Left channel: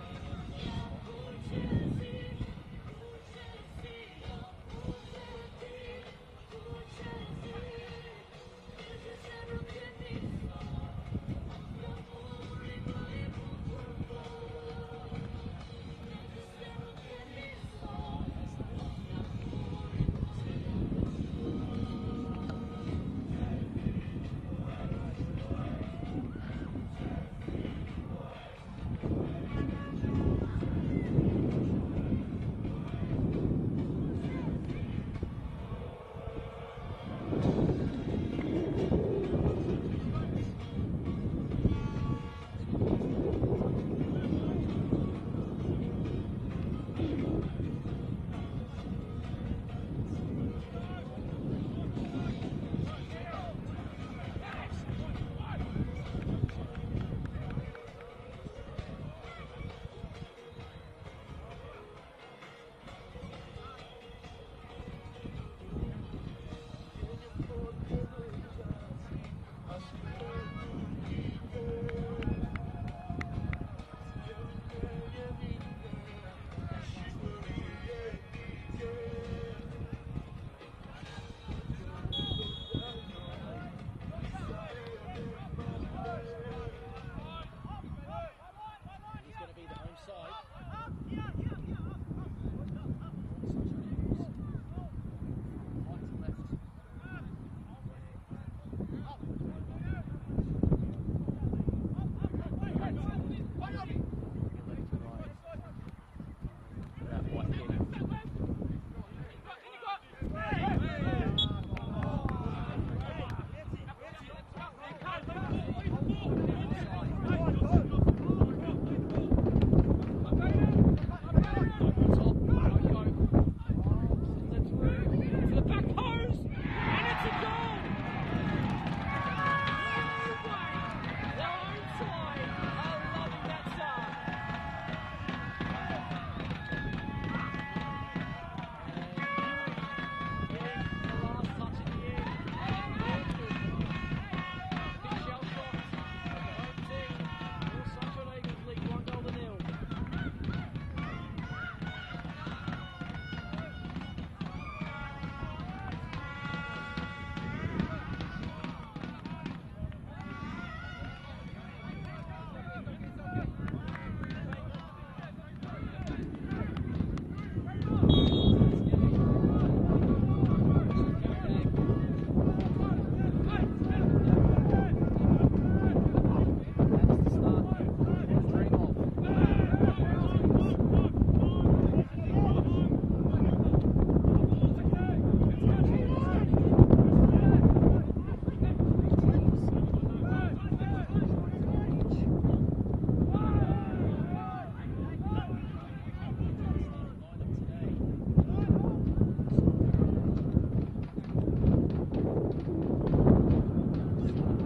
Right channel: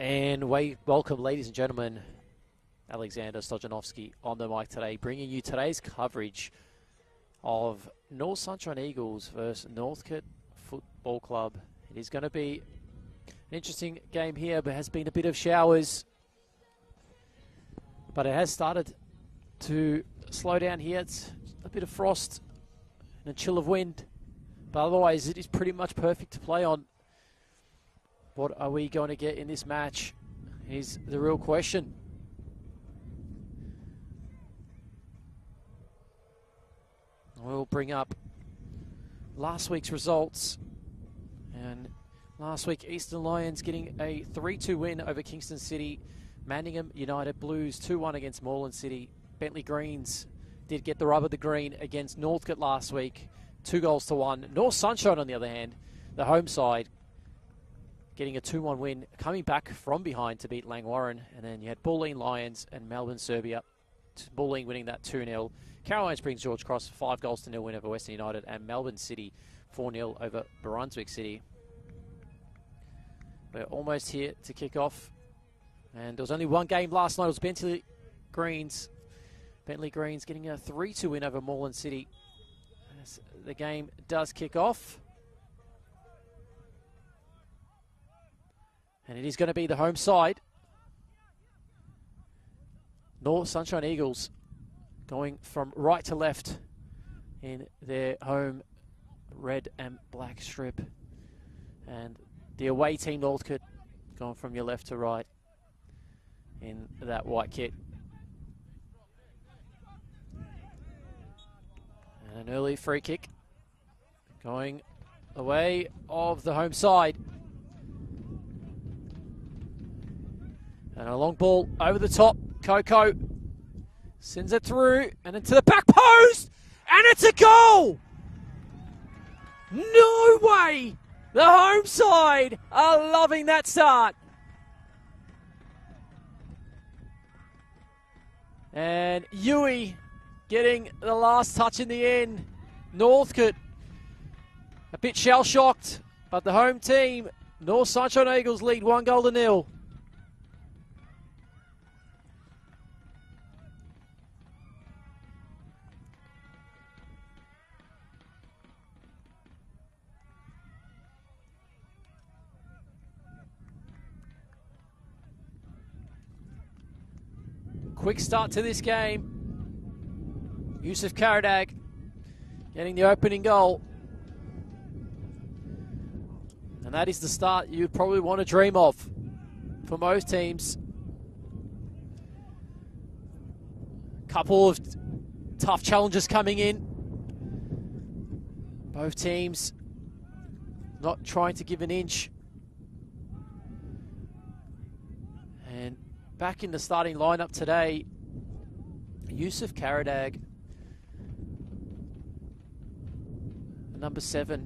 And welcome, ladies and gentlemen. Alexander Stojanovski on the mic today, bringing you today's coverage of North Sunshine Eagles versus Northcote Football Club. It's going to be an interesting game here, but has been a bit of showers. But it has started to slow down here. It's a bit of frost and a chill of wind. But otherwise, it is pretty much perfect to play on. What are we going to get in this match is the real question. We'll bring up last week's results. Last week, Eastern Lions getting a 3-2 win over Kingston City. Manningham United Blues 2-1 against Moreland City. Bentley Greens did get the rub of the green against Northcote last week, 2-1. North Sunshine, on the other hand, the home side, getting a 2-1 win, coming back from behind to beat Langwarrin. And then you had Bulleen Lions and Melbourne Serbia. Bulleen winning that 2-0. Caroline Springs George Cross 5-0 win over Western United, and Melbourne City 4-0 over Brunswick City. We're almost here to kick off. And there was only one game last night. It was Bentley Greens. Bentley Greens getting a 3-2 win over Moreland City. The game does kick off. And it is going to be the home side. North Sunshine Eagles going from right to left in their home red and black strip. And the away team, Northcote, going from your left to right in that white kit. An early free kick going the way of the home side. And a long ball over the top. Coco sends it through and into the back post, and it's a goal! No way! The home side are loving that start. And Yui getting the last touch in the end. Northcote a bit shell-shocked, but the home team, North Sunshine Eagles, lead 1-0. Quick start to this game. Yusuf Karadag getting the opening goal. And that is the start you'd probably want to dream of for most teams. Couple of tough challenges coming in. Both teams not trying to give an inch. Back in the starting lineup today, Yusuf Karadag, number 7,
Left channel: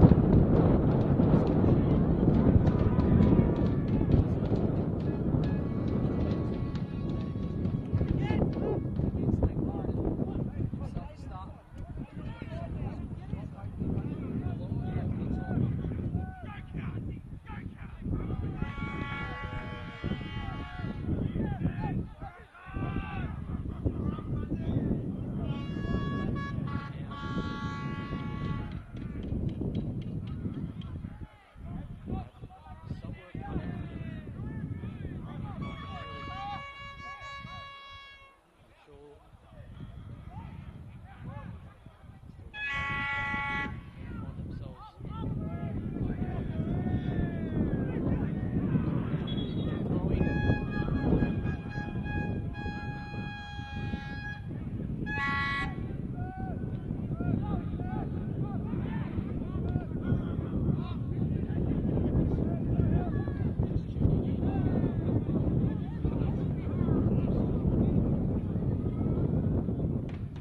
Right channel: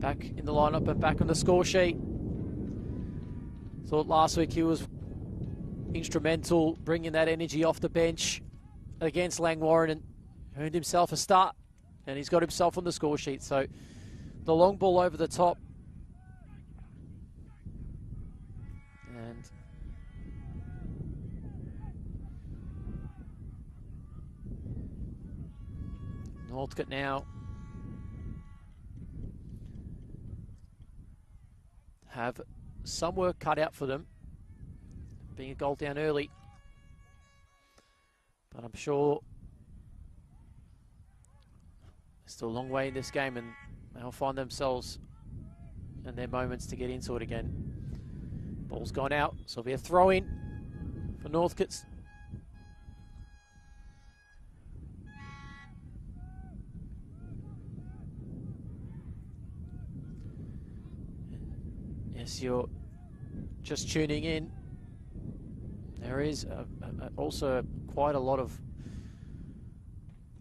back in the lineup, but back on the score sheet. Thought last week he was instrumental, bringing that energy off the bench against Langwarrin, and earned himself a start, and he's got himself on the score sheet. So the long ball over the top. Northcote now have some work cut out for them, being a goal down early. But I'm sure there's still a long way in this game, and they'll find themselves in their moments to get into it again. Ball's gone out, so it'll be a throw-in for Northcote. You're just tuning in, there is also quite a lot of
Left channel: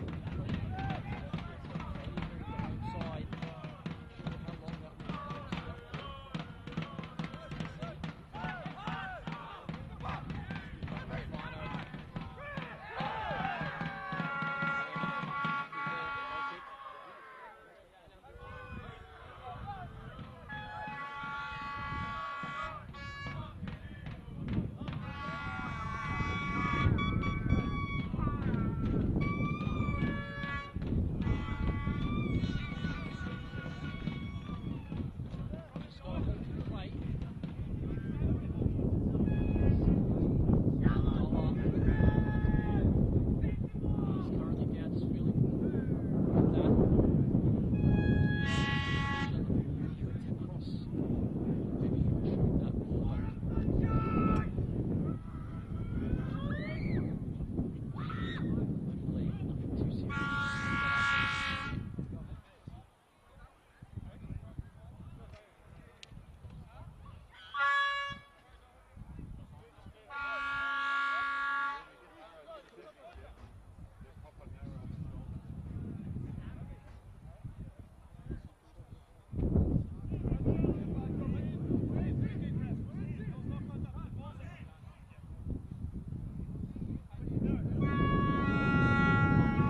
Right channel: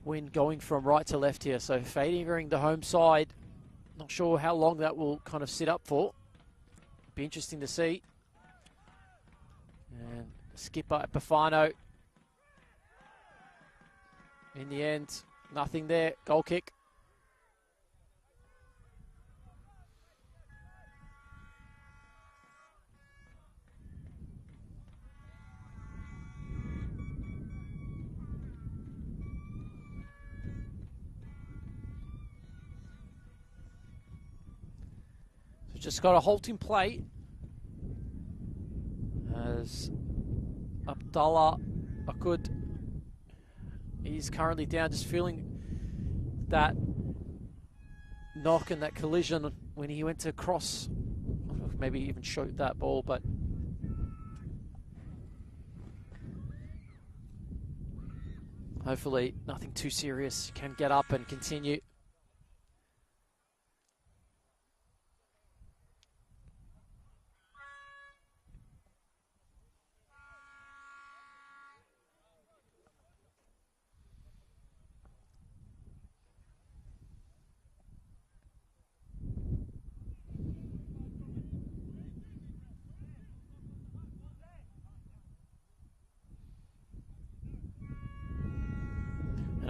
wind going from right to left here, so favoring the home side. Not sure how long that will kind of sit up for. Be interesting to see. Skipper Epifano. In the end, nothing there. Goal kick. just got a halt in play as Abdullah Akud is currently down, just feeling that knock and that collision when he went to cross. Maybe even choked that ball, but hopefully nothing too serious, can get up and continue.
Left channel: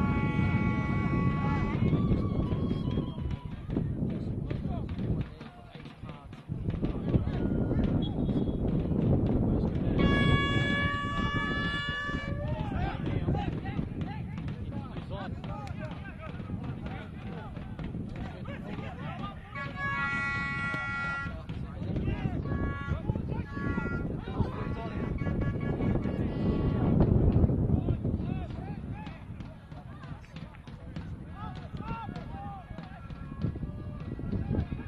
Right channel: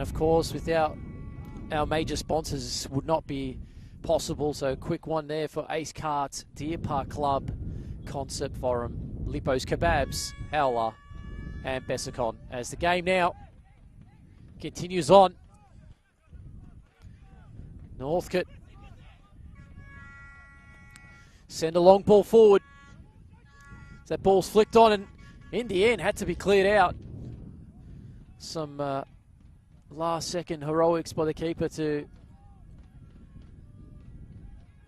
Of course, without our major sponsors, would not be possible. So quick one there for Ace Carts, Deer Park Club, Concert Forum, Lippo's Kebabs, Ella, and Bessicon. As the game now continues on, Northcote send a long ball forward. That ball's flicked on and in the end had to be cleared out. Some last second heroics by the keeper to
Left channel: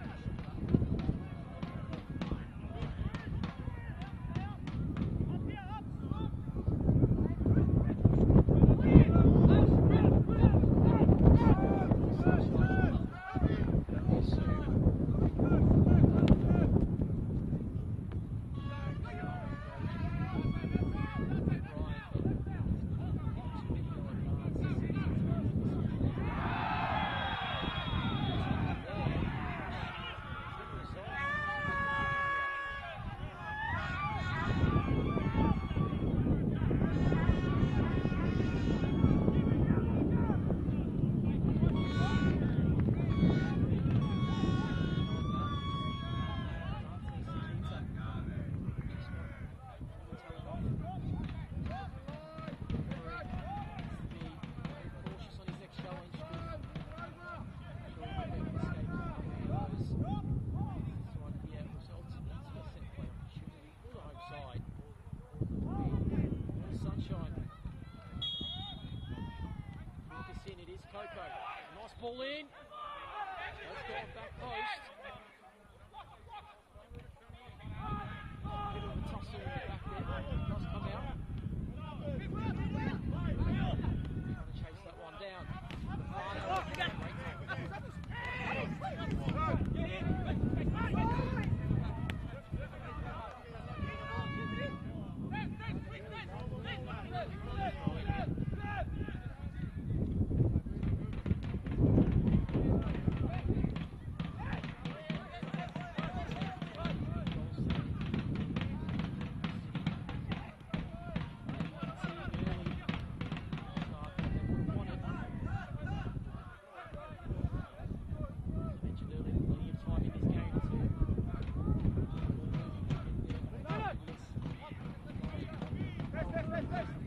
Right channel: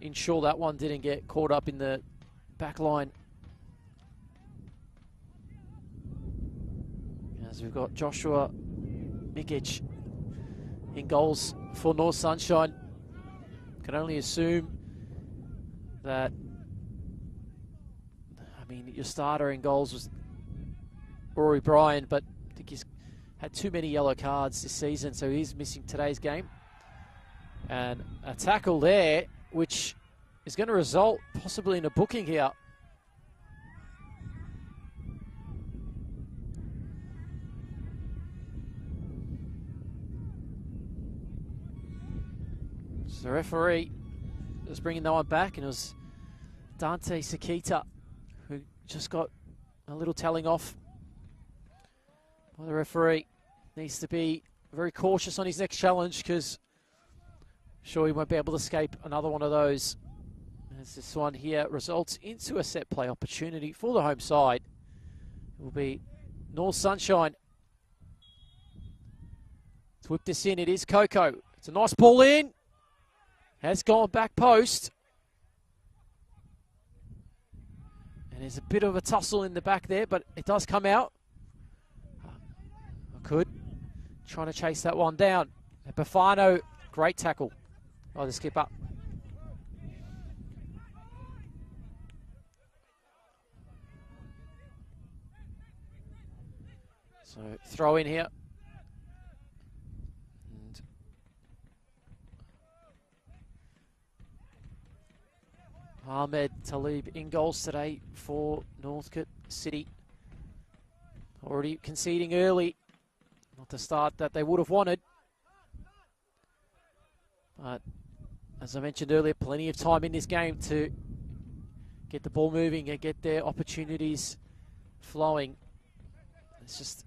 ensure that one didn't get caught up in the back line. As we've got Joshua Mikic in goals for North Sunshine. Can only assume that, your starter in goals was Rory Bryan, but I think he's had too many yellow cards this season, so he's missing today's game. And a tackle there, which is going to result possibly in a booking here. So the referee was bringing that one back, and it was Dante Sakita who just got a little telling off. The referee needs to be very cautious on his next challenge, because I'm sure he won't be able to escape another one of those. As this one here results into a set play opportunity for the home side. Will be North Sunshine. Let's whip this in. It is Coco. It's a nice ball in. Has gone back post. And there's a bit of a tussle in the back there, but it does come out. Good. Trying to chase that one down. Bafano, great tackle by the skipper. So throw in here. Ahmed Talib in goals today for Northcote City. Already conceding early at the start that they would have wanted. As I mentioned earlier, plenty of time in this game to get the ball moving and get their opportunities flowing. It's just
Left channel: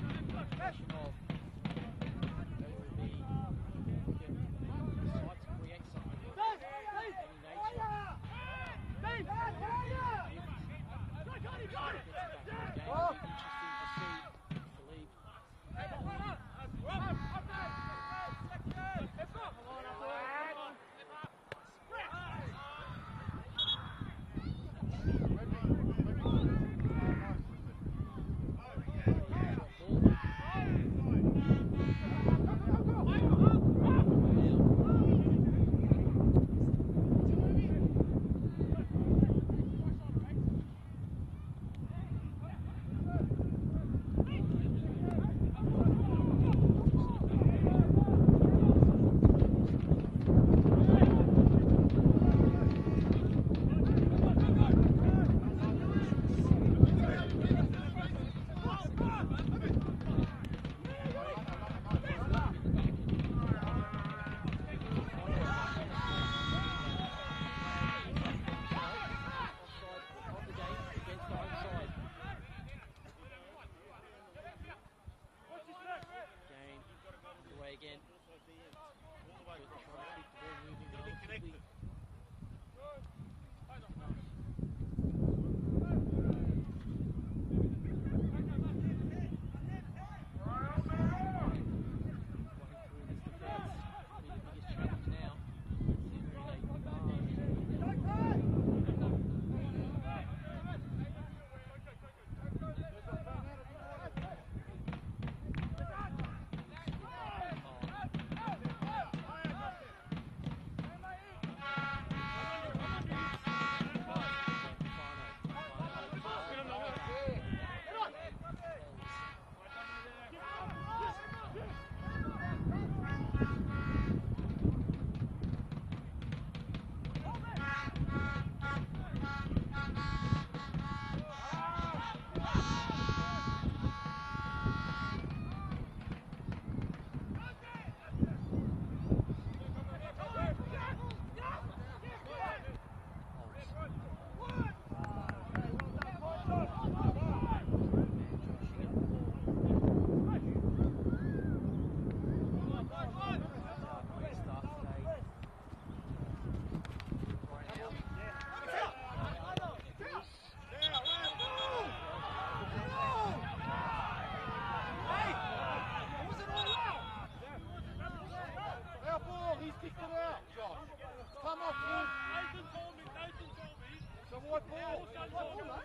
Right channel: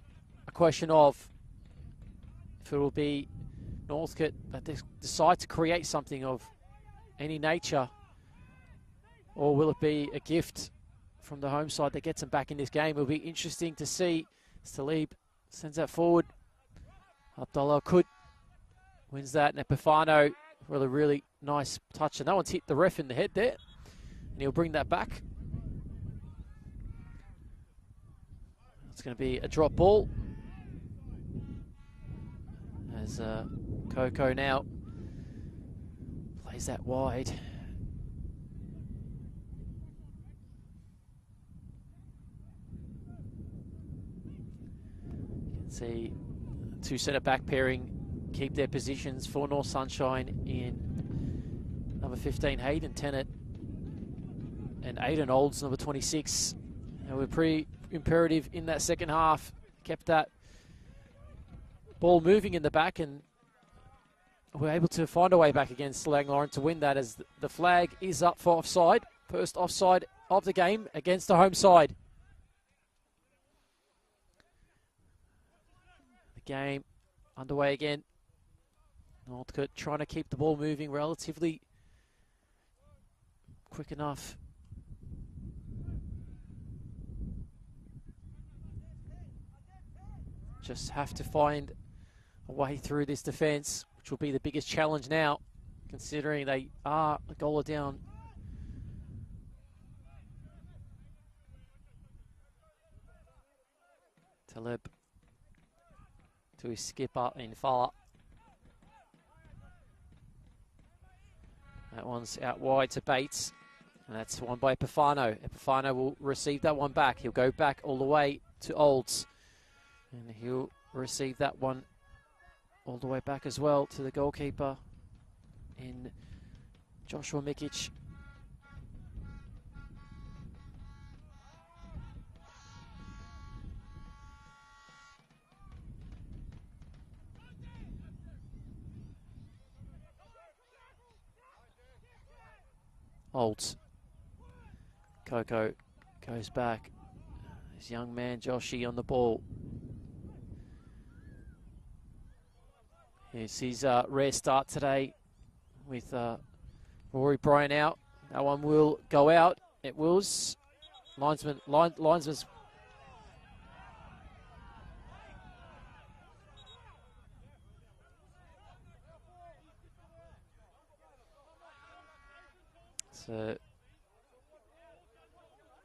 a question of if it will be Northcote that they decide to create something of any nature, or will it be a gift from the home side that gets them back in this game? It'll be interesting to see. Talib sends that forward. Abdullah Akud wins that. And Epifano with a really nice touch. And that one's hit the ref in the head there. And he'll bring that back. It's going to be a drop ball. As Coco now plays that wide. Two centre-back pairing keep their positions for North Sunshine in number 15, Hayden Tennant, and Aiden Olds, number 26. They were pretty imperative in that second half, kept that ball moving in the back, and were able to find a way back against Langoran to win that, as the flag is up for offside. First offside of the game against the home side. Game underway again. Northcote trying to keep the ball moving relatively quick enough. Just have to find a way through this defence, which will be the biggest challenge now, considering they are a goal down. Taleb to his skipper in Fala. That one's out wide to Bates. That's one by Pafano. Pafano will receive that one back. He'll go back all the way to Olds. And he'll receive that one all the way back as well to the goalkeeper in Joshua Mikic. Olds. Coco goes back. This young man, Joshy, on the ball. This is a rare start today with Rory Bryan out. That one will go out. It was. Linesman's.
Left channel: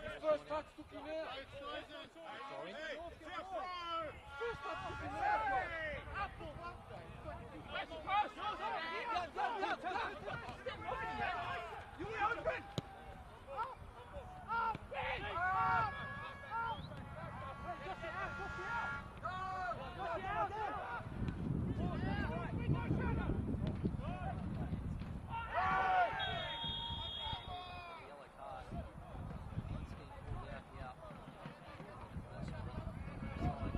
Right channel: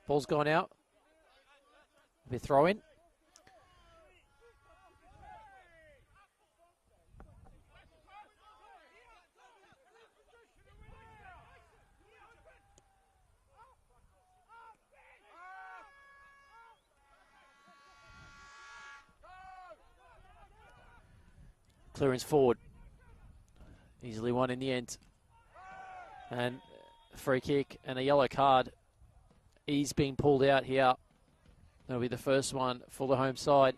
Ball's gone out. The throw in. Clearance forward. Easily won in the end. And free kick and a yellow card. He's been pulled out here. That'll be the first one for the home side.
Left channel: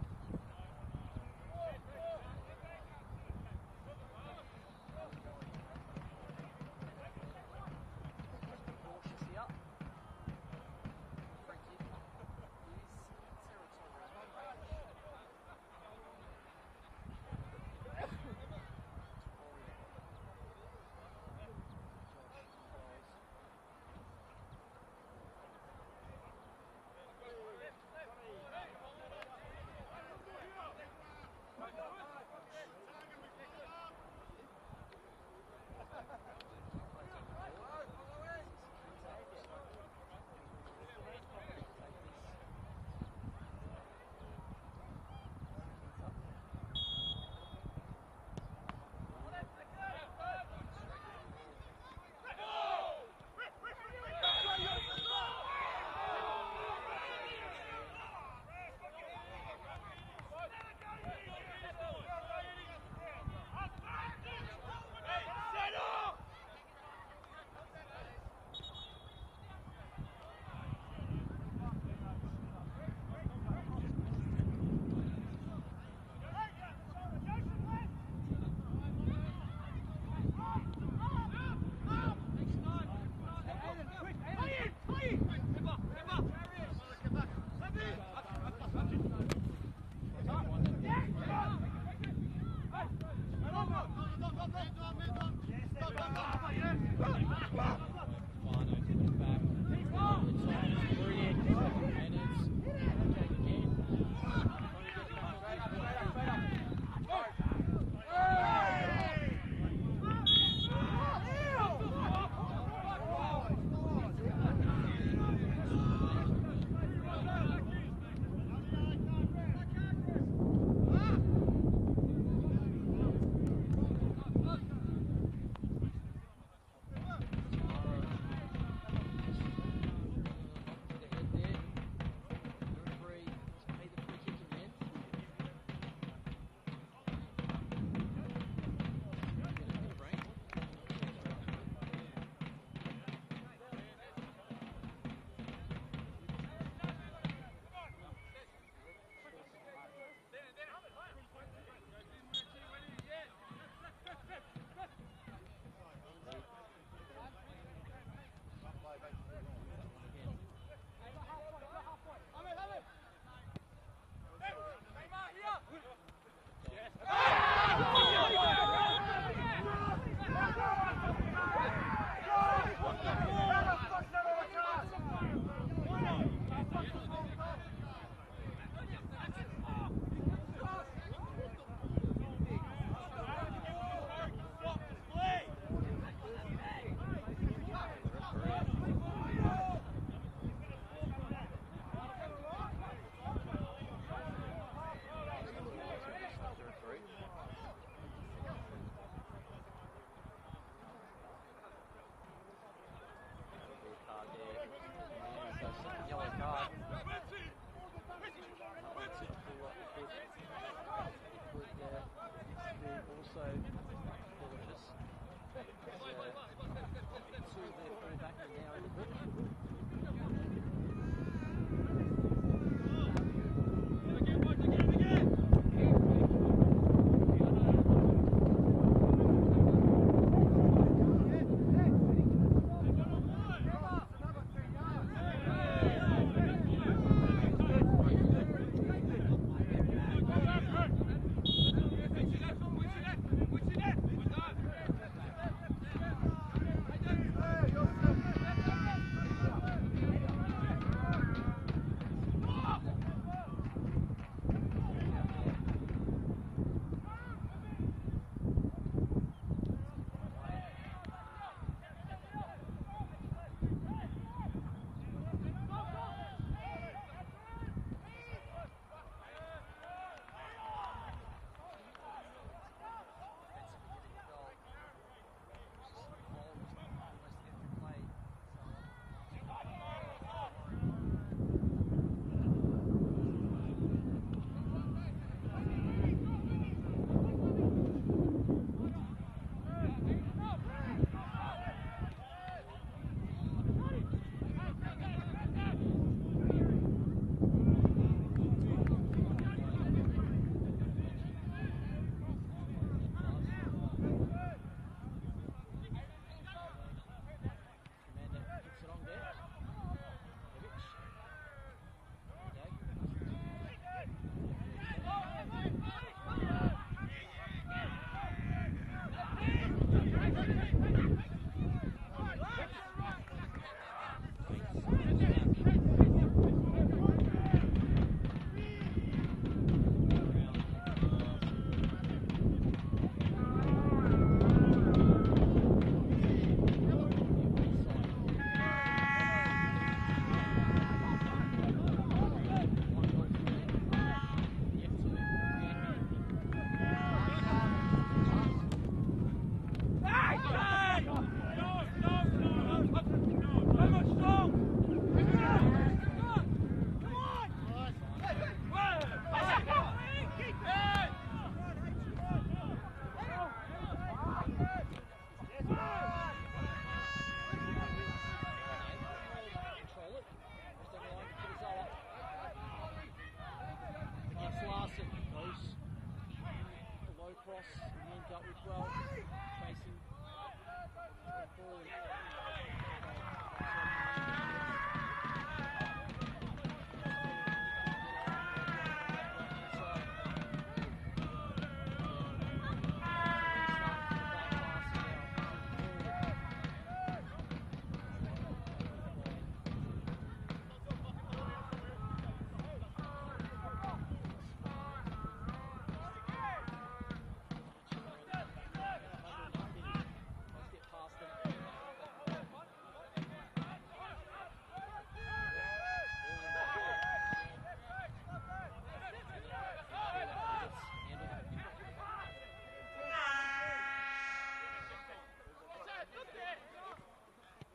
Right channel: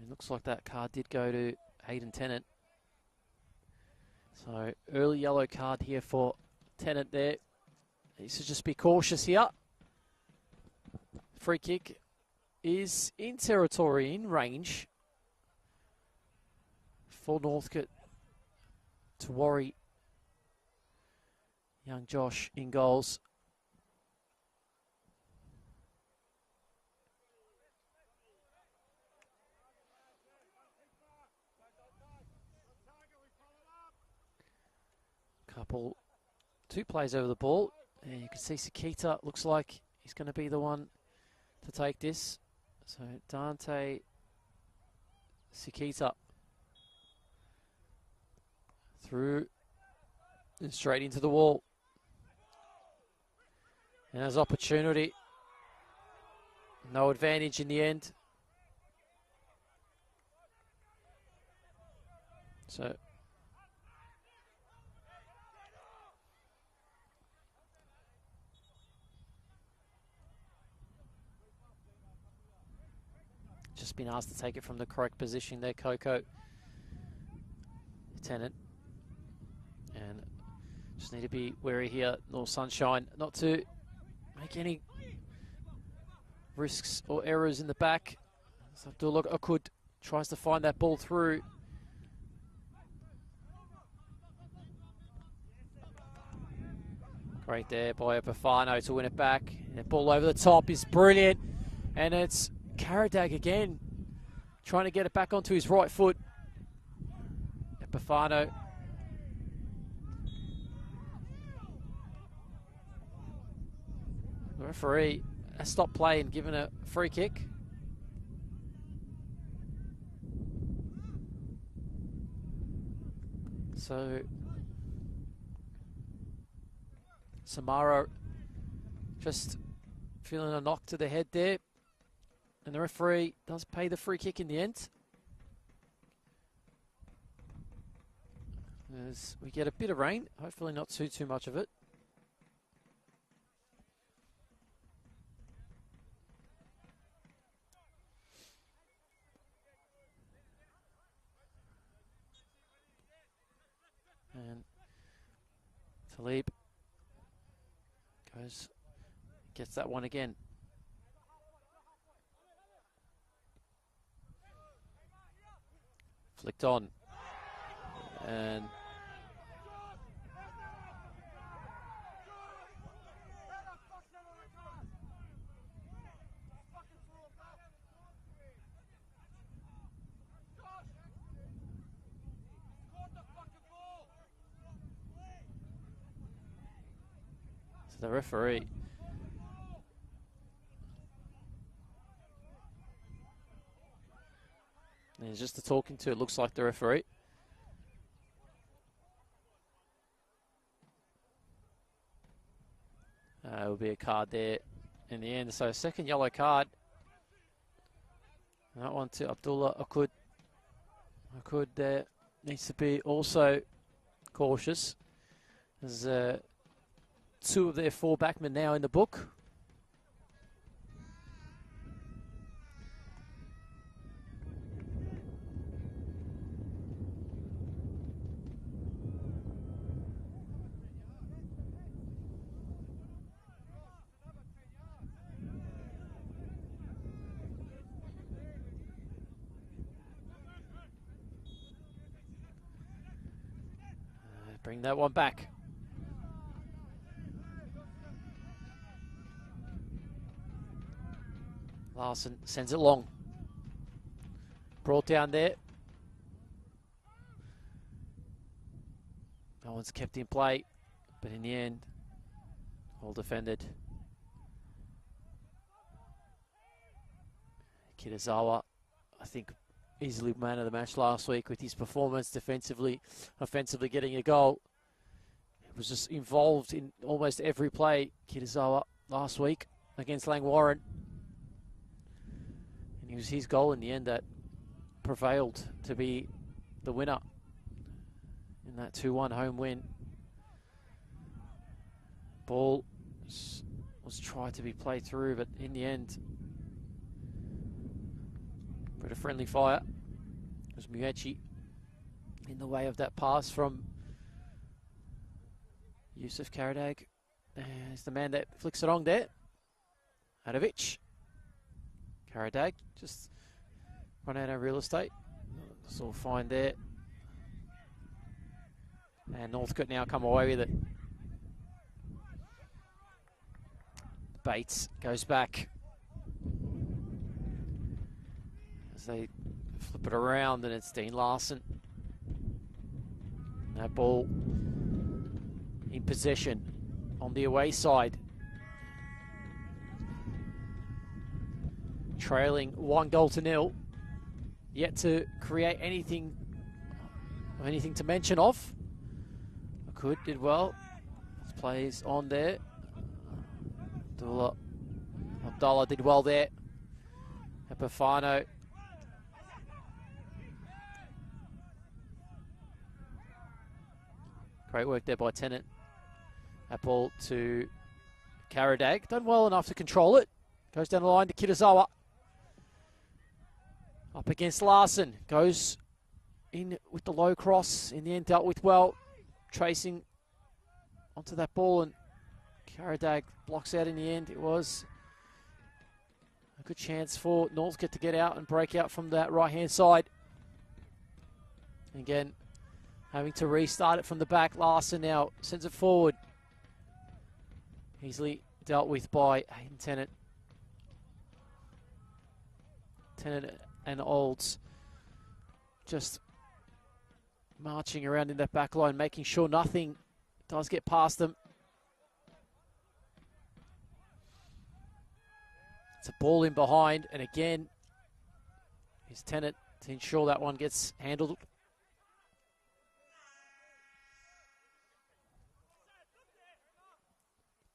It looks like that card did go to Hayden Tennant. So early yellow card here for Tennant there. Needs to just be cautious here. Free kick is in territory, in range for Northcote to worry. Young Josh in goals. Two plays over the ball, and you can see Sakita looks like he's going to be the one to take this. So Dante Sakita through and straight into the wall. And there's opportunity. No advantage in the end. So just been asked to take it from the correct position there, Coco. Tennant. And just need to be wary here, little sunshine, not to make any risks or errors in the back. Abdullah Akud tries to find that ball through. Right there by Bafano to win it back. And ball over the top is brilliant. And it's Karadag again, trying to get it back onto his right foot. And Bafano. Referee has stopped play and given a free kick. So Samaro just feeling a knock to the head there, and the referee does pay the free kick in the end. As we get a bit of rain, hopefully not too much of it. Talib gets that one again. Flicked on. The referee. He's just talking to, it looks like, the referee. Will be a card there in the end. So second yellow card. That one to Abdullah Akud. Akud there needs to be also cautious. There's 2 of their 4 backmen now in the book. Bring that one back. Larson sends it long. Brought down there. No one's kept in play, but in the end, well defended. Kitazawa, I think, easily man of the match last week with his performance defensively, offensively getting a goal. Was just involved in almost every play, Kitazawa, last week against Langwarrin. It was his goal in the end that prevailed to be the winner. That 2-1 home win. Ball was tried to be played through, but in the end, bit of friendly fire. It was Muechi in the way of that pass from Yusuf Karadag. There's the man that flicks it on there. Hadovic. Karadag just run out of real estate. Just all fine there. And Northcote now come away with it. Bates goes back. So they flip it around and it's Dean Larson. That ball in possession on the away side. Trailing 1-0. Yet to create anything to mention of. Could be well. Plays on there. Abdullah did well there. Bafano. Great work there by Tennant. That ball to Karadag. Done well enough to control it. Goes down the line to Kitazawa. Up against Larson. Goes in with the low cross. In the end, dealt with well. Tracing onto that ball, and Karadag blocks out in the end. It was a good chance for Northcote to get out and break out from that right-hand side. Again, having to restart it from the back. Larson now sends it forward. Easily dealt with by Tennant. Tennant and Olds just marching around in that back line, making sure nothing does get past them. It's a ball in behind, and again, it's Tennant to ensure that one gets handled.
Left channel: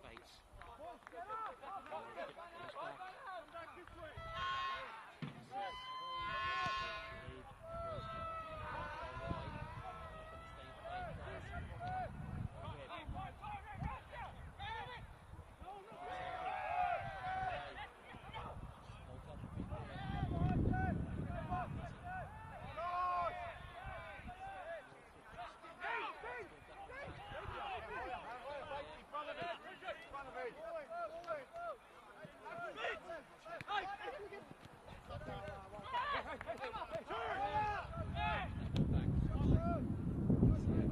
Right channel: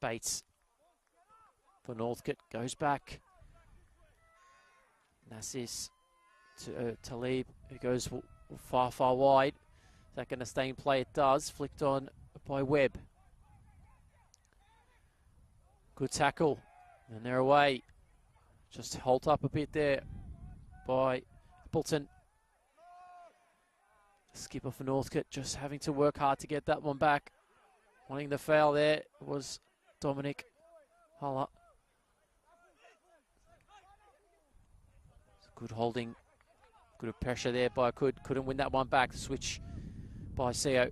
Bates for Northcote goes back. Nassis to Talib, who goes far wide. Is that going to stay in play? It does. Flicked on by Webb. Good tackle. And they're away. Just halt up a bit there by Bolton. Skipper for Northcote just having to work hard to get that one back. Wanting the foul there was Dominic Huller. Good holding Good pressure there by Could. Couldn't win that one back. Switch by CO.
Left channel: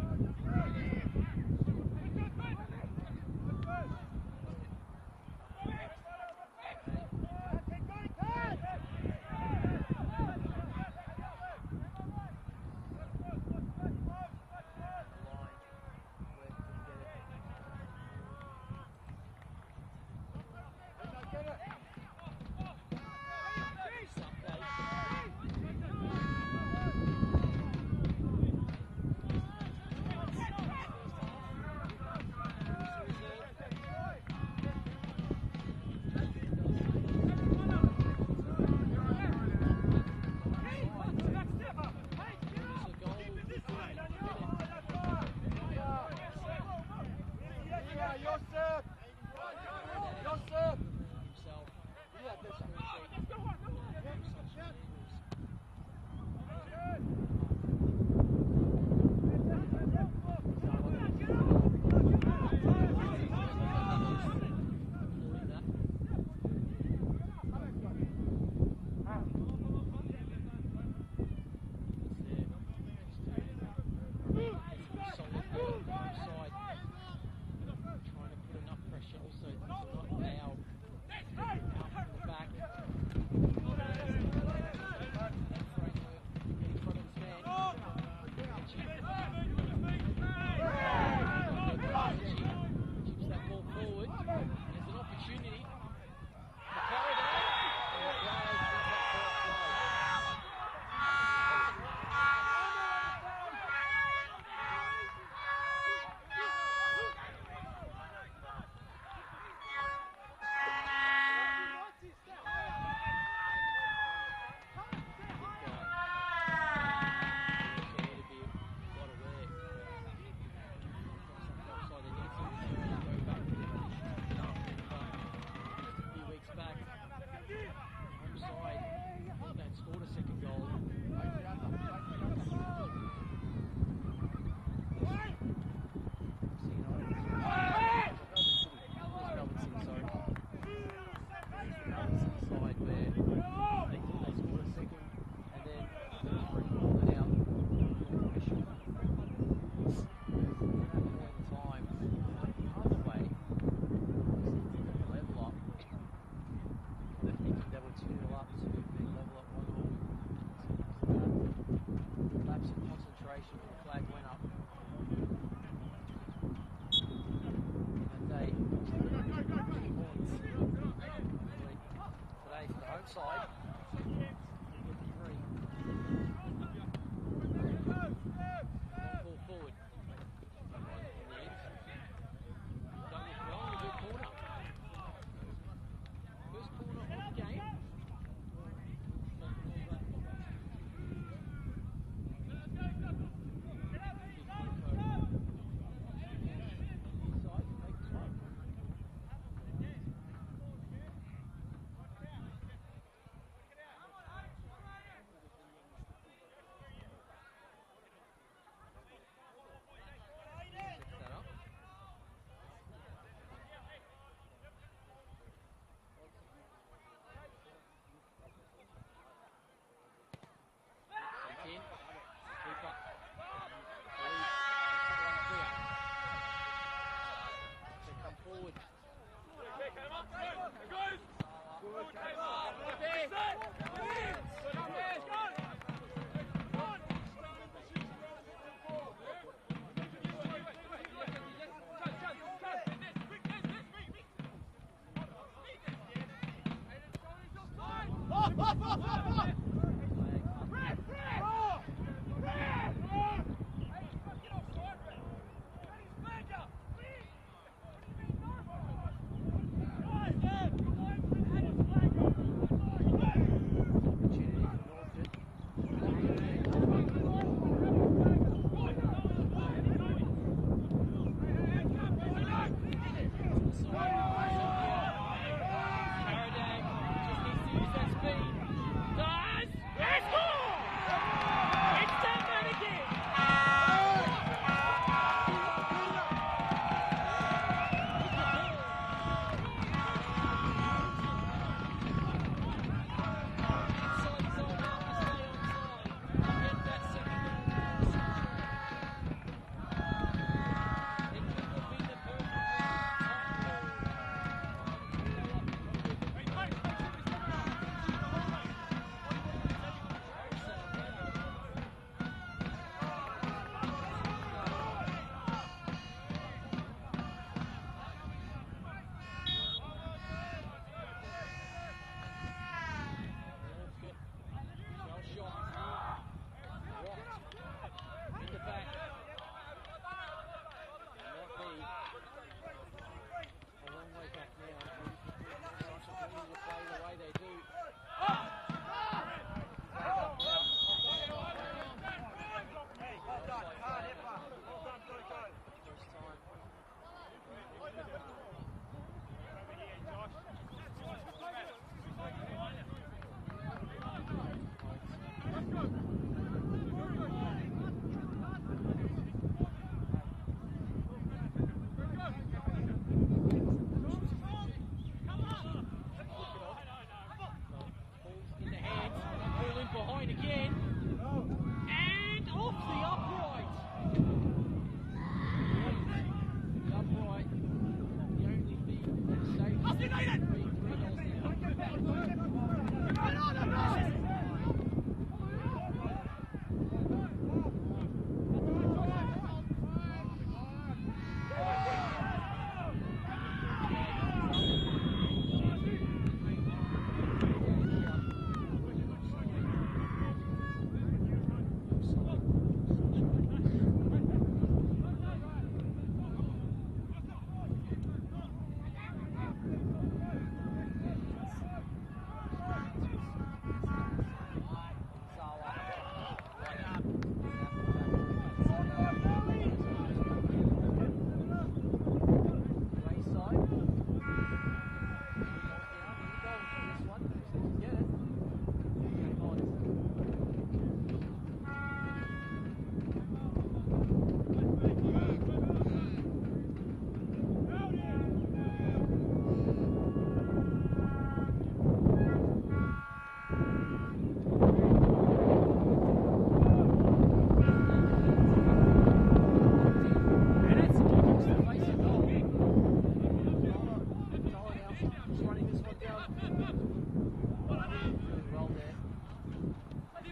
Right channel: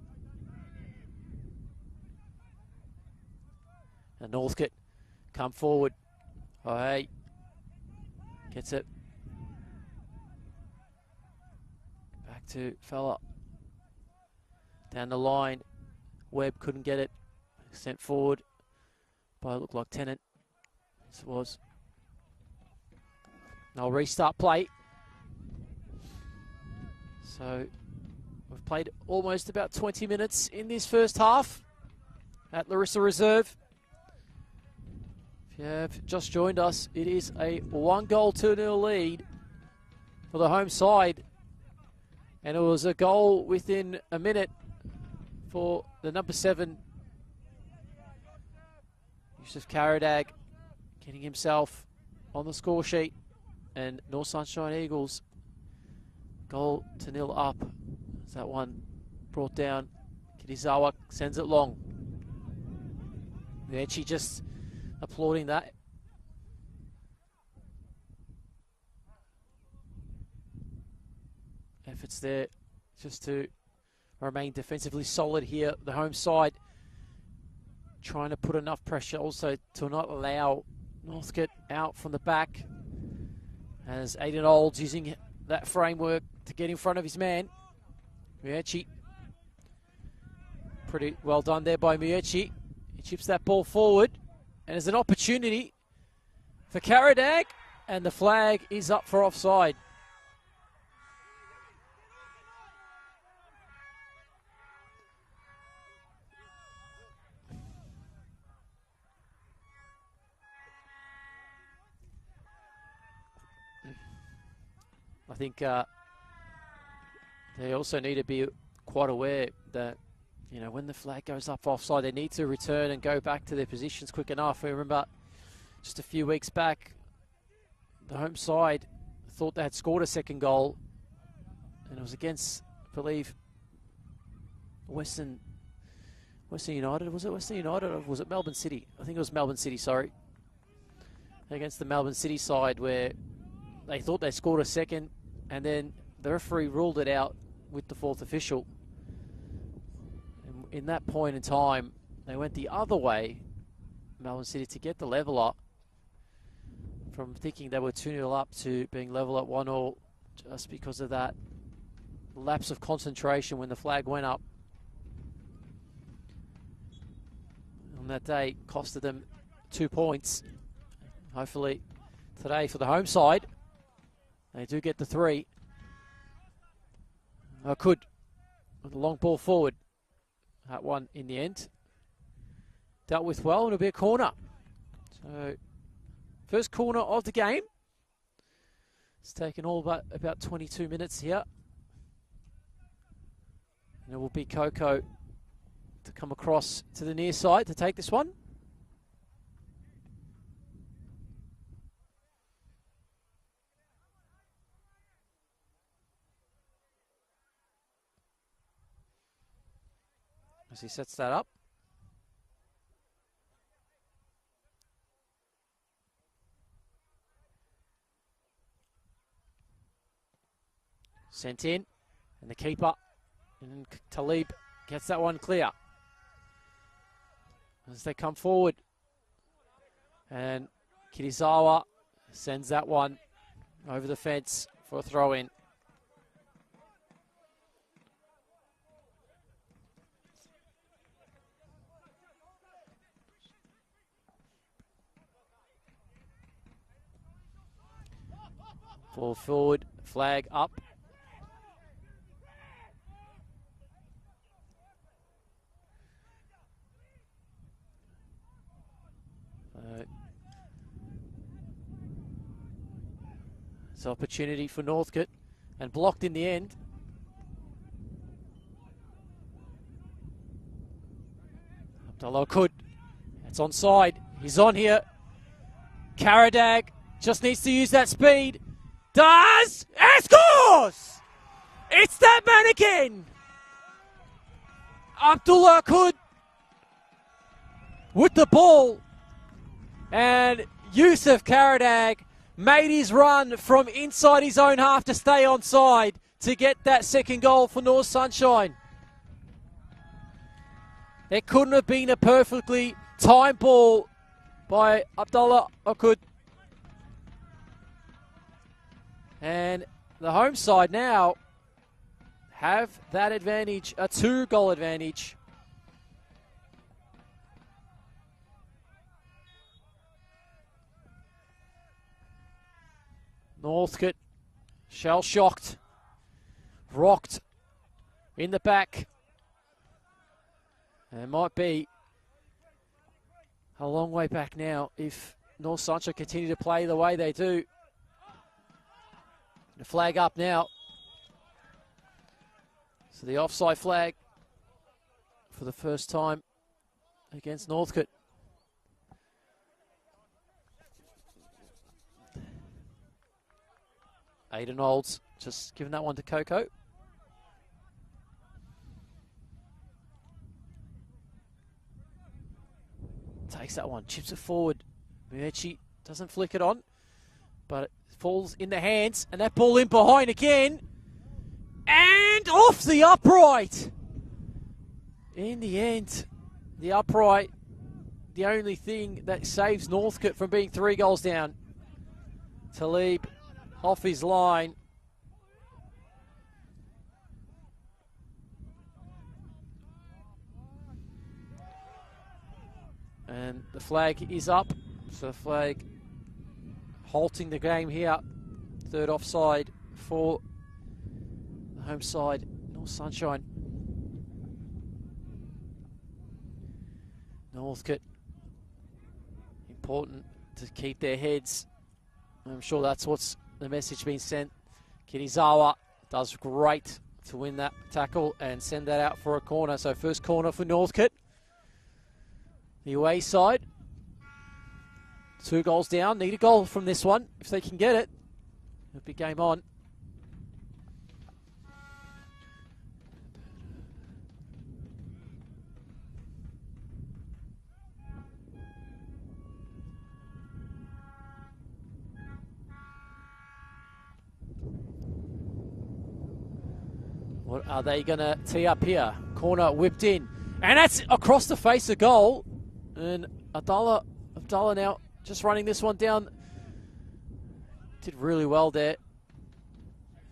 And Northcote come forward. Oh, hey. Gets it. Back to Fella. Down the line. Webb couldn't get it. Sent forward. Probably looked like Tennant. This was. No restart play. So we've played almost about 20 minutes in this first half at Larissa Reserve. If you have just joined us, it is a 1-goal, 2-0 lead for the home side. And it was a goal within a minute for the number 7, Joseph Karadag, getting himself on the score sheet. And North Sunshine Eagles goal to 0 up. Is that one brought down? Kinizawa sends it long. And she just applauding that. Efforts there just to remain defensively solid here. The home side trying to put enough pressure also to not allow Northcote out from the back. As Aidan Olds using that framework to get in front of his man. Miucci. Pretty well done there by Miucci. He chips that ball forward. And there's an opportunity for Karadag. And the flag is up for offside. I think they also need to be quite aware that, you know, when the flag goes up offside, they need to return and go back to their positions quick enough. I remember just a few weeks back, the home side thought they had scored a second goal. And it was against, I believe, Western United. Was it Western United or was it Melbourne City? I think it was Melbourne City, sorry. Against the Melbourne City side where they thought they scored a second, and then the referee ruled it out with the 4th official. In that point in time, they went the other way, Melbourne City, to get the level up. From thinking they were 2-0 up to being level at 1-1, just because of that lapse of concentration when the flag went up. And that day costed them 2 points. Hopefully today for the home side, they do get the 3. Could with a long ball forward. That one in the end dealt with well, and it'll be a corner. So first corner of the game. It's taken all but about 22 minutes here. And it will be Coco to come across to the near side to take this one. He sets that up. Sent in, and the keeper, and Talib gets that one clear. As they come forward, and Kirizawa sends that one over the fence for a throw-in. Ball forward, flag up. It's an opportunity for Northcote and blocked in the end. Although could. It's onside. He's on here. Karadag just needs to use that speed. Does and scores! It's that man again. Abdullah Could with the ball, and Yusuf Karadag made his run from inside his own half to stay onside to get that second goal for North Sunshine. It couldn't have been a perfectly timed ball by Abdullah Okud. And the home side now have that advantage, a 2-goal advantage. Northcote, shell-shocked, rocked in the back. It might be a long way back now if North Sunshine continue to play the way they do. The flag up now. So the offside flag for the first time against Northcote. Aidan Olds just giving that one to Coco. Takes that one, chips it forward. She doesn't flick it on, but it falls in the hands, and that ball in behind again. And off the upright. In the end, the upright, the only thing that saves Northcote from being 3 goals down. Talib off his line. And the flag is up. So the flag halting the game here. 3rd offside for home side, Sunshine. Northcote, important to keep their heads. I'm sure that's what's the message being sent. Kirizawa does great to win that tackle and send that out for a corner. So first corner for Northcote. The away side. 2 goals down. Need a goal from this one. If they can get it, big game on. Are they going to tee up here? Corner whipped in. And that's across the face of goal. And Abdullah now just running this one down. Did really well there.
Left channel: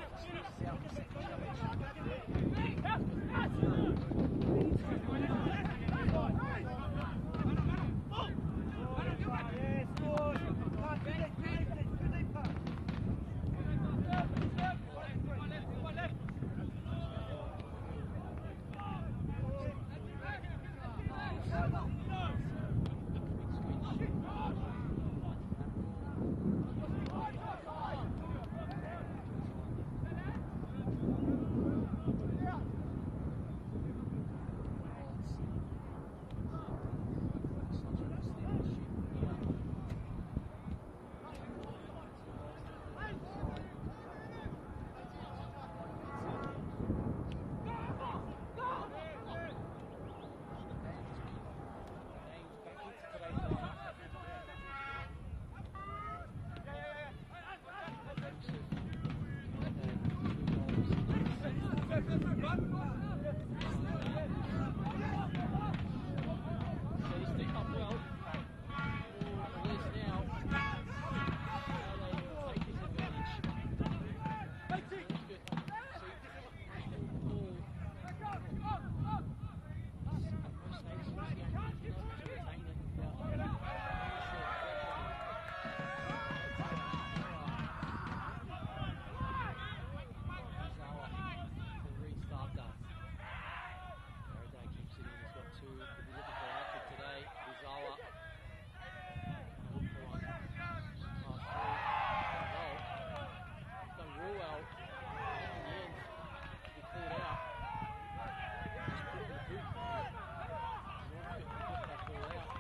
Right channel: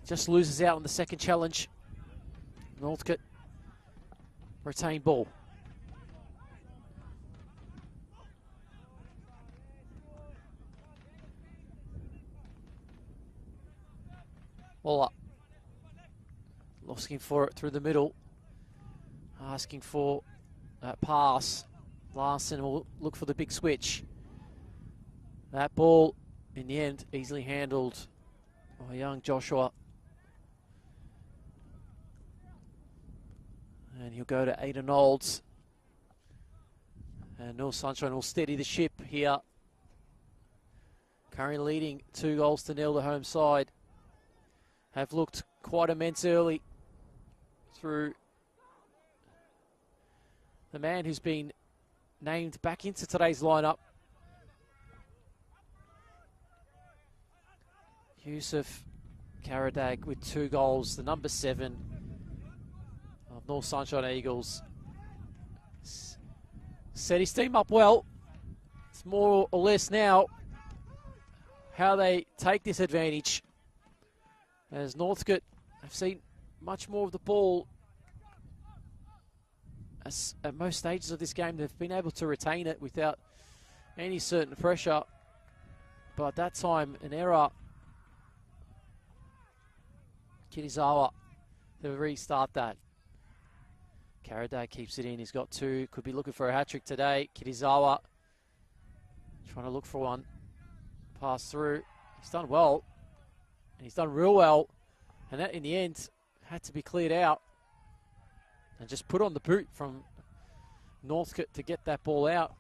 Just loses out on the second challenge. Northcote retained ball. Ball up. Asking for it through the middle. Asking for that pass. Larson will look for the big switch. That ball, in the end, easily handled by young Joshua. And he'll go to Aidan Olds. And North Sunshine will steady the ship here. Currently leading 2-0 the home side. Have looked quite immense early through the man who's been named back into today's lineup. Yusuf Karadag with 2 goals, the number 7 of North Sunshine Eagles. Set his team up well. It's more or less now how they take this advantage. As Northcote have seen much more of the ball at most stages of this game. They've been able to retain it without any certain pressure. But that time, an error. Kirizawa to restart that. Karaday keeps it in. He's got 2. Could be looking for a hat-trick today. Kirizawa trying to look for one. Pass through. He's done well. He's done real well. And that, in the end, had to be cleared out. And just put on the boot from Northcote to get that ball out.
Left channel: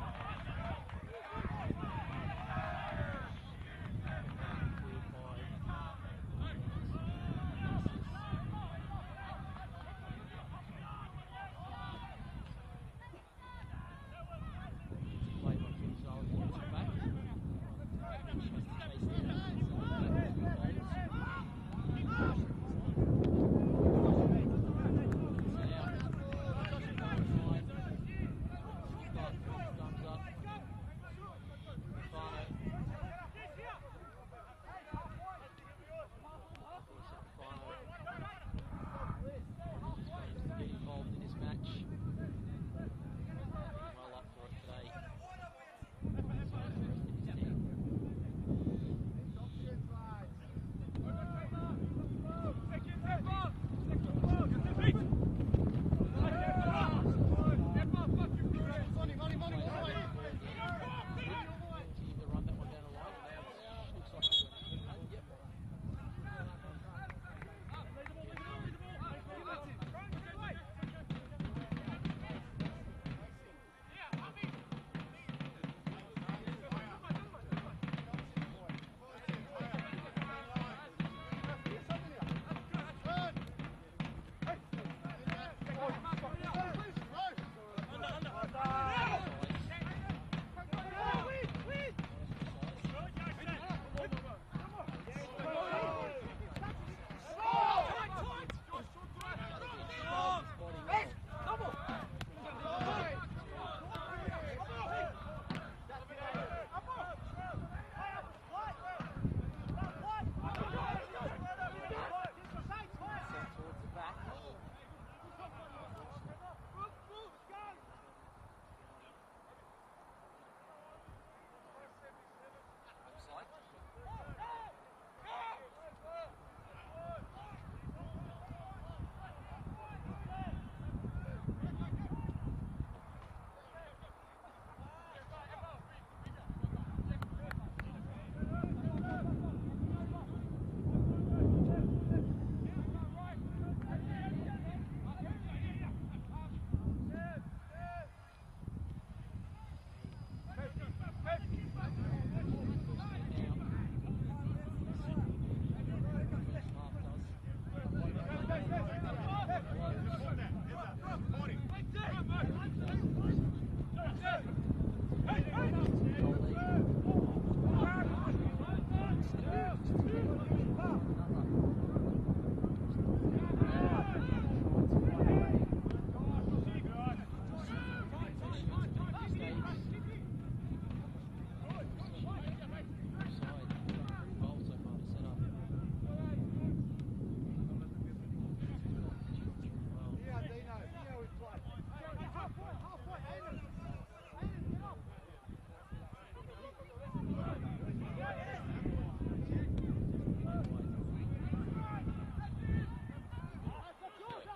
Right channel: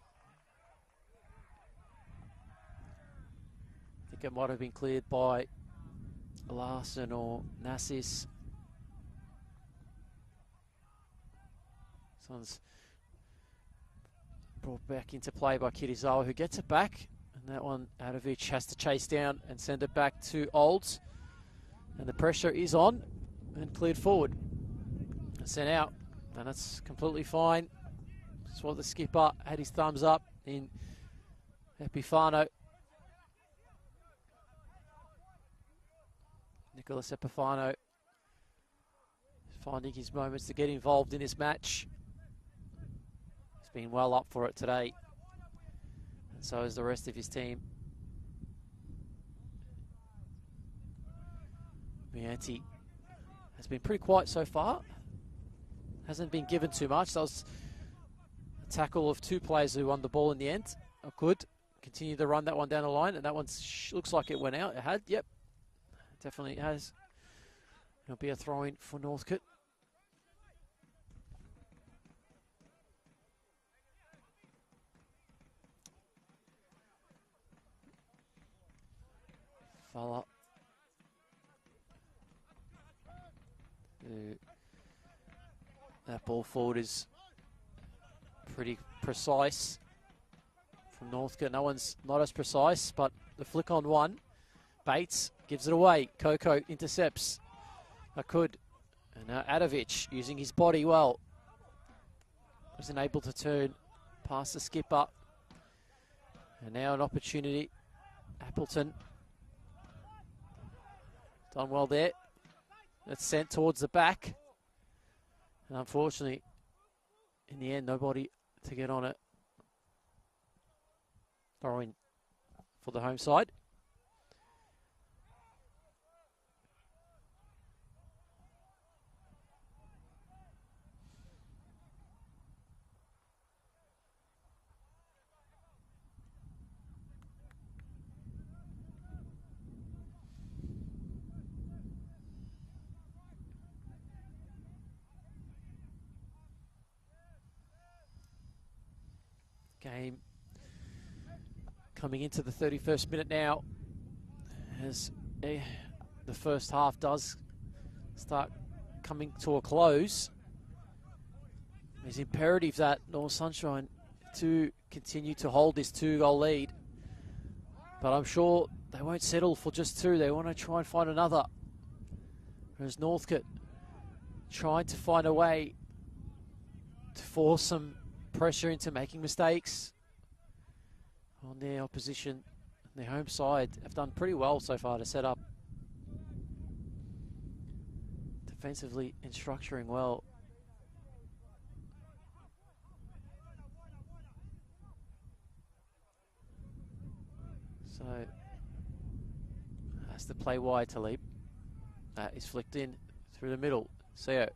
I think it might have been cleared by Larson or Nassis. Sounds brought back into play by Kirizawa, who gets it back. That one, Adovic has to chase down and send it back to Olds. And the pressure is on and cleared forward. Sent out, but that's completely fine. That's what the skipper had his thumbs up in Epifano. Nicholas Epifano finding his moments to get involved in this match. He's been well up for it today. And so is the rest of his team. Bianchi has been pretty quiet so far. Hasn't been given too much. That was a tackle of two players who won the ball in the end. Good. Continue to run that one down the line, and that one looks like it went out. It had, yep. Definitely has. Gonna be a throw-in for Northcote. That ball forward is pretty precise from Northcote. No one's not as precise, but they flick on one. Bates gives it away. Coco intercepts. Akud. And now Adovic using his body well. Isn't able to turn past the skipper. And now an opportunity. Appleton. Done well there. It's sent towards the back. And unfortunately, in the end, nobody to get on it. Throwing for the home side. Game coming into the 31st minute now, as the first half does start coming to a close. It's imperative that North Sunshine to continue to hold this 2-goal lead, but I'm sure they won't settle for just two. They want to try and find another. Whereas Northcote trying to find a way to force some pressure into making mistakes on their opposition. Their home side have done pretty well so far to set up defensively and structuring well. So has to play wide to Leap. That is flicked in through the middle. Seo.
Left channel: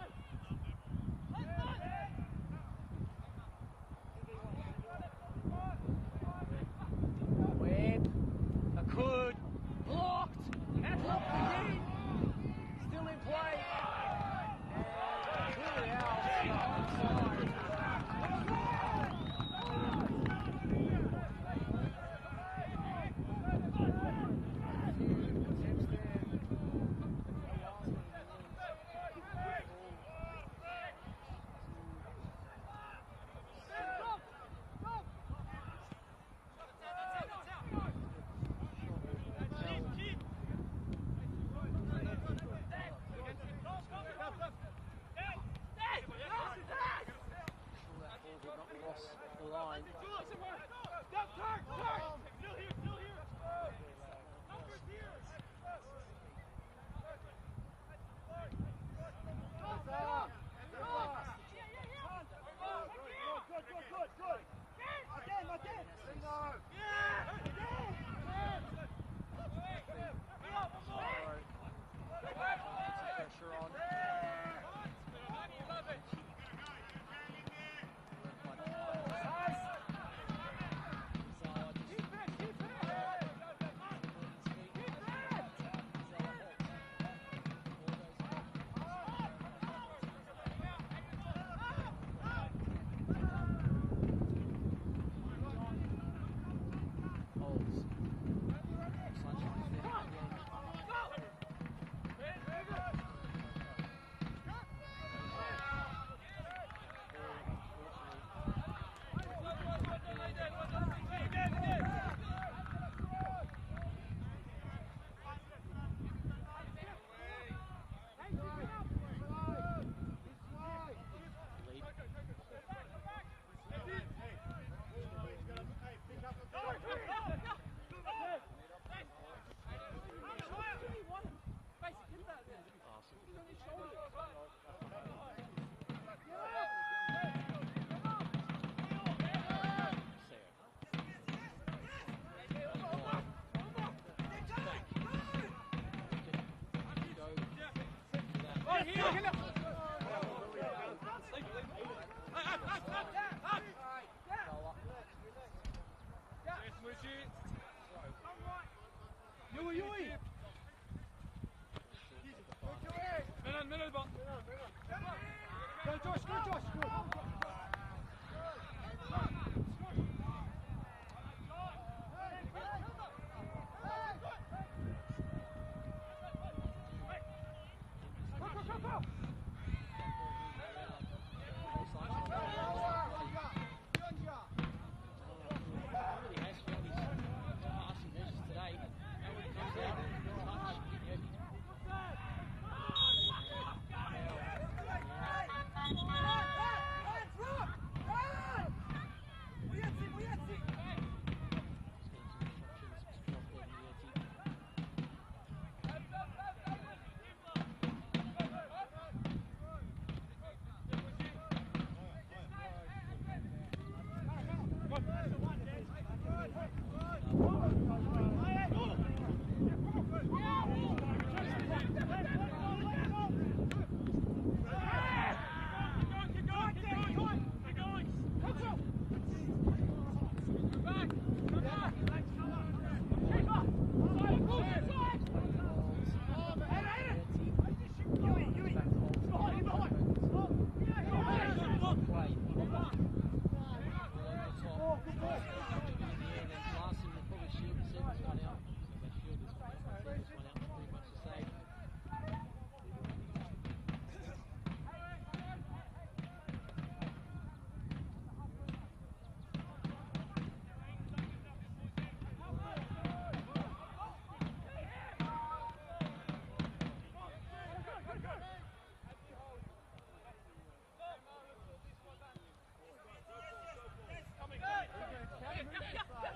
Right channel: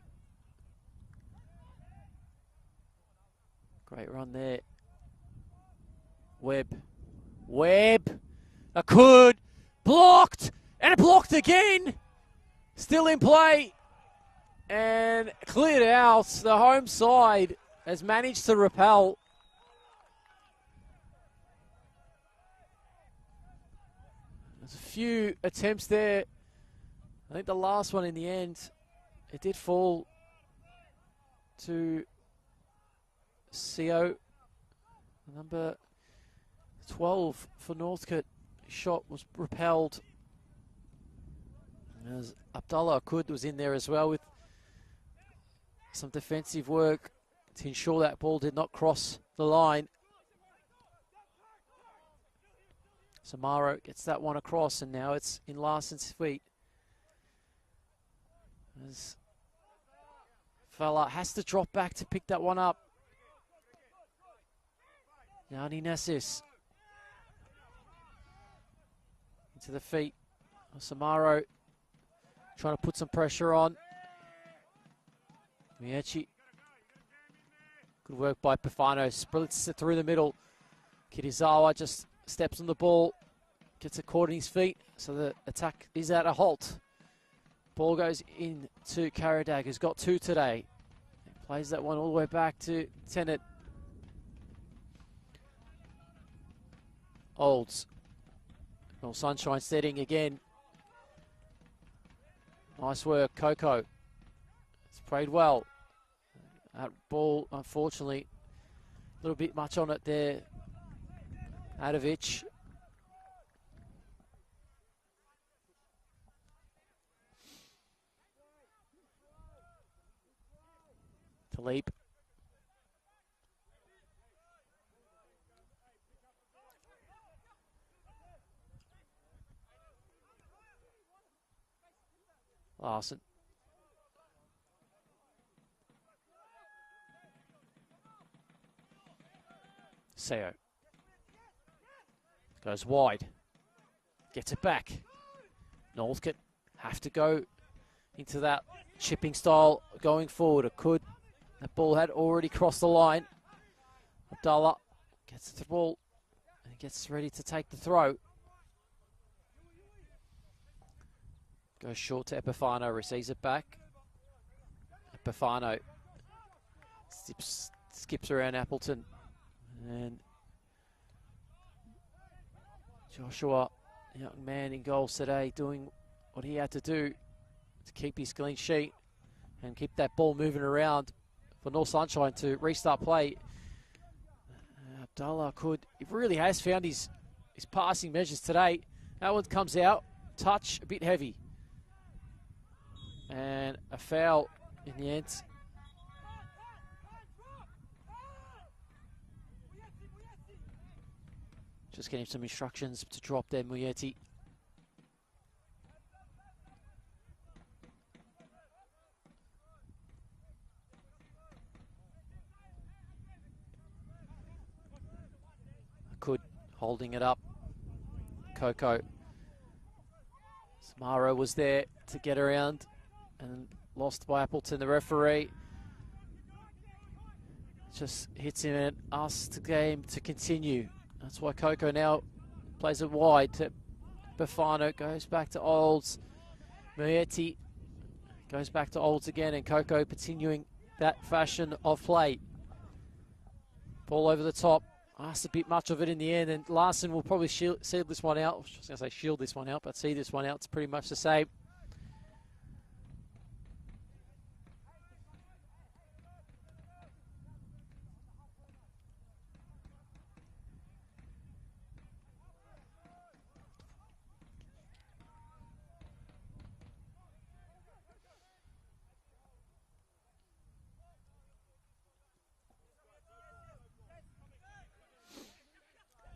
Great run there. Webb. Akud. Blocked. And blocked again. Still in play. And cleared out. The home side has managed to repel. A few attempts there. I think the last one in the end, it did fall to CO, number 12 for Northcote. Shot was repelled. As Abdullah Akud was in there as well with some defensive work to ensure that ball did not cross the line. Samaro gets that one across, and now it's in Larson's feet. This fella has to drop back to pick that one up. Yanni Nessis to the feet. Samaro trying to put some pressure on. Mieci. Good work by Pifano. Splits it through the middle. Kirizawa just steps on the ball, gets it caught in his feet, so the attack is at a halt. Ball goes into Karadag, who's got two today. Plays that one all the way back to Tennant. Holds. North Sunshine setting again. Nice work, Coco. It's played well. That ball, unfortunately, a little bit much on it there. Adovic. Leap. Larson. Seo. Goes wide. Gets it back. Northcote have to go into that chipping style going forward. It could. The ball had already crossed the line. Abdullah gets the ball. Gets ready to take the throw. Goes short to Epifano. Receives it back. Epifano skips around Appleton. And Joshua, man in goals today, doing what he had to do to keep his clean sheet and keep that ball moving around for North Sunshine to restart play. Abdullah he really has found his passing measures today. That one comes out, touch a bit heavy. And a foul in the end. Just getting some instructions to drop there, Muyeti. Holding it up. Coco. Samaro was there to get around. Lost by Appleton, the referee. Just hits him and asks the game to continue. That's why Coco now plays it wide to Bafano. Goes back to Olds. Muyeti goes back to Olds again, and Coco continuing that fashion of play. Ball over the top. Asked a bit much of it in the end, and Larson will probably seal this one out. I was going to say shield this one out, but see this one out. It's pretty much the same.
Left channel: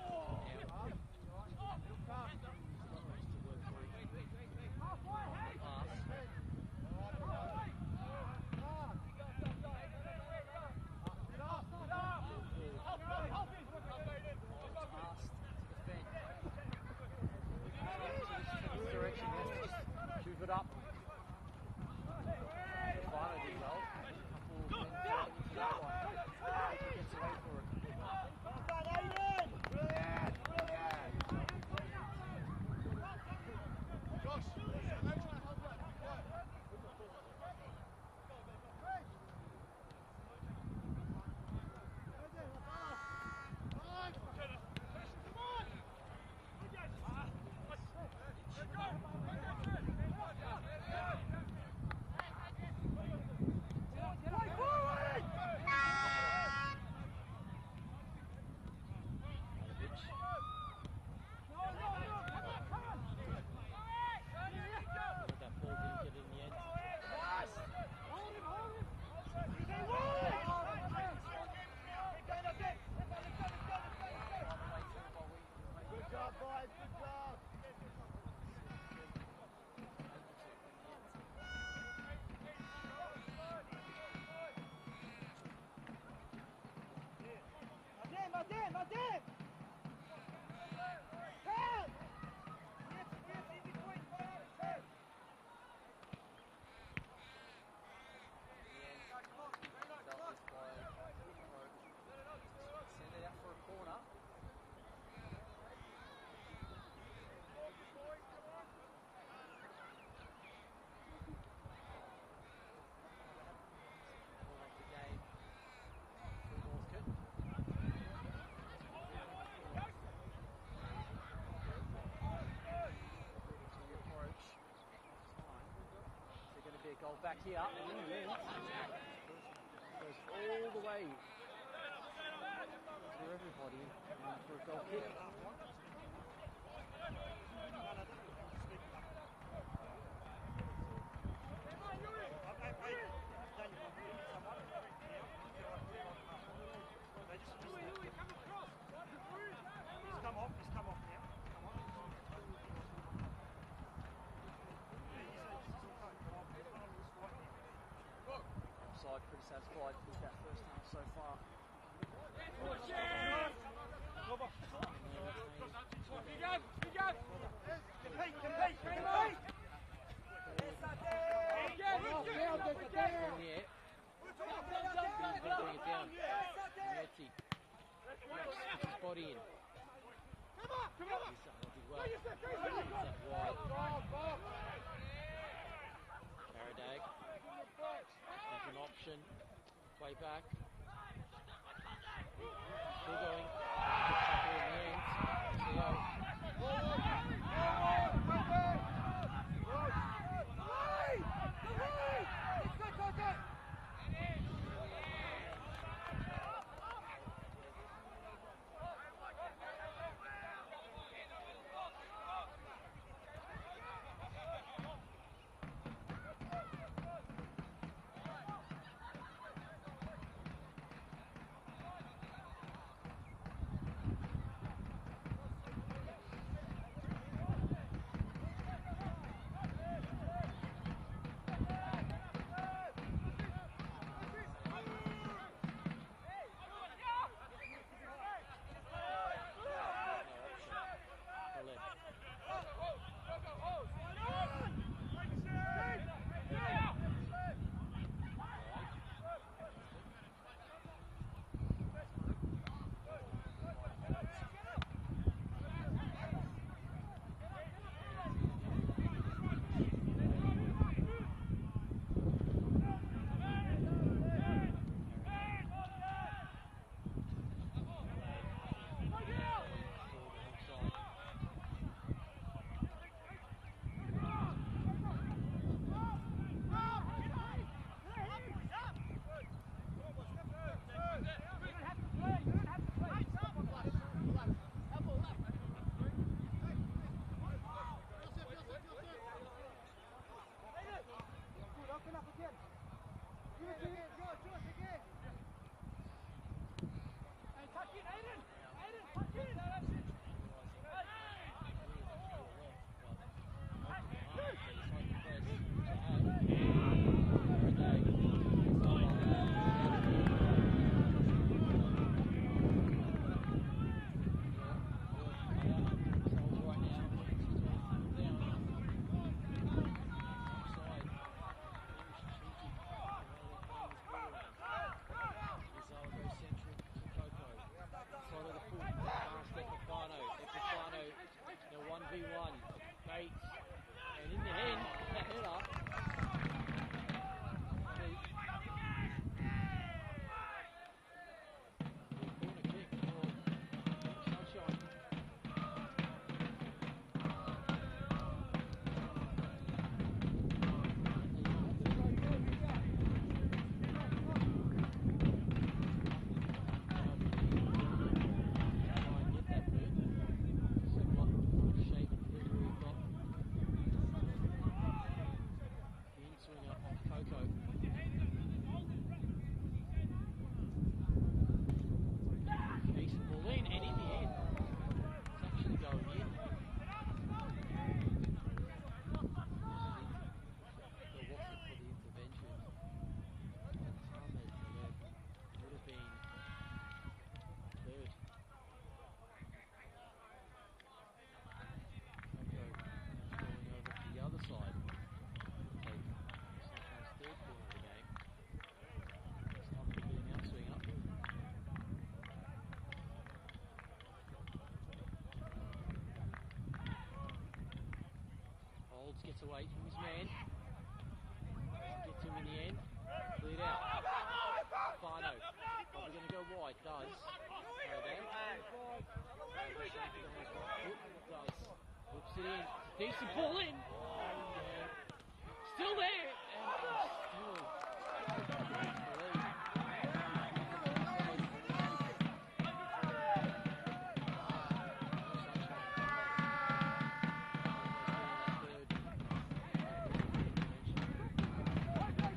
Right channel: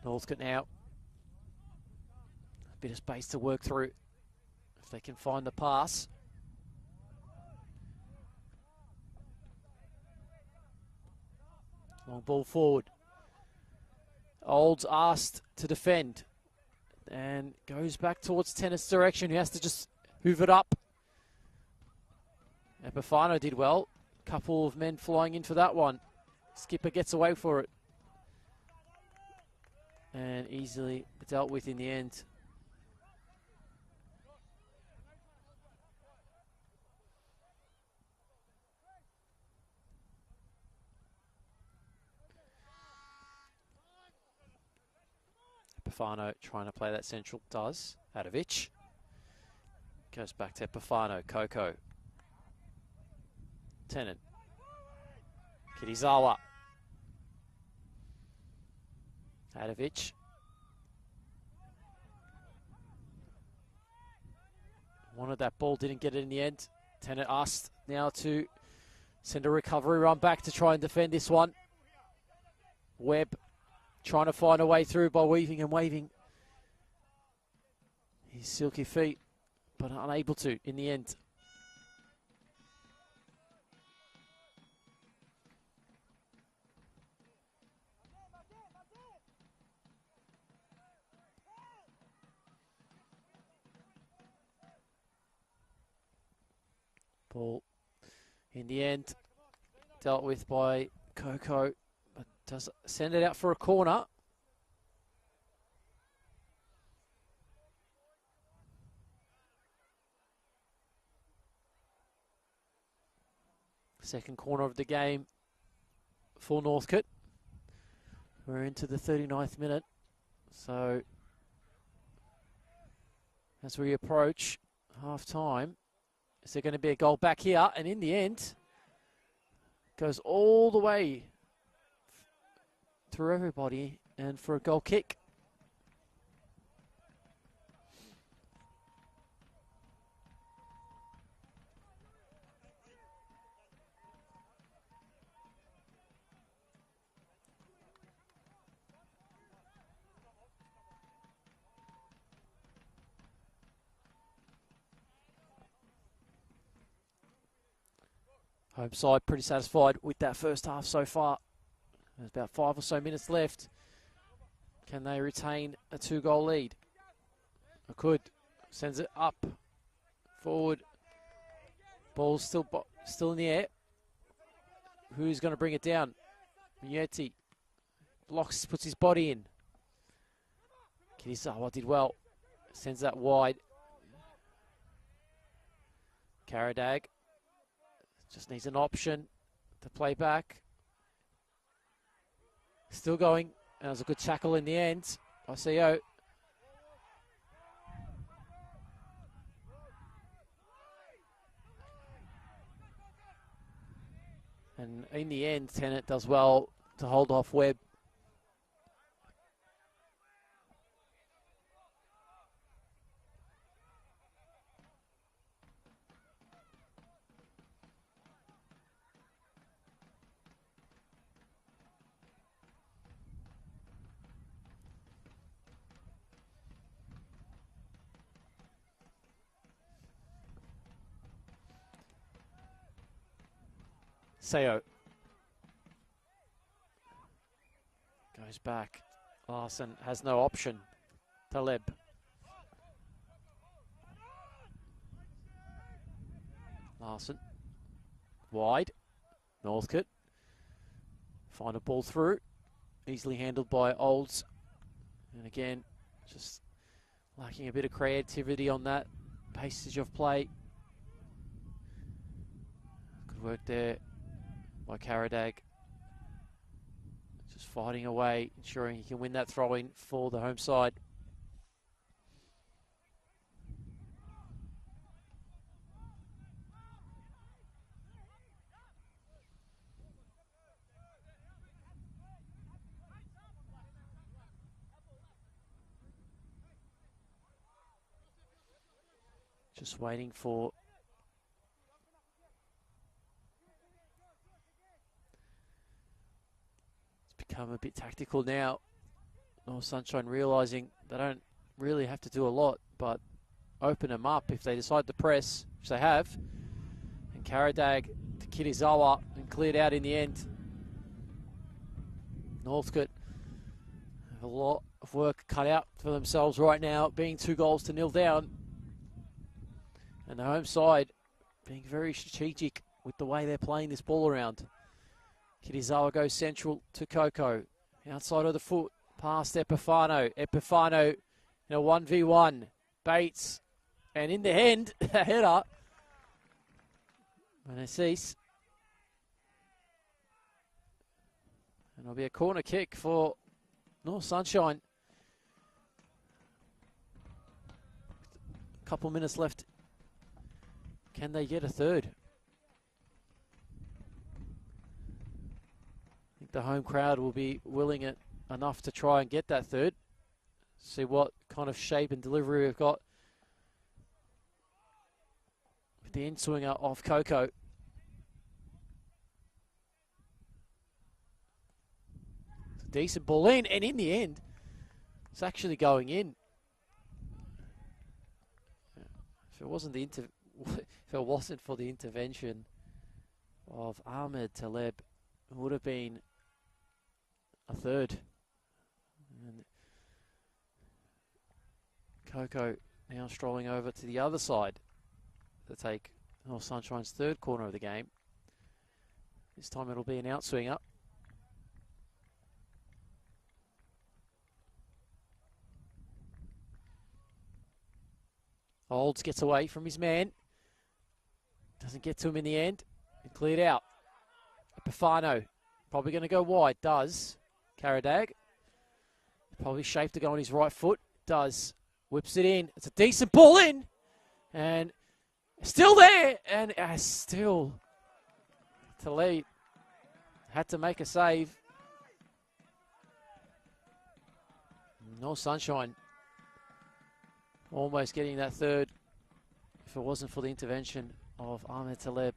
Northcote now. Bit of space to work through if they can find the pass. Ball forward. Olds asked to defend and goes back towards tennis direction. He has to just hoover it up. And Bafano did well. Couple of men flying in for that one. Skipper gets away for it. And easily dealt with in the end. Bafano trying to play that central, does. Padovic. Goes back to Bafano, Coco. Tennant. Kirizawa. Padovic. Wanted that ball, didn't get it in the end. Tennant asked now to send a recovery run back to try and defend this one. Webb trying to find a way through by weaving and waving his silky feet, but unable to in the end. Ball in the end dealt with by Coco. Does send it out for a corner. Second corner of the game for Northcote. We're into the 39th minute. So as we approach half time, is there going to be a goal back here? And in the end, goes all the way through everybody and for a goal kick. Home side pretty satisfied with that first half so far. There's about 5 or so minutes left. Can they retain a 2-goal lead? They could. Sends it up, forward. Ball's still in the air. Who's going to bring it down? Yeti blocks, puts his body in. Kizawa did well. Sends that wide. Karadag just needs an option to play back. Still going. That was a good tackle in the end. Oseo. And in the end, Tennant does well to hold off Webb. Seo goes back. Larson has no option. Taleb. Larson wide. Northcote. Find a ball through. Easily handled by Olds. And again, just lacking a bit of creativity on that passage of play. Good work there by Karadag. Just fighting away, ensuring he can win that throw-in for the home side. Just waiting for become a bit tactical now. North Sunshine realising they don't really have to do a lot, but open them up if they decide to press, which they have. Karadag to Kirizawa, cleared out in the end. Northcote, a lot of work cut out for themselves right now, being 2-0 down. And the home side being very strategic with the way they're playing this ball around. Kirizawa goes central to Coco. Outside of the foot, past Epifano. Epifano in a 1v1. Bates. And in the end, a header. And Assis. It'll be a corner kick for North Sunshine. Couple minutes left. Can they get a third? The home crowd will be willing enough to try and get that third. See what kind of shape and delivery we've got. The in-swinger off Coco. Decent ball in, and in the end, it's actually going in. If it wasn't for the intervention of Ahmed Taleb, it would have been a third. And Coco now strolling over to the other side to take North Sunshine's third corner of the game. This time it'll be an outswinger. Olds gets away from his man. Doesn't get to him in the end. Cleared out. Bafano probably going to go wide. Does. Karadag. Probably safe to go on his right foot. Does. Whips it in. It's a decent ball in. And still there. And still to lead. Had to make a save. North Sunshine almost getting that third if it wasn't for the intervention of Ahmed Taleb.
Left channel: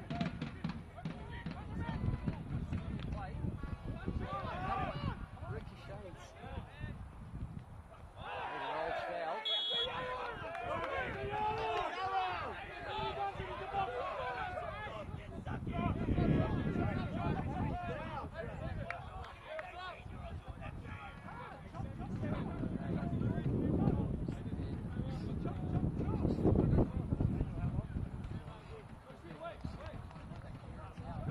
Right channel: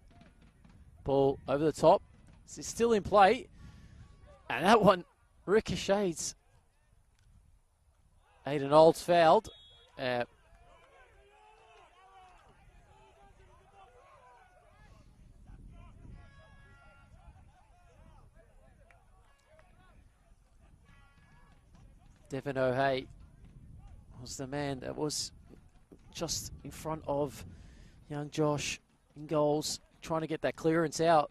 Ball over the top. It's still in play. And that one ricochets. Aiden Olds fouled. Evan O'Hay was the man that was just in front of young Josh in goals, trying to get that clearance out.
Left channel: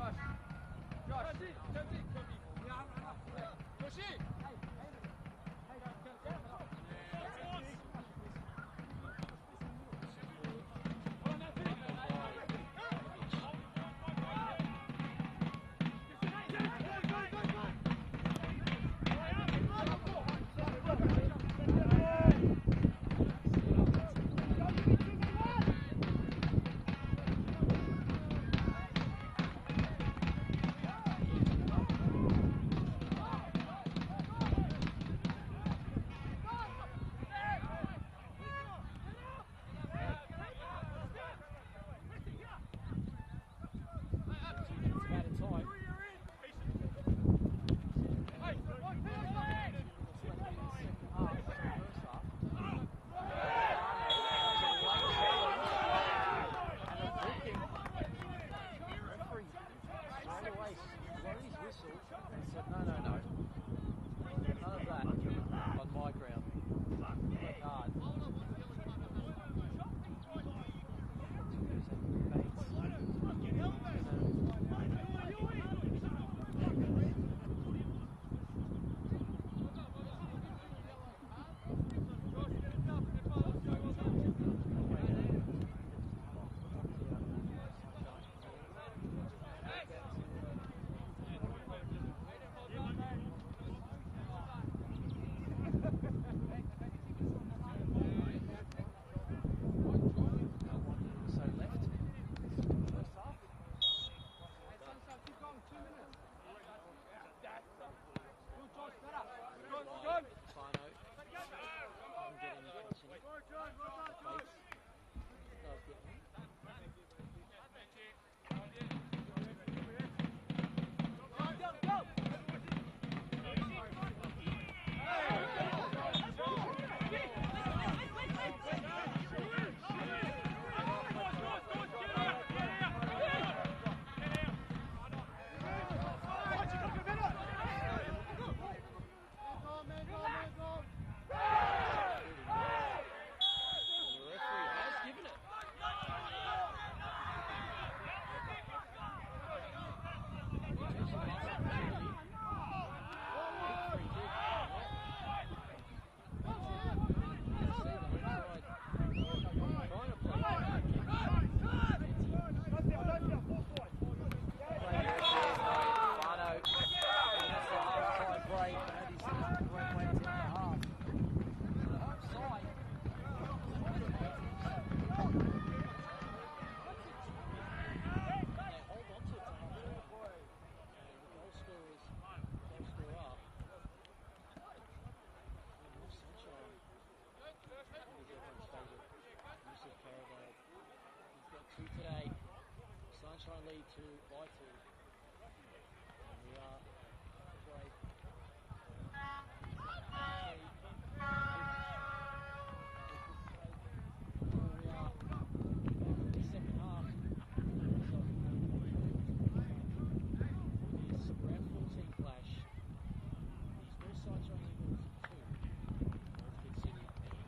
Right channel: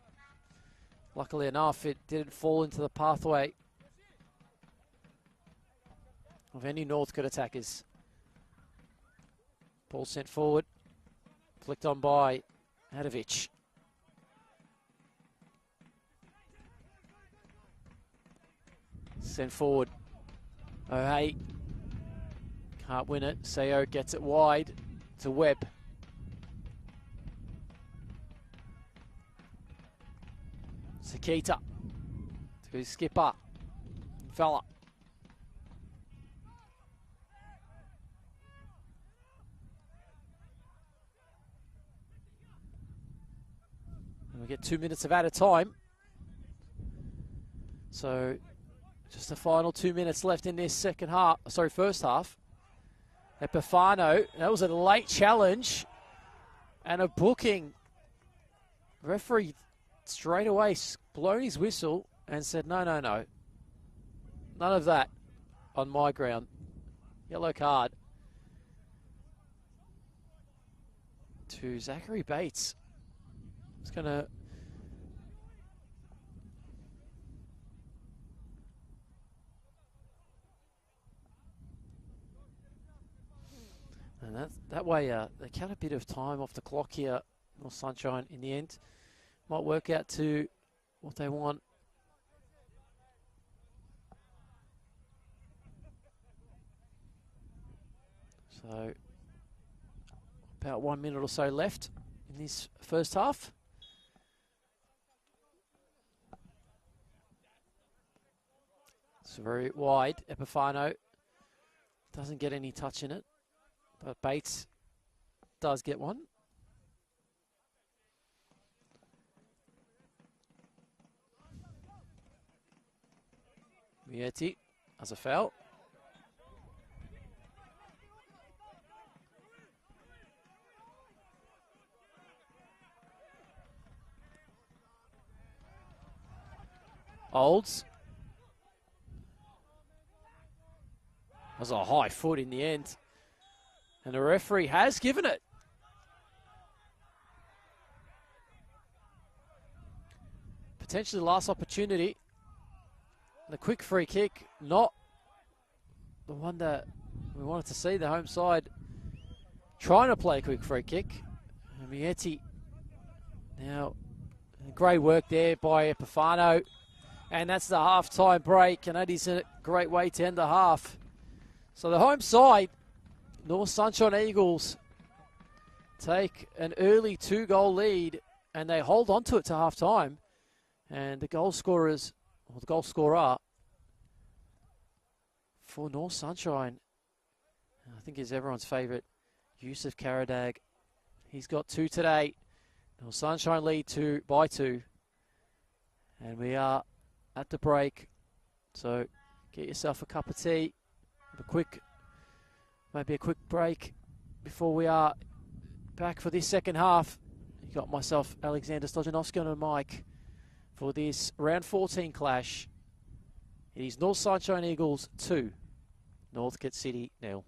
Luckily enough, it didn't fall into the pathway of any Northcote attackers. Ball sent forward, flicked on by Adovic. Sent forward. O'Hay can't win it. Seo gets it wide to Webb. Sakita to skipper. Fella. We get 2 minutes of added time. So just the final 2 minutes left in this first half. Epifano, that was a late challenge and a booking. The referee straight away blown his whistle and said, no, no, no. None of that on my ground. Yellow card to Zachary Bates. He's gonna that way they cut a bit of time off the clock here for Sunshine in the end. Might work out to what they want. So about 1 minute or so left in this first half. So very wide, Epifano doesn't get any touch in it, but Bates does get one. Vietti has a foul. Holds. There's a high foot in the end. And the referee has given it. Potentially the last opportunity. The quick free kick, not the one that we wanted to see. The home side trying to play a quick free kick. Vietti. Now, great work there by Epifano. And that's the half-time break, and that is a great way to end the half. So the home side, North Sunshine Eagles, take an early 2-goal lead, and they hold on to it to half-time. And the goal scorers, or the goal scorer for North Sunshine, I think is everyone's favourite, Yusuf Karadag. He's got 2 today. North Sunshine lead by 2. And we are at the break. So get yourself a cup of tea. Maybe a quick break before we are back for this second half. Got myself, Alexander Stojanovski, on the mic for this round 14 clash. It is North Sunshine Eagles 2, Northcote City 0.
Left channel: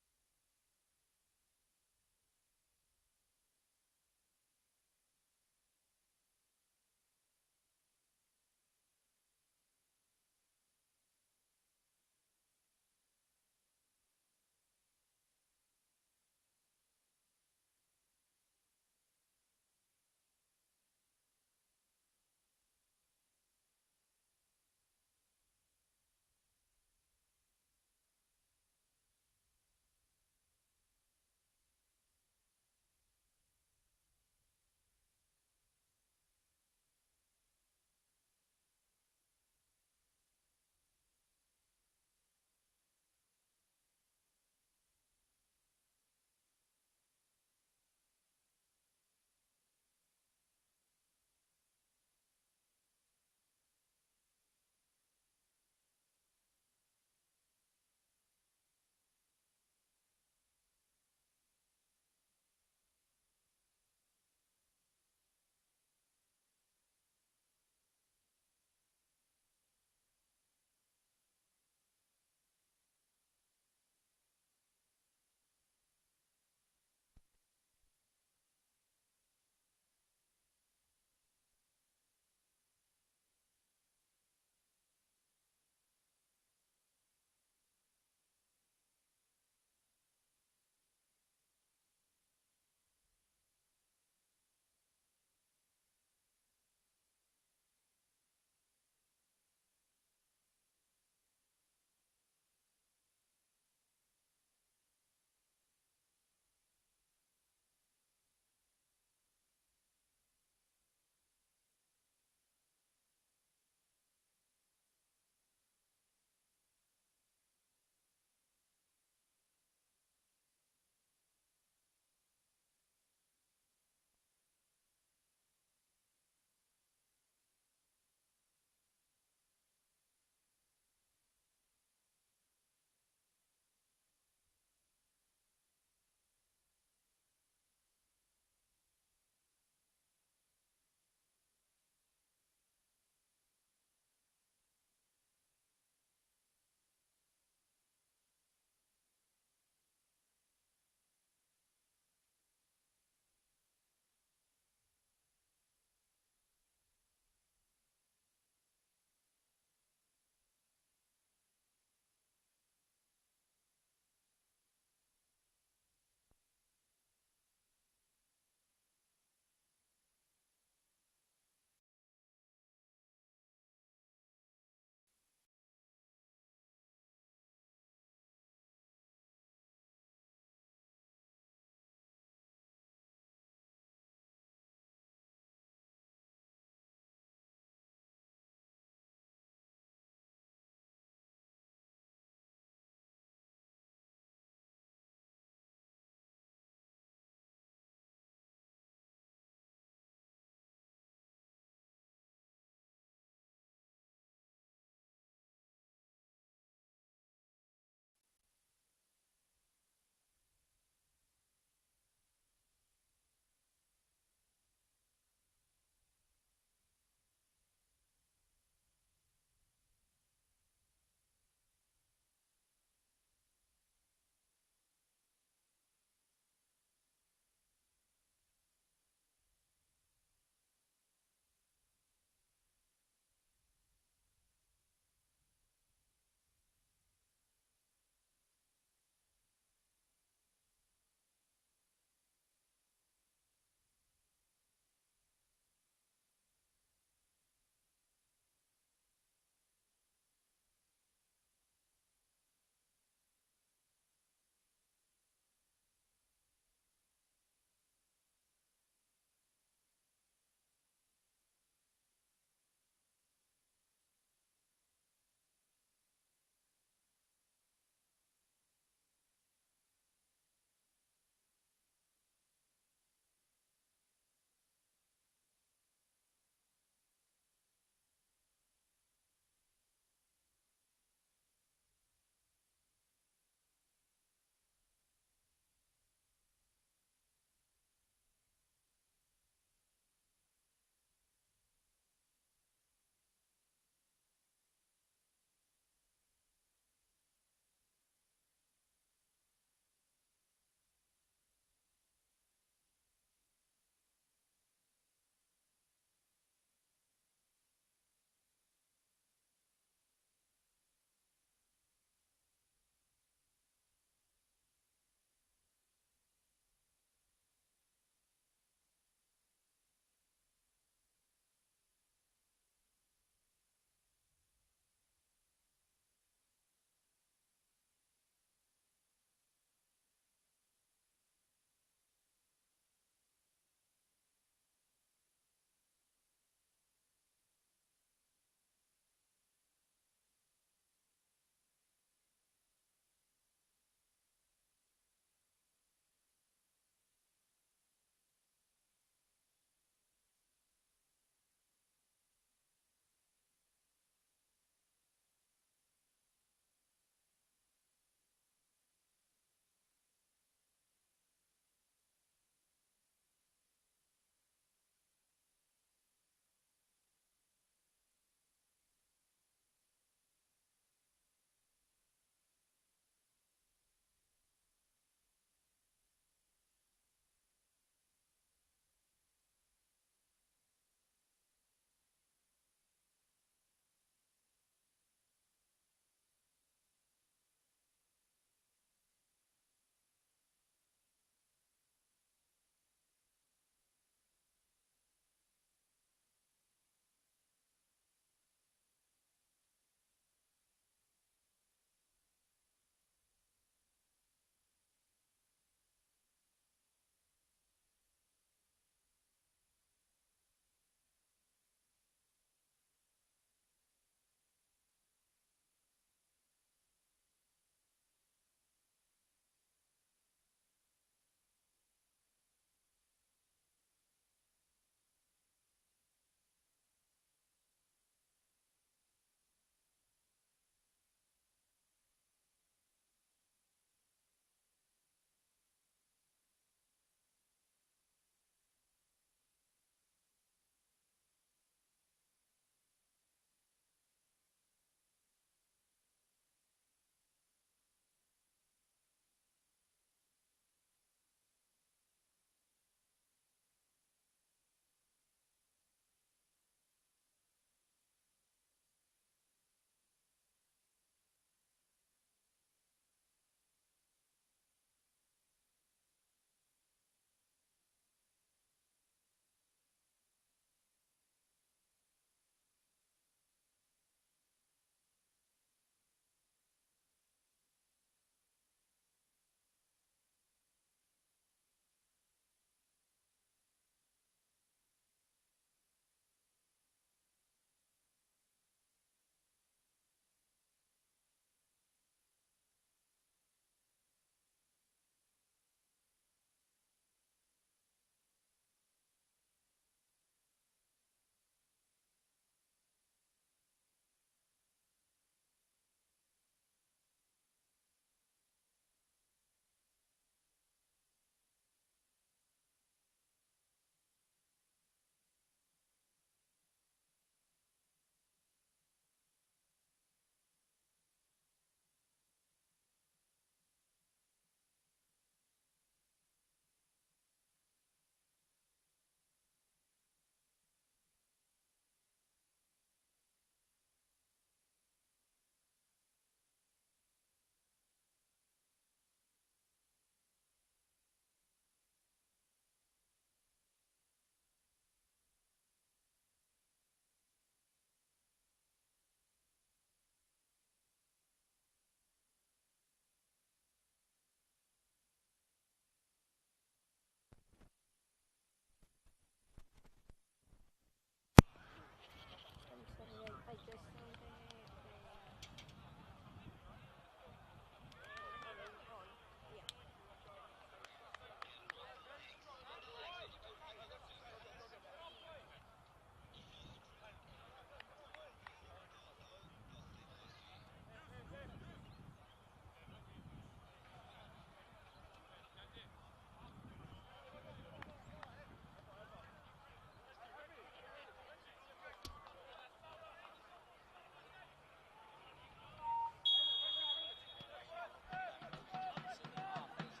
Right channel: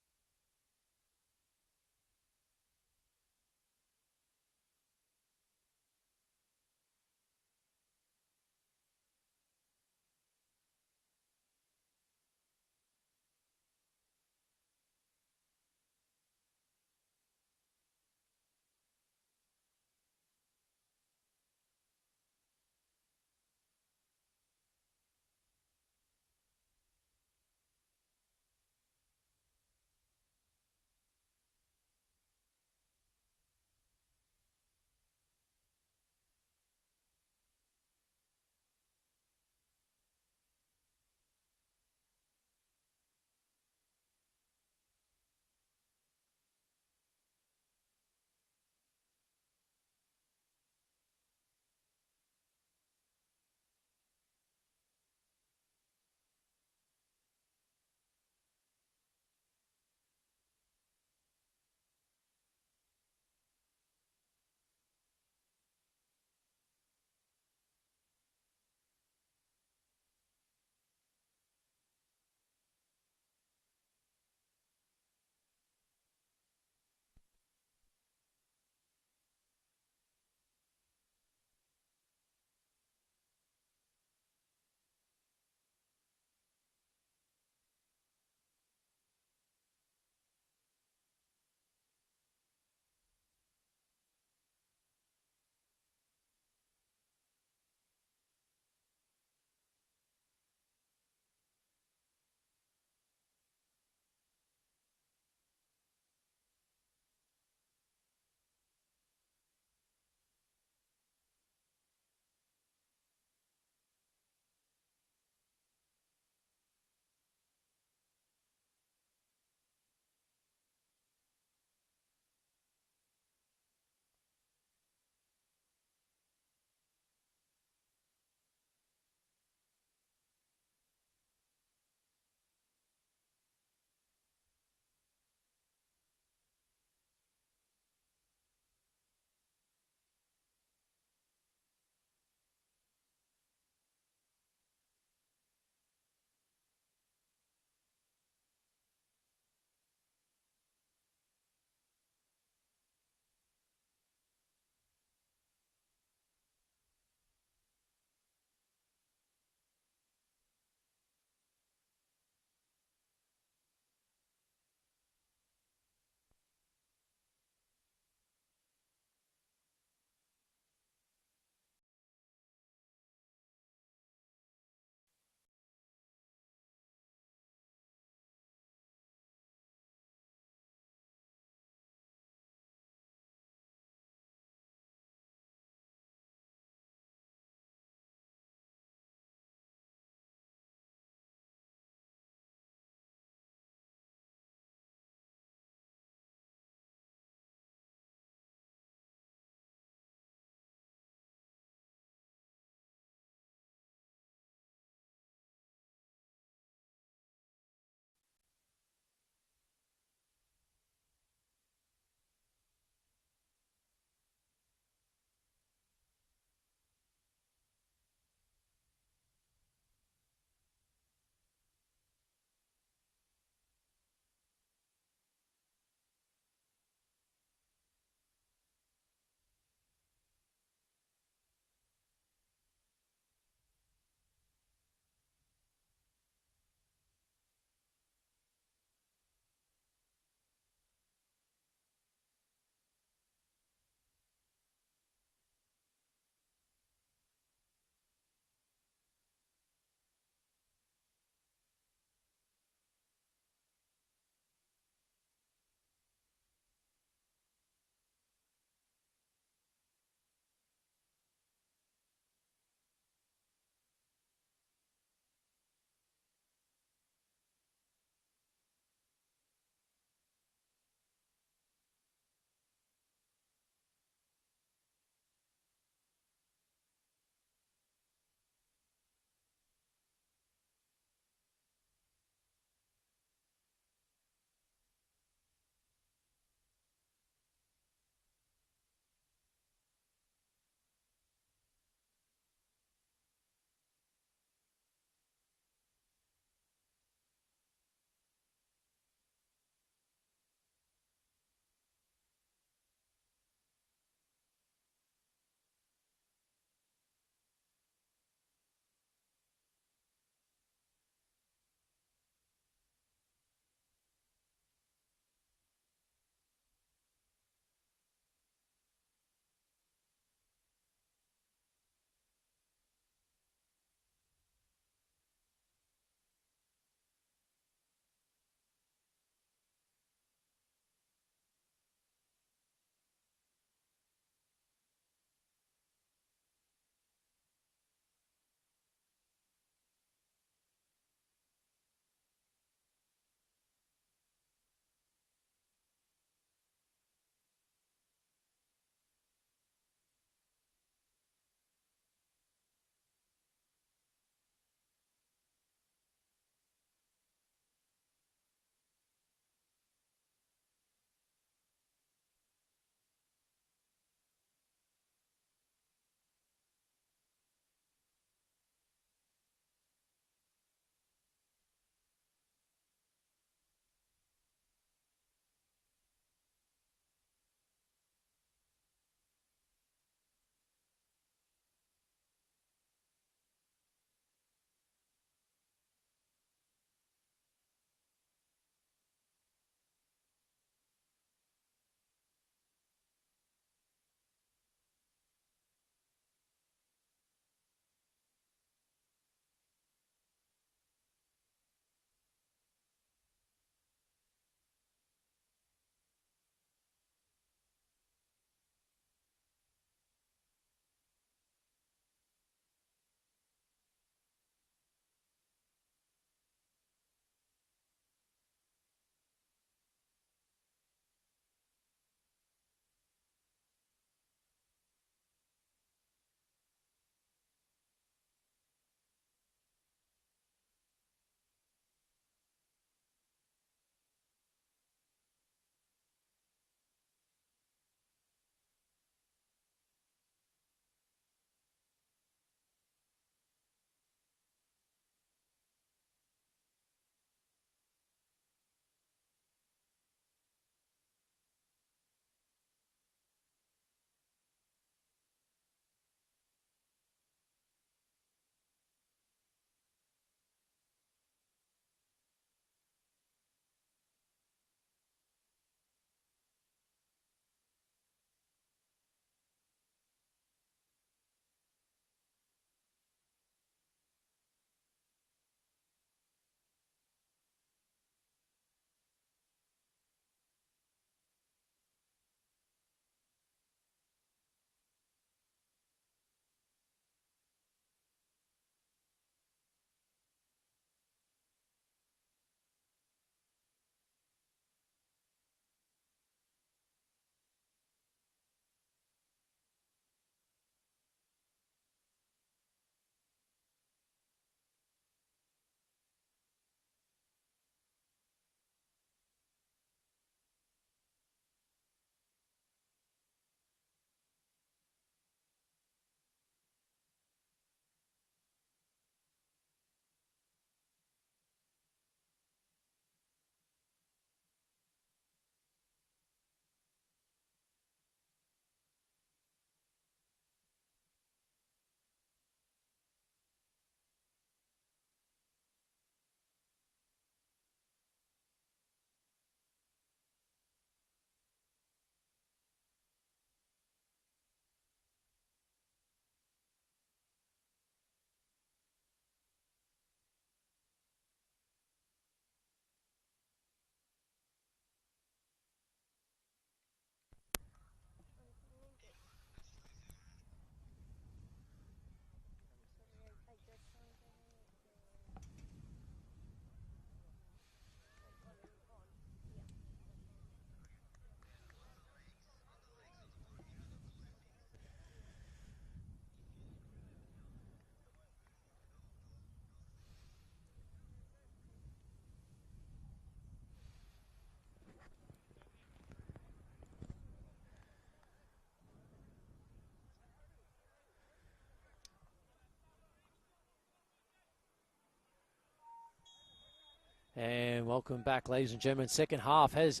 And welcome back, ladies and gentlemen. Second half has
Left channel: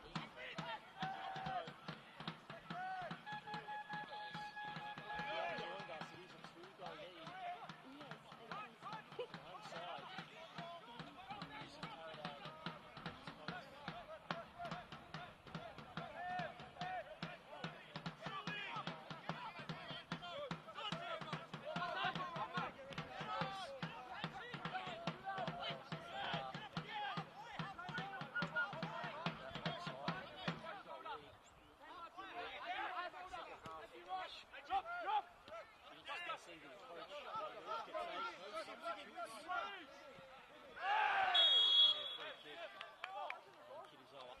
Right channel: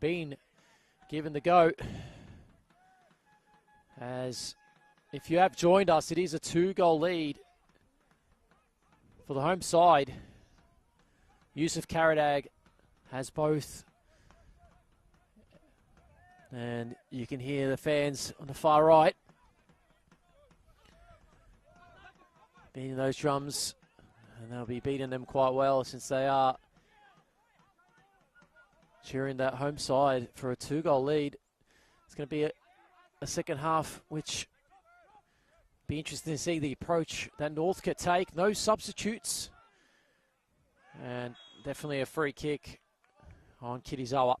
been given the go. As if you have joined us, it is a 2-goal lead for the home side. Yusuf Karadag has both. And you can hear the fans on the far right beating those drums. And they'll be beating them quite well since they are cheering that home side for a 2-goal lead. It's going to be a second half, which be interesting to see the approach that Northcote take. No substitutes. And definitely a free kick on Kitizawa.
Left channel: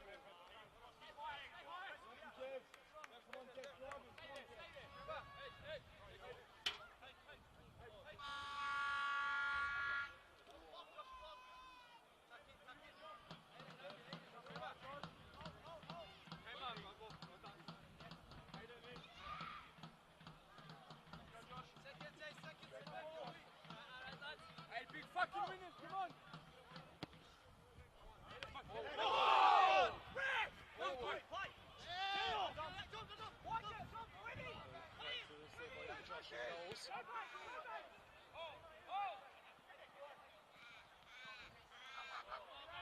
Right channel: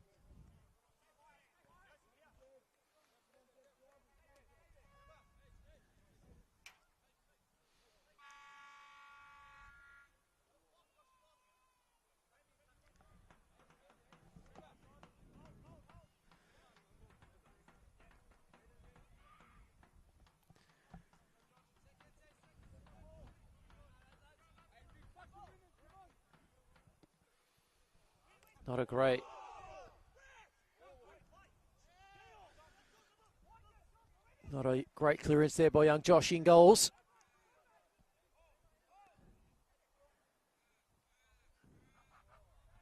Not a great clearance there by young Josh Ingalls.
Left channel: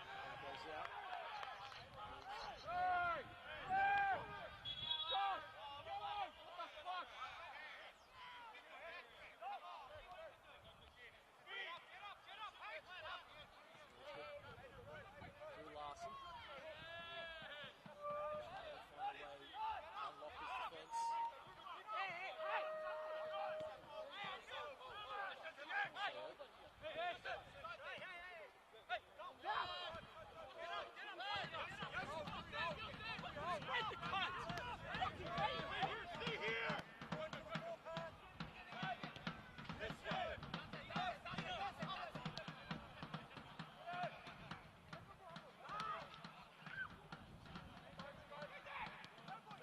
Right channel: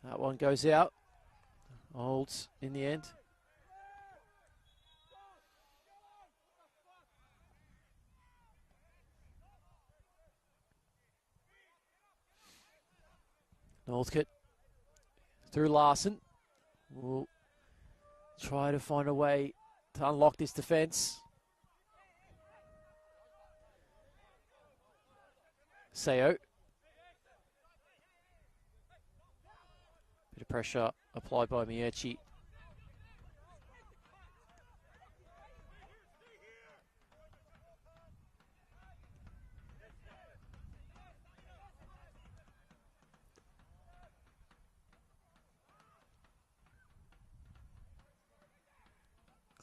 That one goes out. Holds in the end. Northcote through Larson. Will try to find a way to unlock this defence. Seo. Bit of pressure applied by Miechi.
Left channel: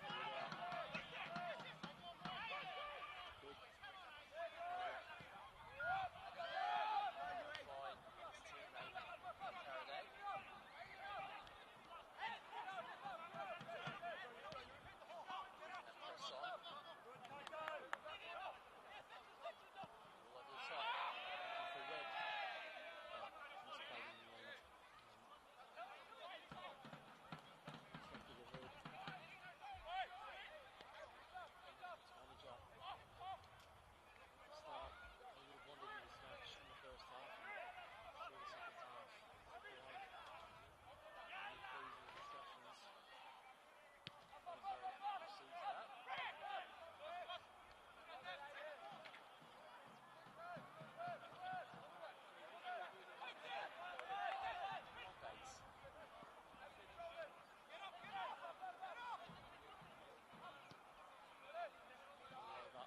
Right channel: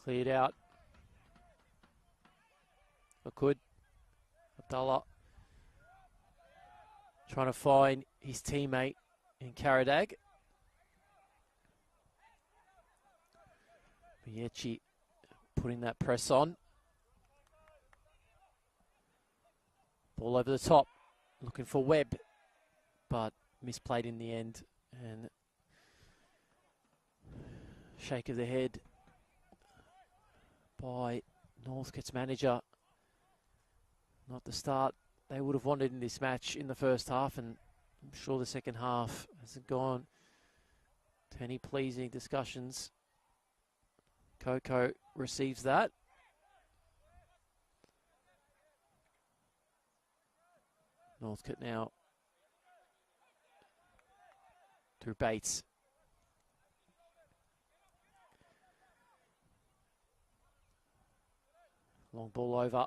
Cleared out. Lakud. Abdullah. Trying to find his teammate in Karadag. Miechi putting that press on. Ball over the top. Looking for Webb. But misplayed in the end. And shake of the head by Northcote's manager. Not the start they would have wanted in this match in the first half, and I'm sure the second half hasn't gone to any pleasing discussions. Coco receives that. Northcote now through Bates. Long ball over.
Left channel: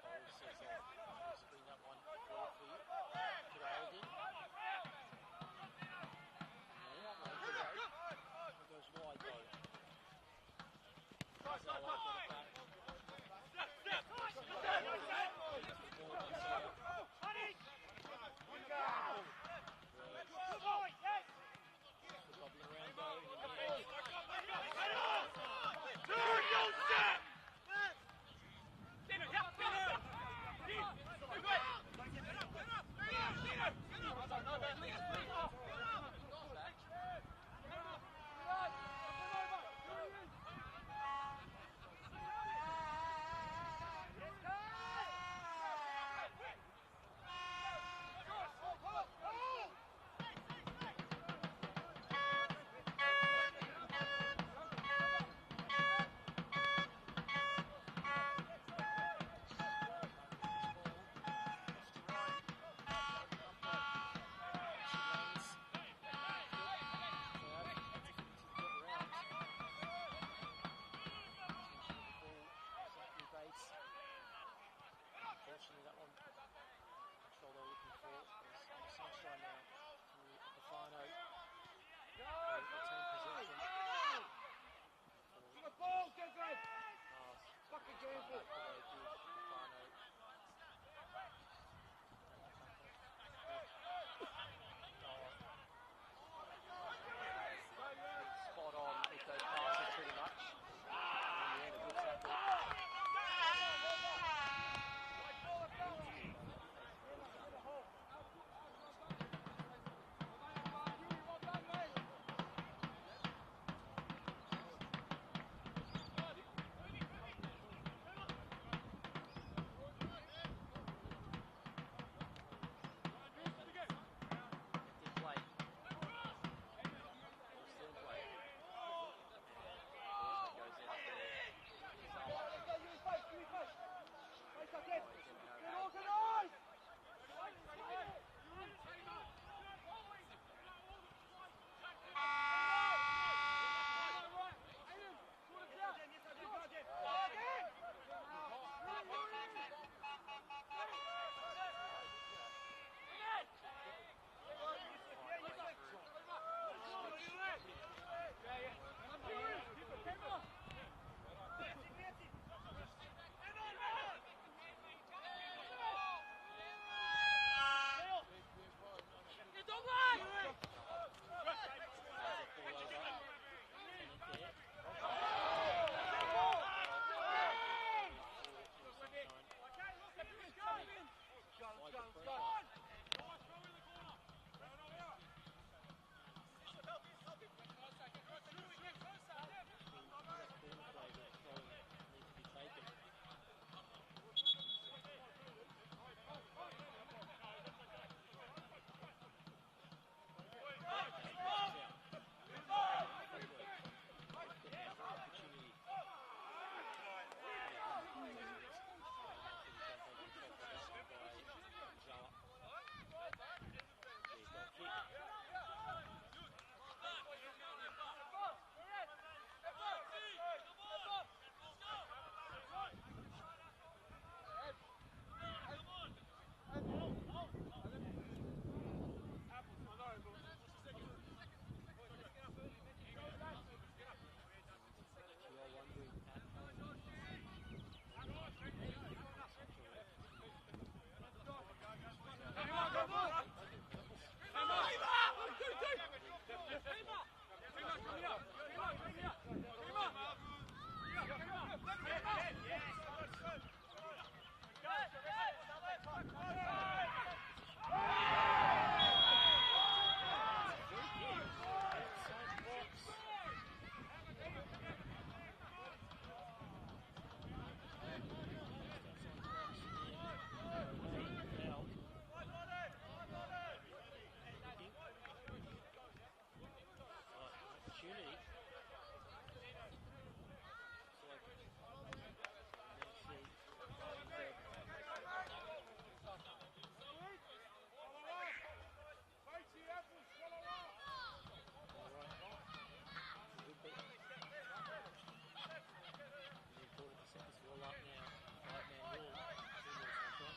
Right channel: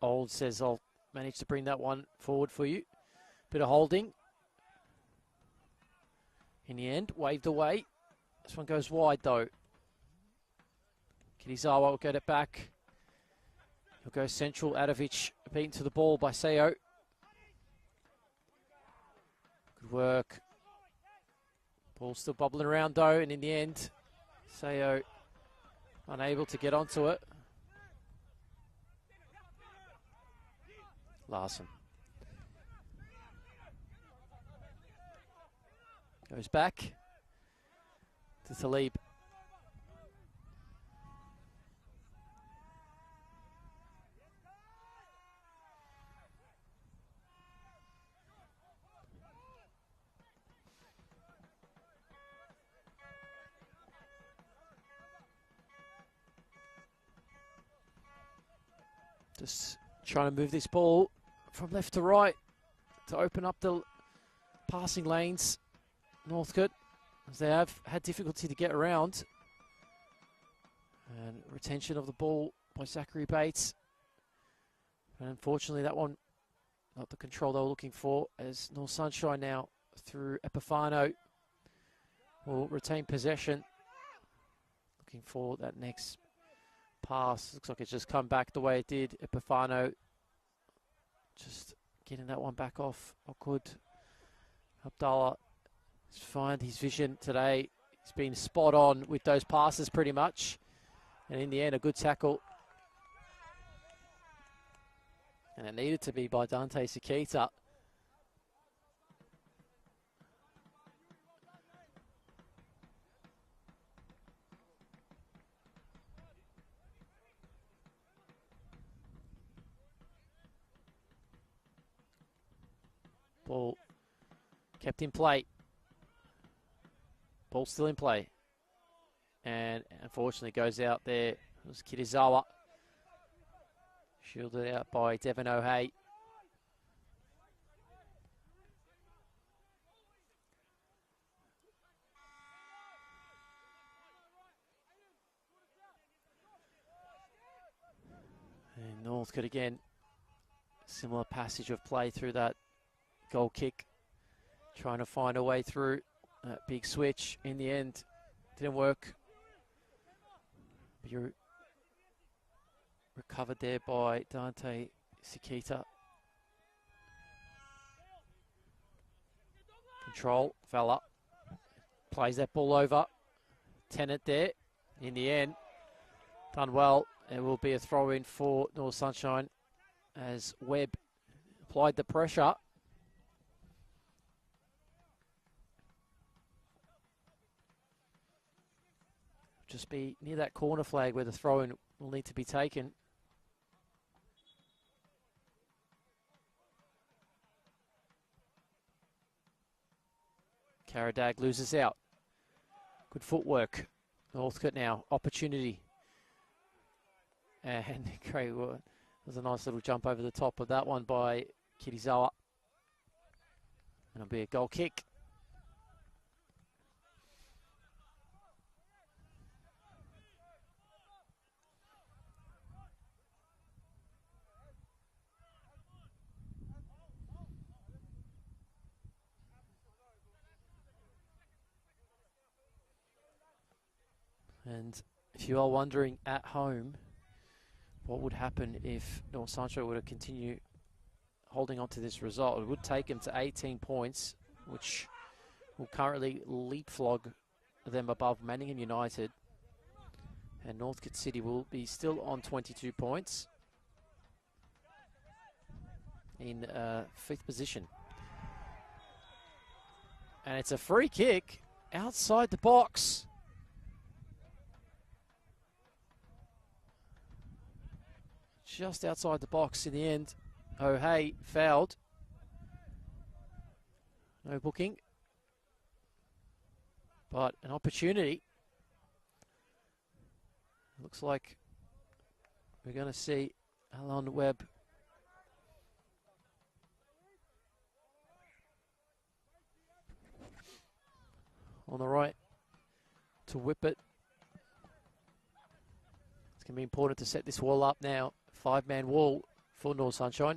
Old says, I'll manage to bring that one forward for you. Bit of holding. In the end, waved away. This one goes wide though. Kinizawa will get it back. Will go central. Adovic beaten to the ball by Seo. Good work. Ball still bubbling around though, and in the end, Seo unable to get onto it. Larson. Goes back to Talib. Just trying to move this ball from left to right to open up the passing lanes. Northcote, as they have had difficulty to get around. And retention of the ball by Zachary Bates. And unfortunately, that one not the control they were looking for, as North Sunshine now through Epifano will retain possession. Looking for that next pass. Looks like it's just come back the way it did. Epifano just getting that one back off. Good. Abdullah He's find his vision today. He's been spot on with those passes pretty much. And in the end, a good tackle. And it needed to be by Dante Sakita. Ball kept in play. Ball still in play. And unfortunately goes out there. It's Kitazawa. Shielded out by Devin O'Hay. And Northcote again. Similar passage of play through that goal kick. Trying to find a way through that big switch. In the end, didn't work. You're recovered there by Dante Sakita. Control, fella. Plays that ball over. Tennant there. In the end, done well. It will be a throw-in for North Sunshine as Webb applied the pressure. Just be near that corner flag where the throw-in will need to be taken. Karadag loses out. Good footwork. Northcote now, opportunity. And great work. There's a nice little jump over the top of that one by Kitazawa. It'll be a goal kick. And if you are wondering at home what would happen if North Sunshine were to continue holding on to this result, it would take them to 18 points, which will currently leapfrog them above Manningham United. And Northcote City will be still on 22 points in 5th position. And it's a free kick outside the box. Just outside the box in the end. O'Hay fouled. No booking. But an opportunity. Looks like we're going to see Alan Webb on the right to whip it. It's going to be important to set this wall up now. 5-man wall for North Sunshine.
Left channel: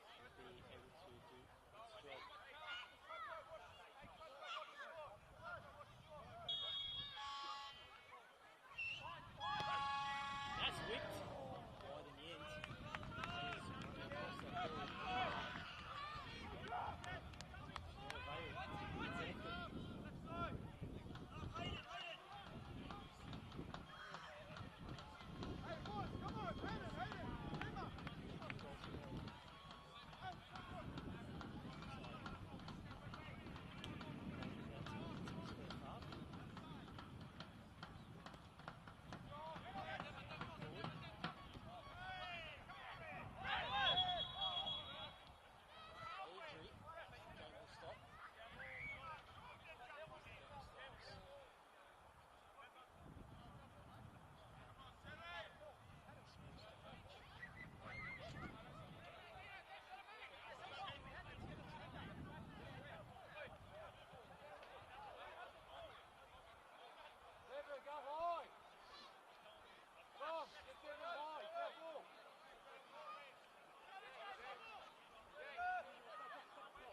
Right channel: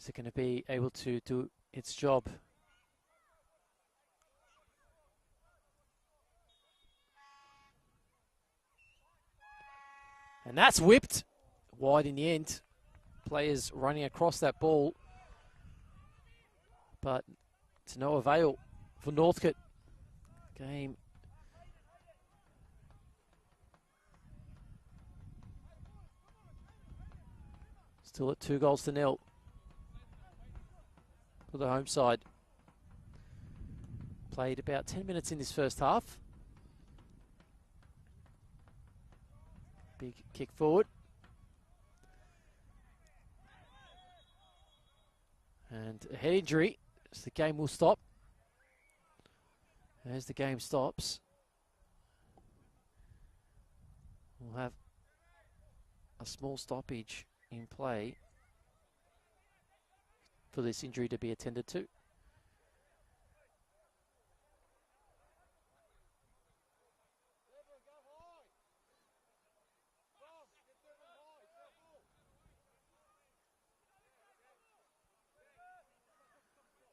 Is it going to be able to do its job? And that's whipped wide in the end. Players running across that ball, but to no avail for Northcote. Game still at 2-0 for the home side. Played about 10 minutes in this first half. Big kick forward. And a head injury. So the game will stop. As the game stops, we'll have a small stoppage in play for this injury to be attended to.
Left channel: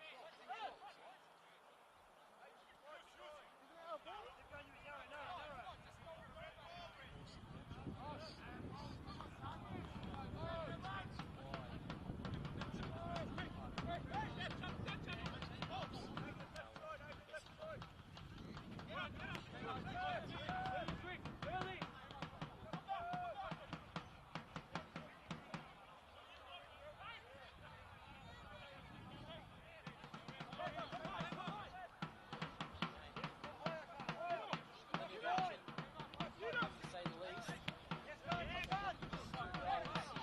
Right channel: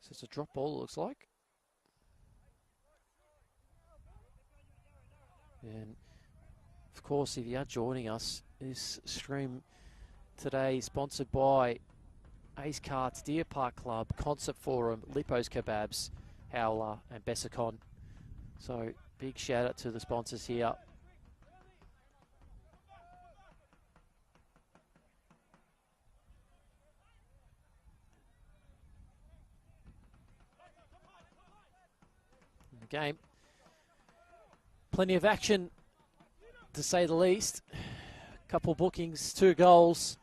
So it's a drop ball, it looks like. And of course, if you are joining us, this stream today is sponsored by Ace Carts, Deer Park Club, Concert Forum, Lipo's Kebabs, Howler and Bessicon. So big shout out to the sponsors here. Game. Plenty of action, to say the least. A couple bookings, 2 goals.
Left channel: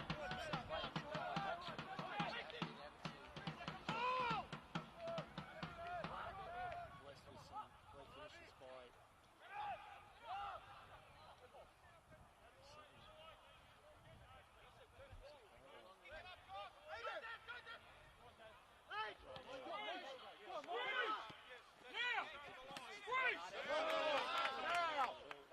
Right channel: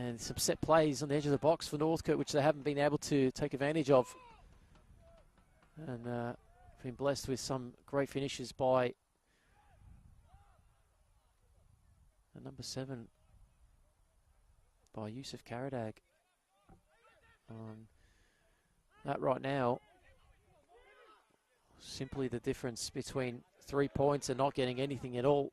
And some set plays on the edge of the box for Northcote, which they haven't been able to take advantage of. And been blessed with some great finishes by number 7, by Yusuf Karadag. That right now, simply the difference between 3 points and not getting anything at all.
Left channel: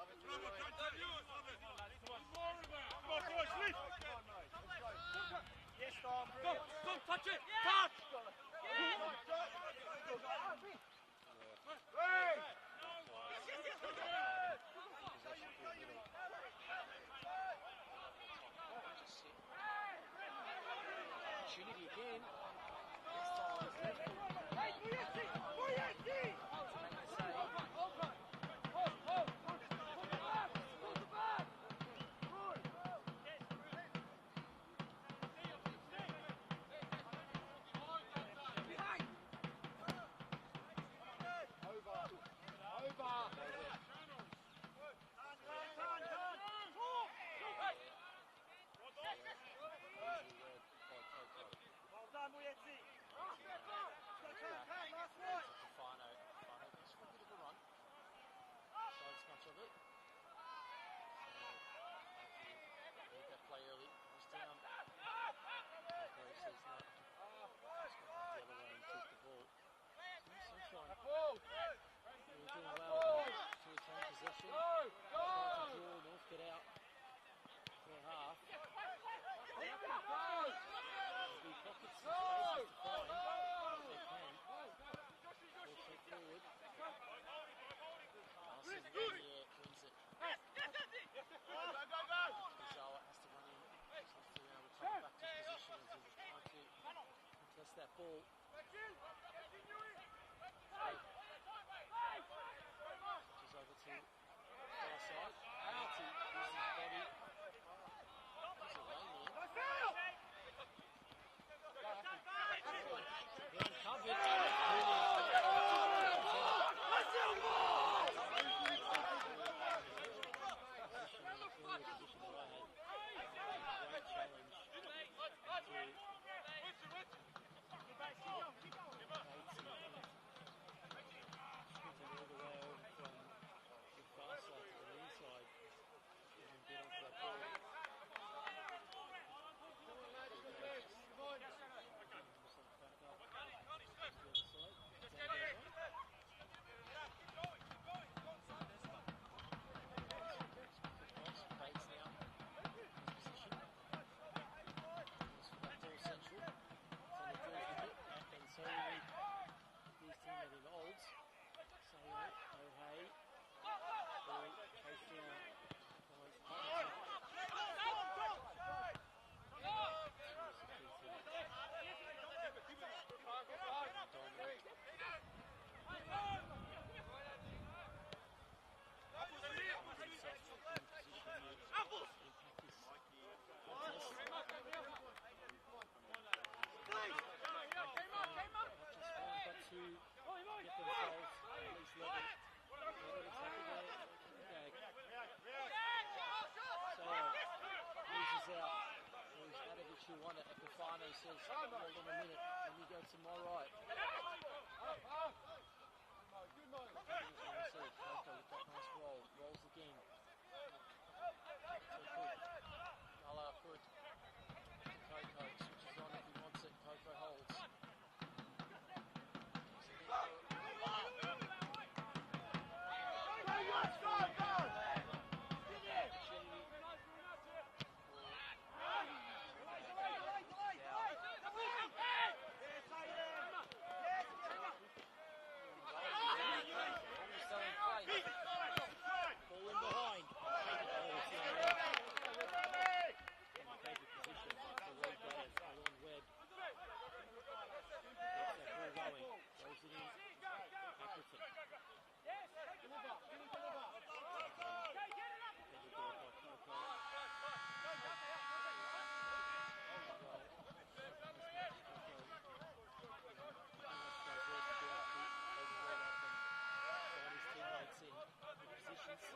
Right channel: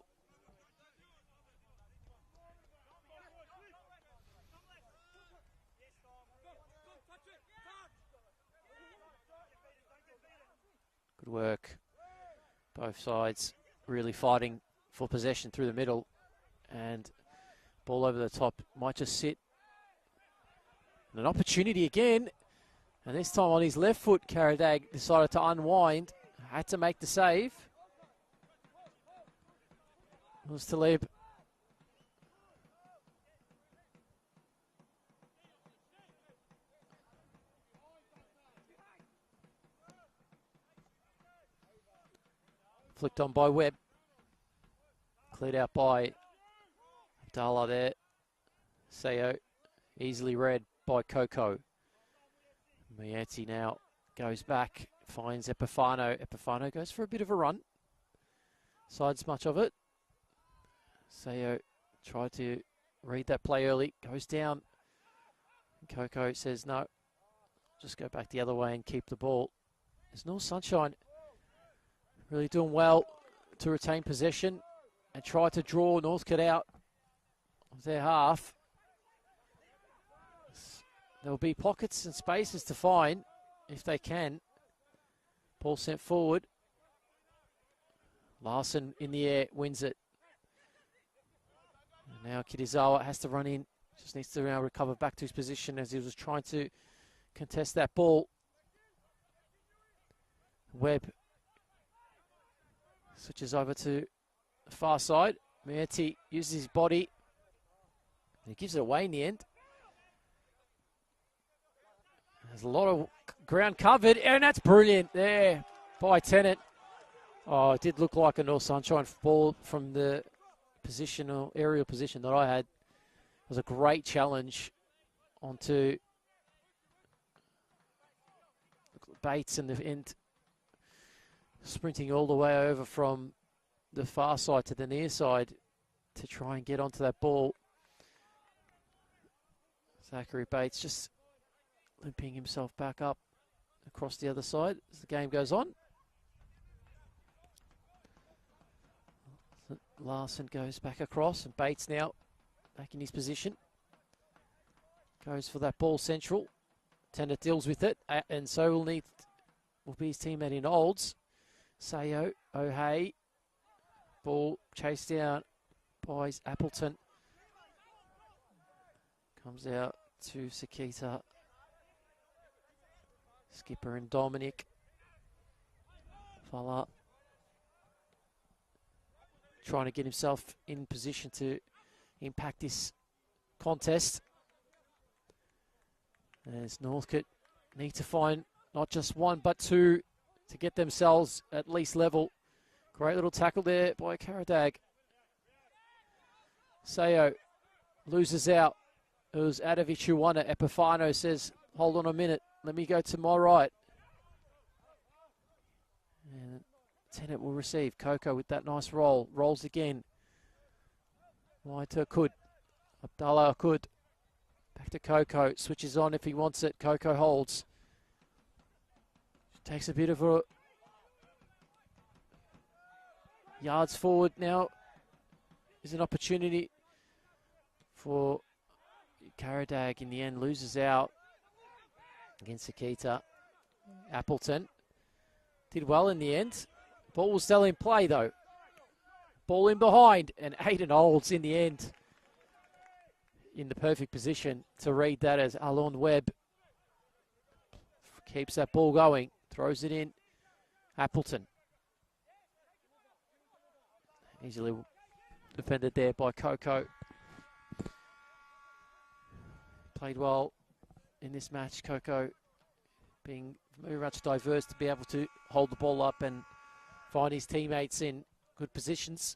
Good work. Both sides really fighting for possession through the middle. And ball over the top might just sit. And an opportunity again. And this time on his left foot, Karadag decided to unwind. Had to make the save. Was Talib. Flicked on by Webb. Cleared out by Dala there. Sayo easily read by Coco. Mieti now goes back, finds Epifano. Epifano goes for a bit of a run. Sides much of it. Sayo tried to read that play early, goes down. Coco says no, just go back the other way and keep the ball. There's no Sunshine. Really doing well to retain possession and try to draw Northcote out of their half. There'll be pockets and spaces to find if they can. Ball sent forward. Larson in the air, wins it. And now Kitazawa has to run in. Just needs to now recover back to his position as he was trying to contest that ball. Webb switches over to the far side. Mieti uses his body. He gives it away in the end. There's a lot of ground covered, and that's brilliant there by Tennant. Oh, it did look like a North Sunshine ball from the positional aerial position that I had. It was a great challenge onto Bates in the end, sprinting all the way over from the far side to the near side to try and get onto that ball. Zachary Bates just limping himself back up across the other side as the game goes on. Larson goes back across, and Bates now back in his position. Goes for that ball central. Tennant deals with it, and so will be his teammate in Olds. Sayo, O'Hay. Ball chased down by Appleton. Comes out to Sakita. Skipper and Dominic. Fala trying to get himself in position to impact this contest. As Northcote need to find not just 1 but 2 to get themselves at least level. Great little tackle there by Karadag. Sayo loses out. It was Adovic who won it. Epifano says, hold on a minute, let me go to my right. And Tennant will receive. Coco with that nice roll. Rolls again. Wide to Akud. Abdallah Akud. Back to Coco. Switches on if he wants it. Coco holds. Takes a bit of a yards forward now. There's an opportunity for Karadag. In the end, loses out against Akita. Appleton did well in the end. Ball was still in play though. Ball in behind, and Aiden Olds in the end in the perfect position to read that as Alon Webb keeps that ball going, throws it in. Appleton. Easily defended there by Coco. Played well in this match, Coco being very much diverse to be able to hold the ball up and find his teammates in good positions.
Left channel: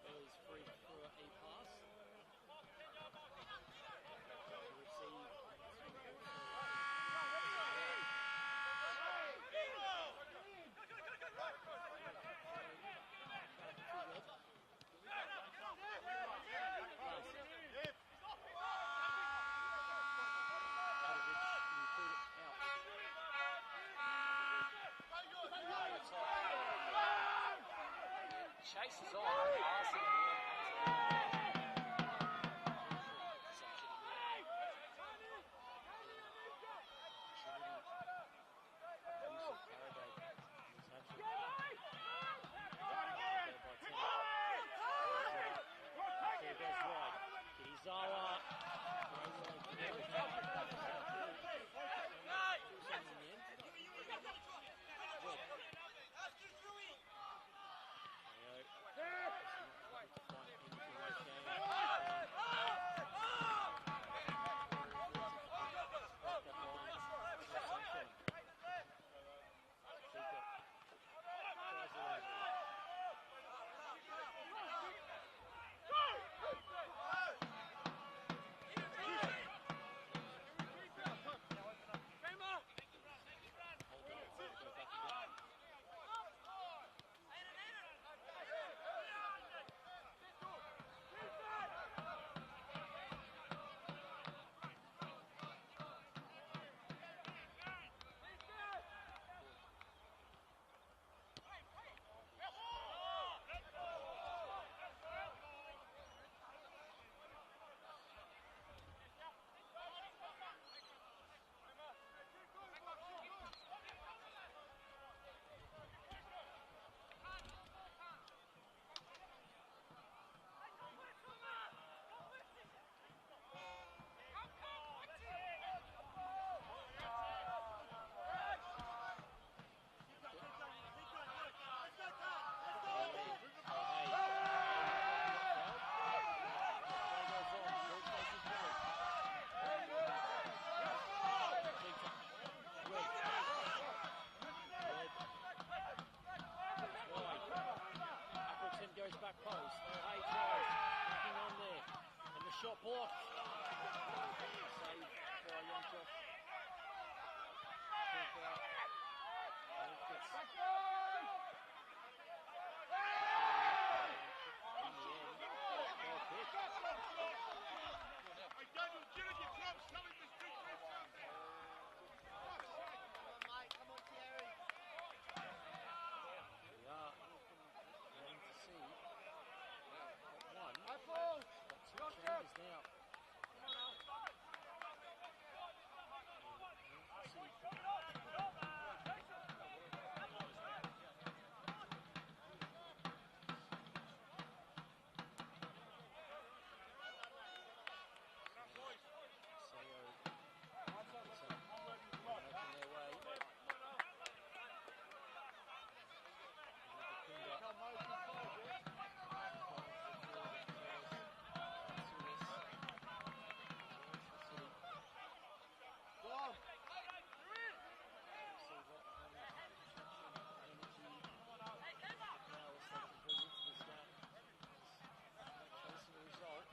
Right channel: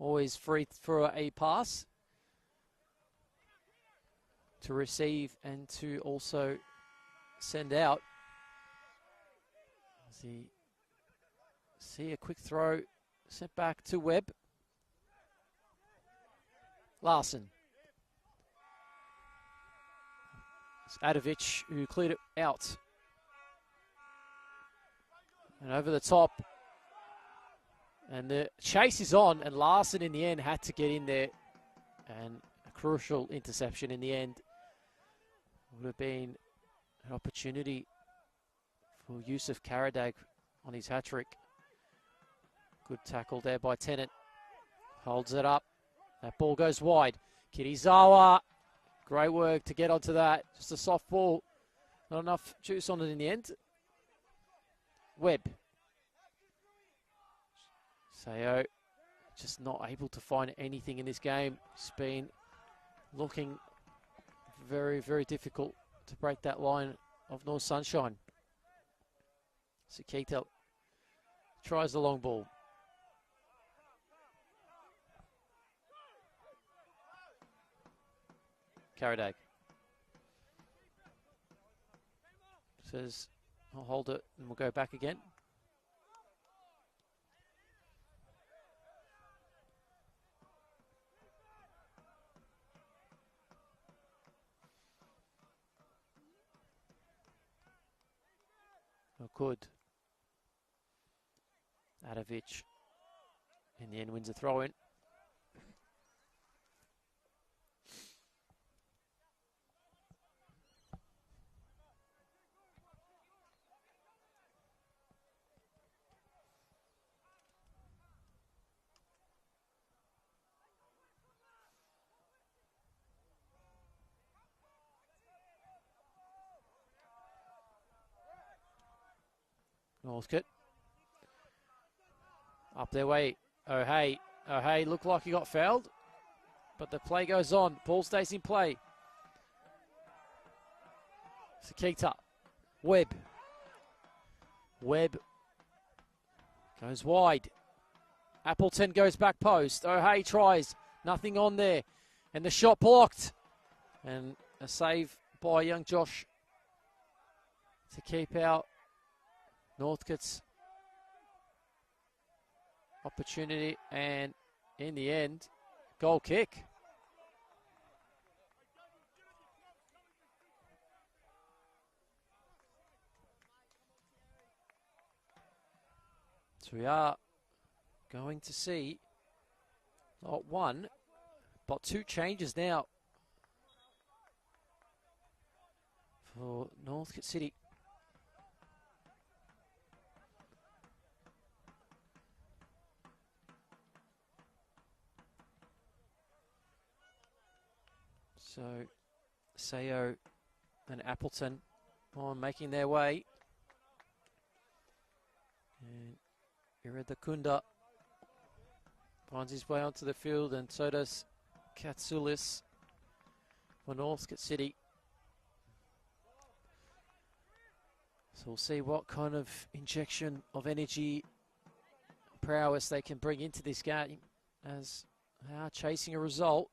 Always free for a pass to receive and to also send out. See a quick throw, set back to Webb. Larson. Adovic who cleared it out. And over the top. And the chase is on, and Larson in the end had to get in there. And crucial interception in the end. Would have been an opportunity for Yusuf Karadag on his hat-trick. Good tackle there by Tennant. Holds it up. That ball goes wide. Kirizawa. Great work to get onto that. Just a soft ball. Not enough juice on it in the end. Webb. Sayo just not able to find anything in this game. It's been looking very, very difficult to break that line of North Sunshine. Sakita tries the long ball. Karadag says, I'll hold it and we'll go back again. Good. Adovic in the end wins a throw in. Northcote. Up their way. O'Hay looked like he got fouled, but the play goes on. Ball stays in play. Sakita. Webb goes wide. Appleton goes back post. O'Hay tries. Nothing on there. And the shot blocked. And a save by young Josh to keep out Northcote's opportunity, and in the end, goal kick. So we are going to see not one, but two changes now for Northcote City. So, Sayo and Appleton are making their way. Iridakunda finds his way onto the field, and so does Katsoulis for Northcote City. So we'll see what kind of injection of energy, prowess they can bring into this game, as they are chasing a result.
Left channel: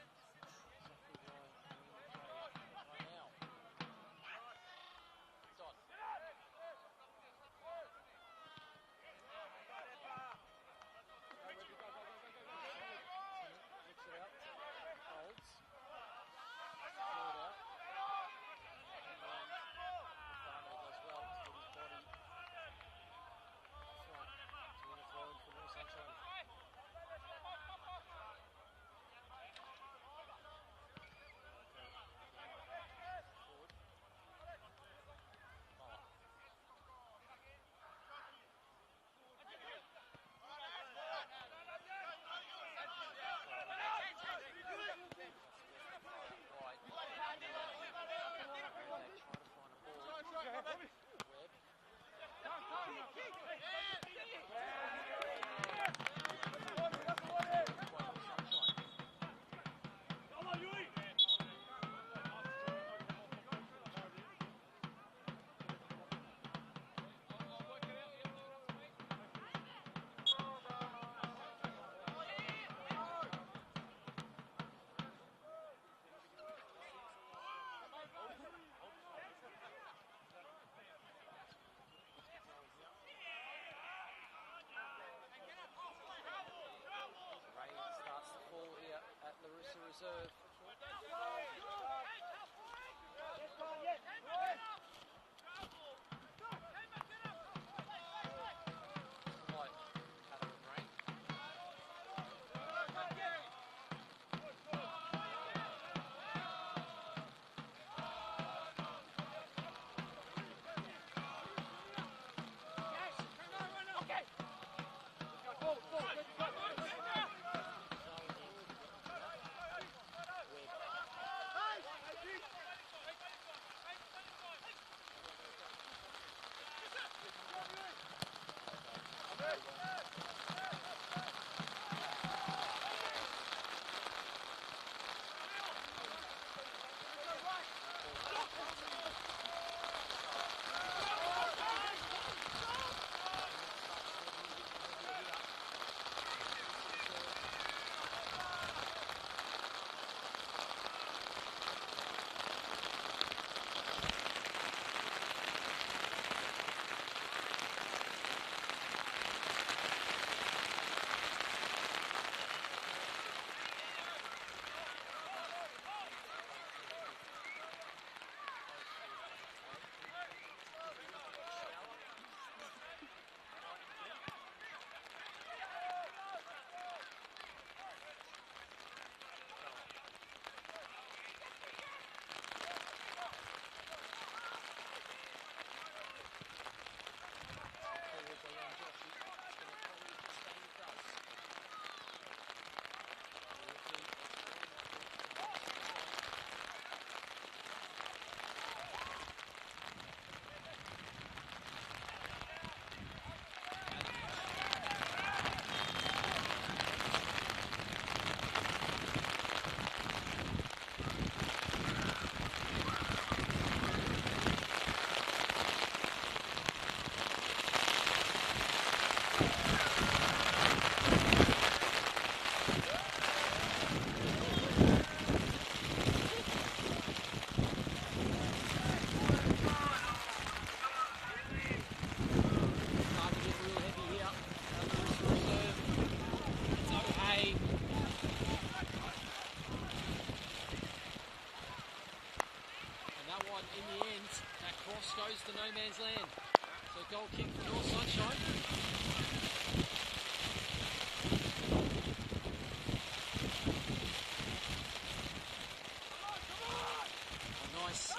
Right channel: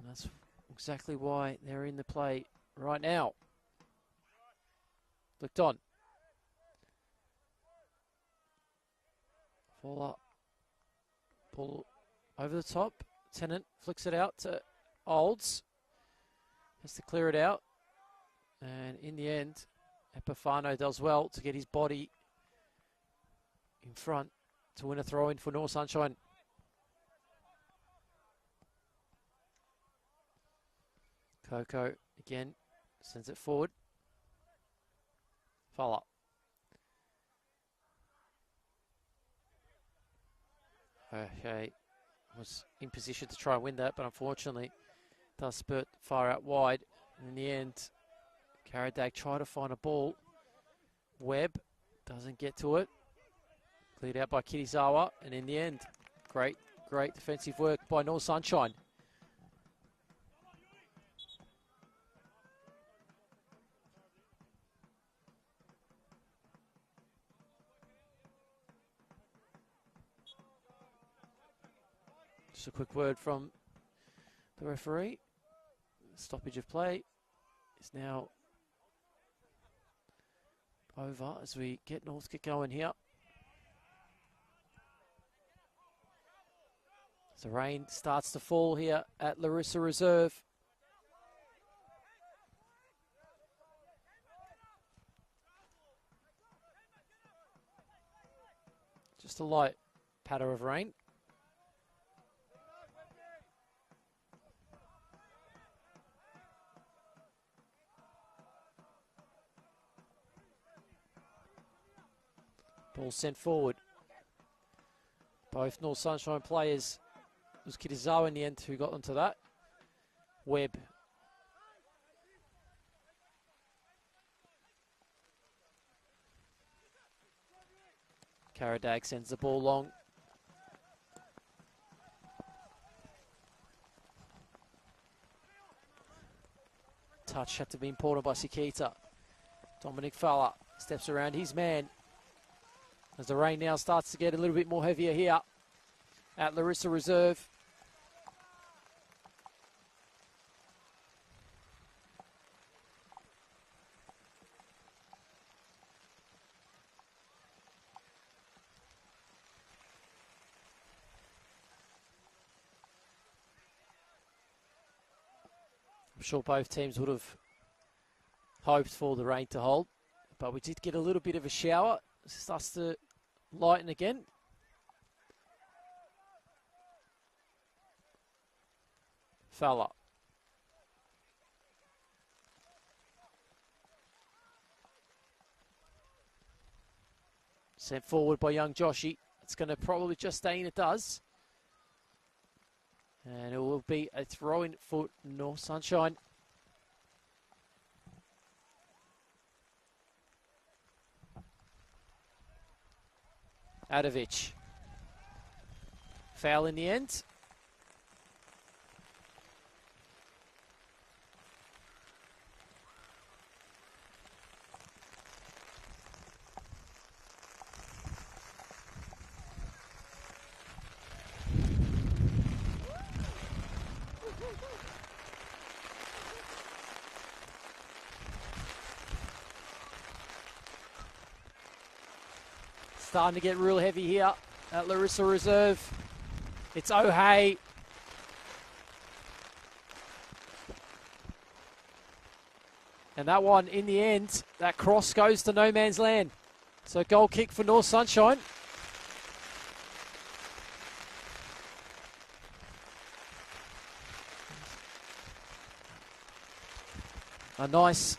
And that's exactly why they're in the play right now. Flicked on. Ball up. Pull over the top. Tennant flicks it out to Olds. Has to clear it out. And in the end, Epifano does well to get his body in front to win a throw in for North Sunshine. Coco again sends it forward. Follow up. Okay, was in position to try and win that, but unfortunately does spurt far out wide. In the end, Karadag tried to find a ball. Webb doesn't get to it. Cleared out by Kirizawa, and in the end, great defensive work by North Sunshine. Just a quick word from the referee. Stoppage of play is now over as we get Northcote going here. So rain starts to fall here at Larissa Reserve. Just a light patter of rain. Ball sent forward. Both North Sunshine players. It was Kitazawa in the end who got them to that. Webb. Karadag sends the ball long. Touch had to be important by Sikita. Dominic Fowler steps around his man. As the rain now starts to get a little bit more heavier here at Larissa Reserve. I'm sure both teams would have hoped for the rain to hold, but we did get a little bit of a shower. It starts to lighten again. Fowler. Sent forward by young Joshi. It's going to probably just stay in, it does. And it will be a throw-in for North Sunshine. Adovic. Foul in the end. Starting to get real heavy here at Larissa Reserve. It's O'Hay. And that one, in the end, that cross goes to no man's land. So goal kick for North Sunshine. A nice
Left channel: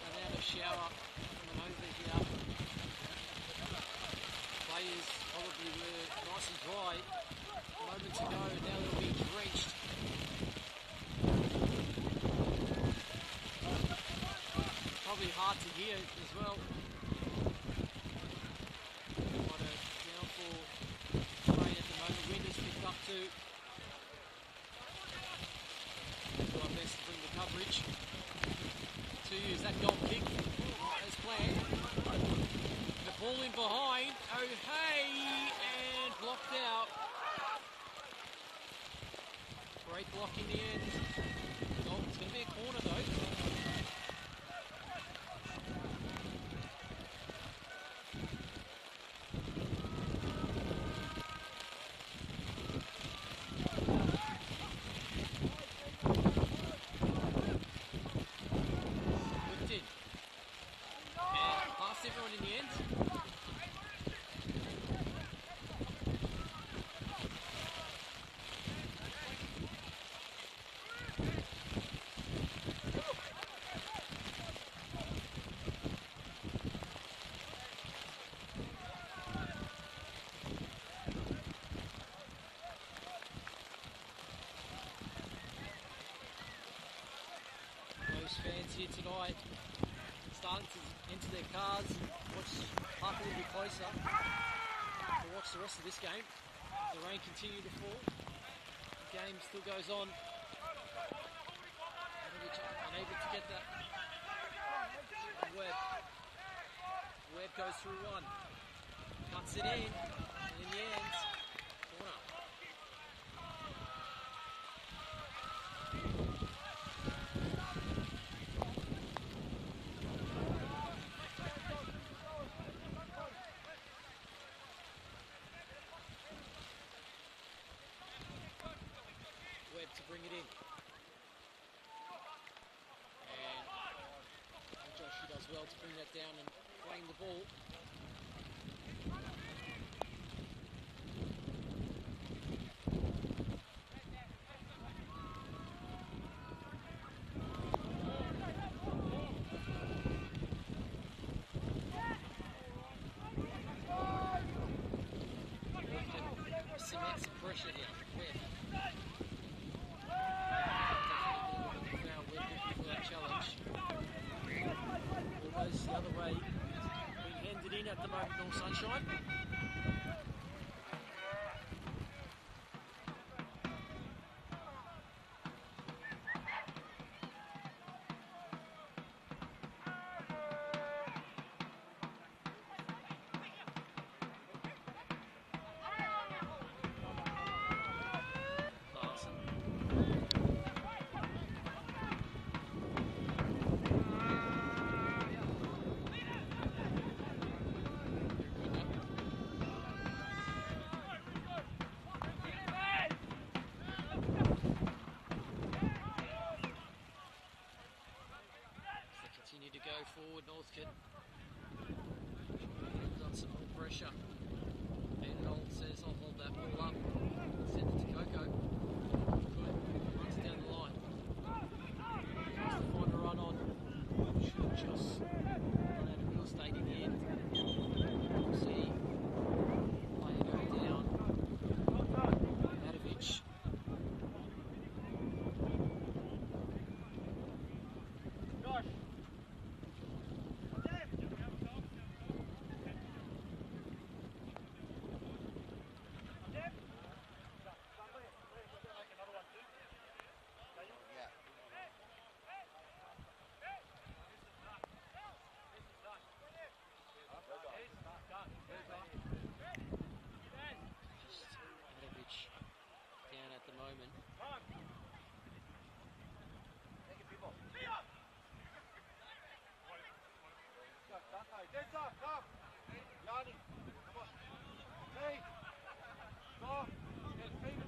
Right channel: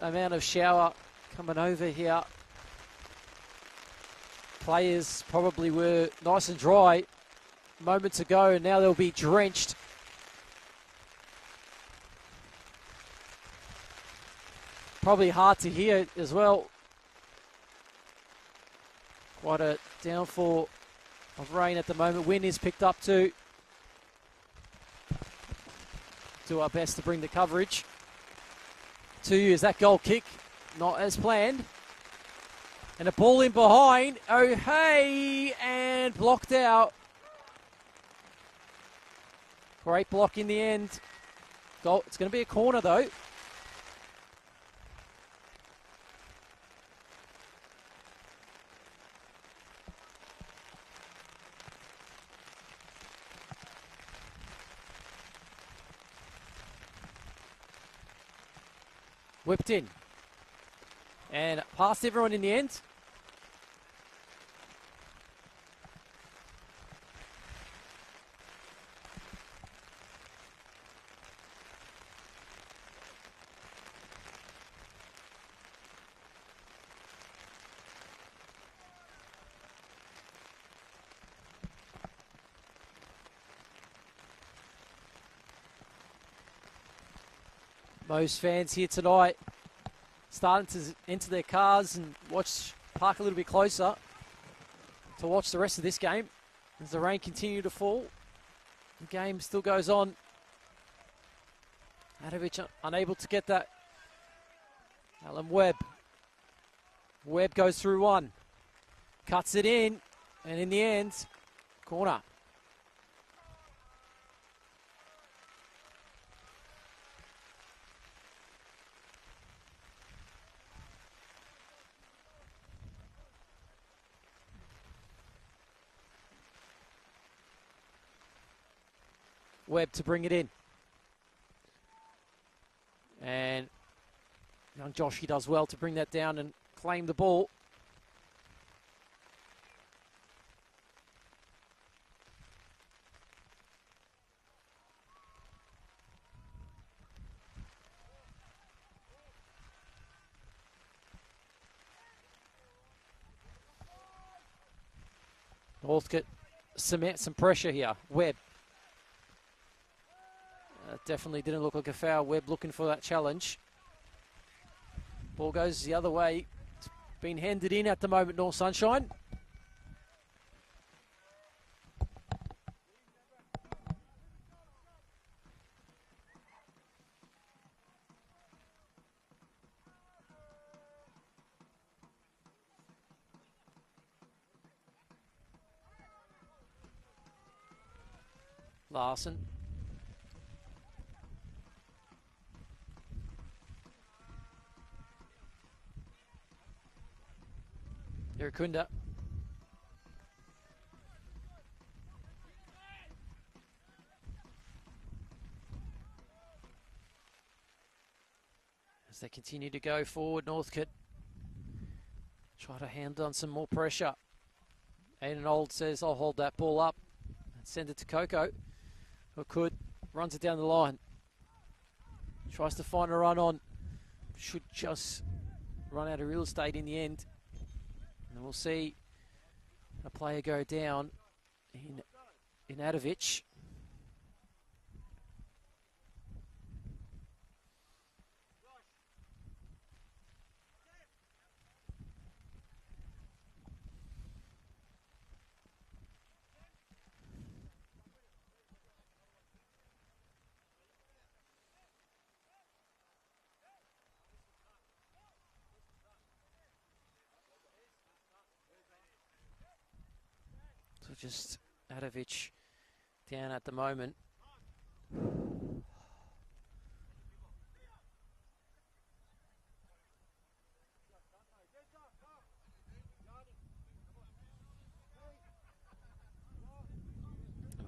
amount of shower coming over here. Players probably were nice and dry moments ago, and now they'll be drenched. Probably hard to hear as well. Quite a downfall of rain at the moment. Wind is picked up too. Do our best to bring the coverage to you as that goal kick, not as planned. And a ball in behind. Oh, hey, and blocked out. Great block in the end. Goal. It's going to be a corner though. Whipped in. And past everyone in the end. Most fans here tonight starting to enter their cars and park a little bit closer to watch the rest of this game as the rain continues to fall. The game still goes on. Adovic unable to get that. Alan Webb. Webb goes through one. Cuts it in. And in the end, corner. Webb to bring it in. And young Joshy does well to bring that down and claim the ball. Northcote cement some pressure here. Webb. That definitely didn't look like a foul. Webb looking for that challenge. Ball goes the other way. It's been handed in at the moment, North Sunshine. Larson. Irukunda. As they continue to go forward, Northcote try to hand on some more pressure. Aiden Old says, I'll hold that ball up. Send it to Coco. McCood runs it down the line. Tries to find a run on. Should just run out of real estate in the end. We'll see a player go down in Adovic. Just Adovic down at the moment.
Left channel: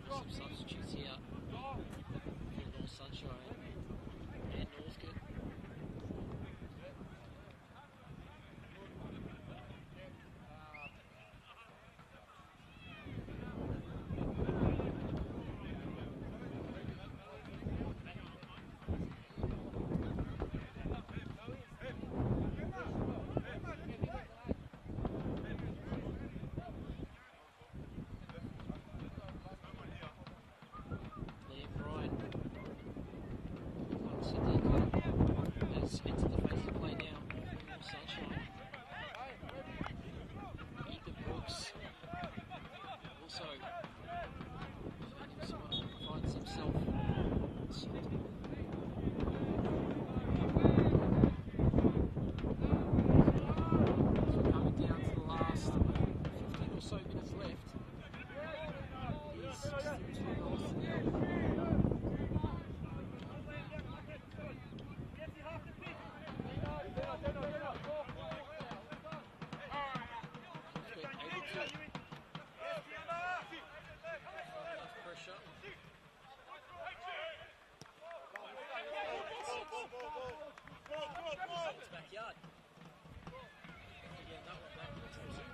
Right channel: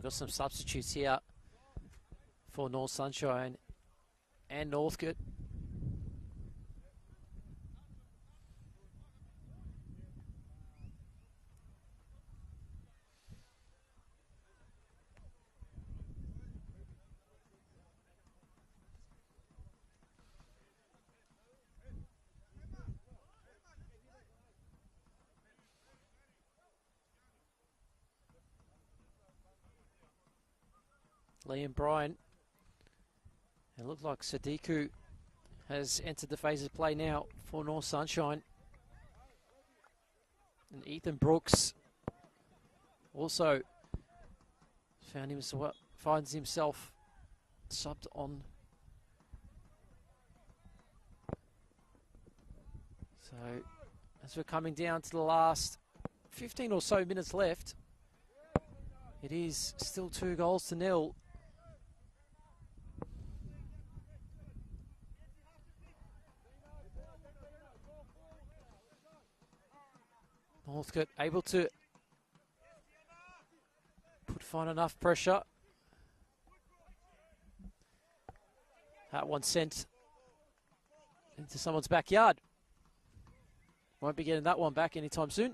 Got some substitutes here for North Sunshine and Northcote. Liam Bryan. It looks like Sadiku has entered the phase of play now for North Sunshine. And Ethan Brooks also finds himself subbed on. So as we're coming down to the last 15 or so minutes left, it is still 2-0. Northcote able to find enough pressure. That one sent into someone's backyard. Won't be getting that one back anytime soon.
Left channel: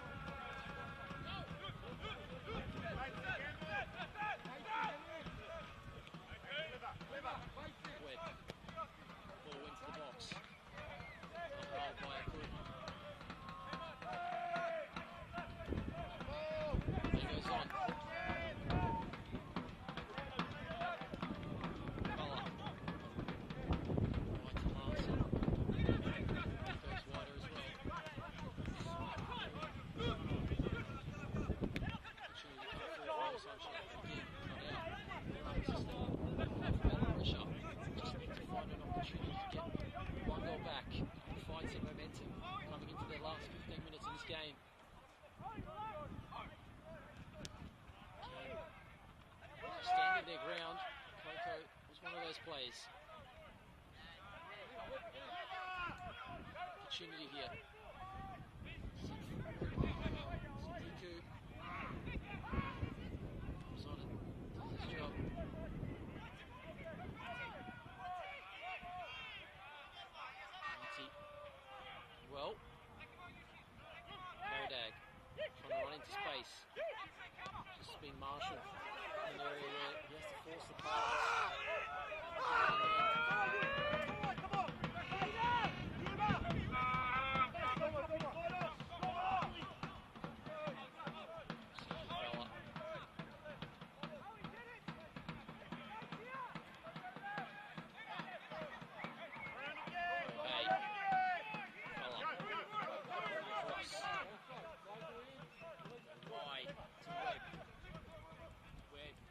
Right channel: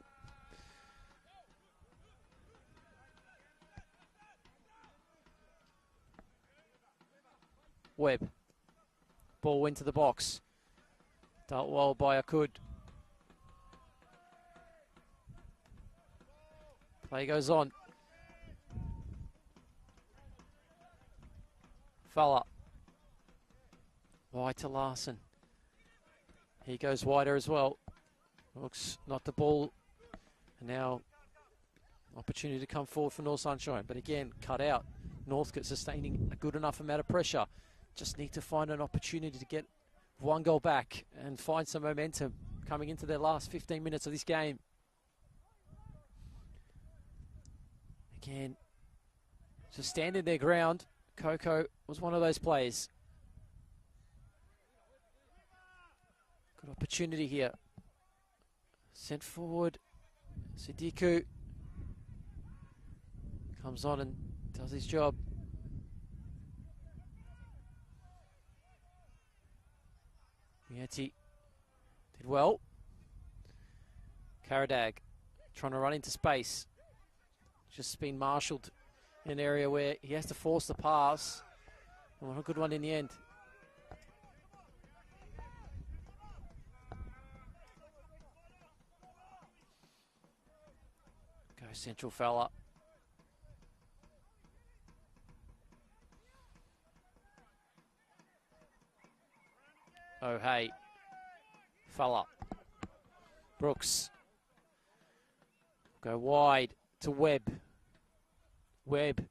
Webb. Ball into the box. Dealt well by Akud. Play goes on. Fella. Wide to Larson. He goes wider as well. Looks like the ball now. Opportunity to come forward for North Sunshine, but again, cut out. Northcote sustaining a good enough amount of pressure. Just need to find an opportunity to get one goal back and find some momentum coming into their last 15 minutes of this game. Again, just standing their ground. Coco was one of those players. Good opportunity here. Sent forward. Sidiku comes on and does his job. Nancy did well. Karadag trying to run into space. Just been marshalled in an area where he has to force the pass. Well, a good run in the end. Go central fella. Oh, hey. Fell up. Brooks. Go wide to Webb. Webb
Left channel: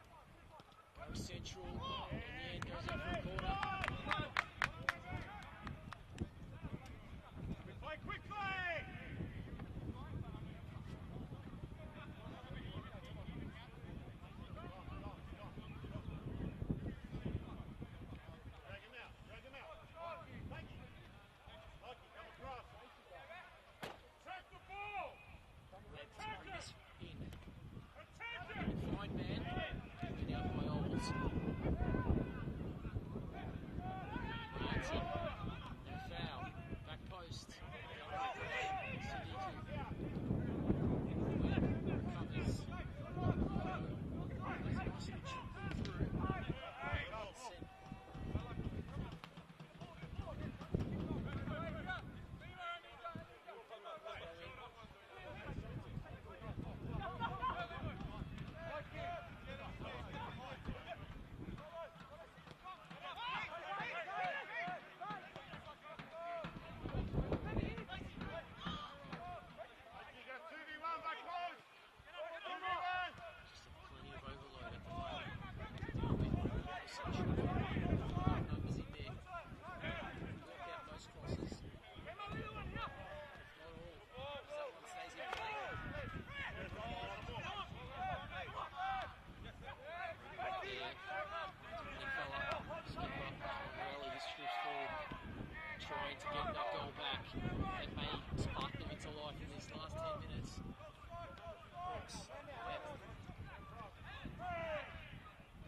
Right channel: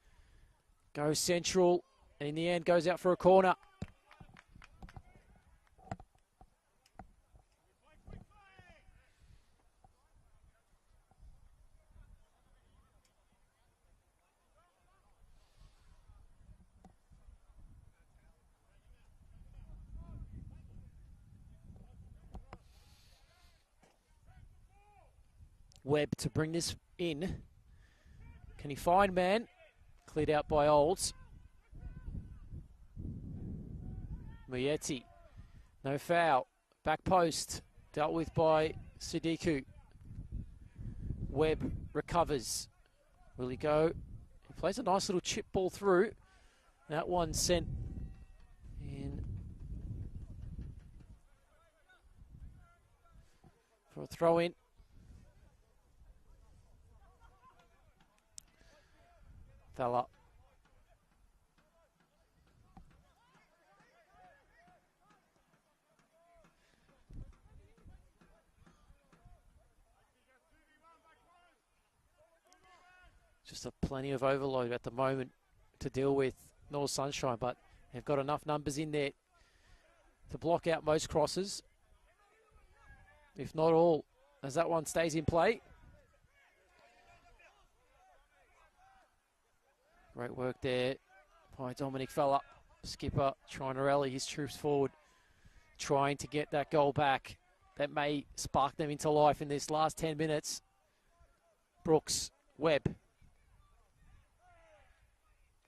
goes central. In the end, goes out for a corner. Webb to bring this in. Can he find man? Cleared out by Olds. Muyeti. No foul. Back post. Dealt with by Sidiku. Webb recovers. Will he go? Plays a nice little chip ball through. That one sent in for a throw in. Fell up. Just plenty of overload at the moment to deal with North Sunshine, but they've got enough numbers in there to block out most crosses, if not all, as that one stays in play. Great work there by Dominic Fella. Skipper trying to rally his troops forward, trying to get that goal back. That may spark them into life in this last 10 minutes. Brooks, Webb.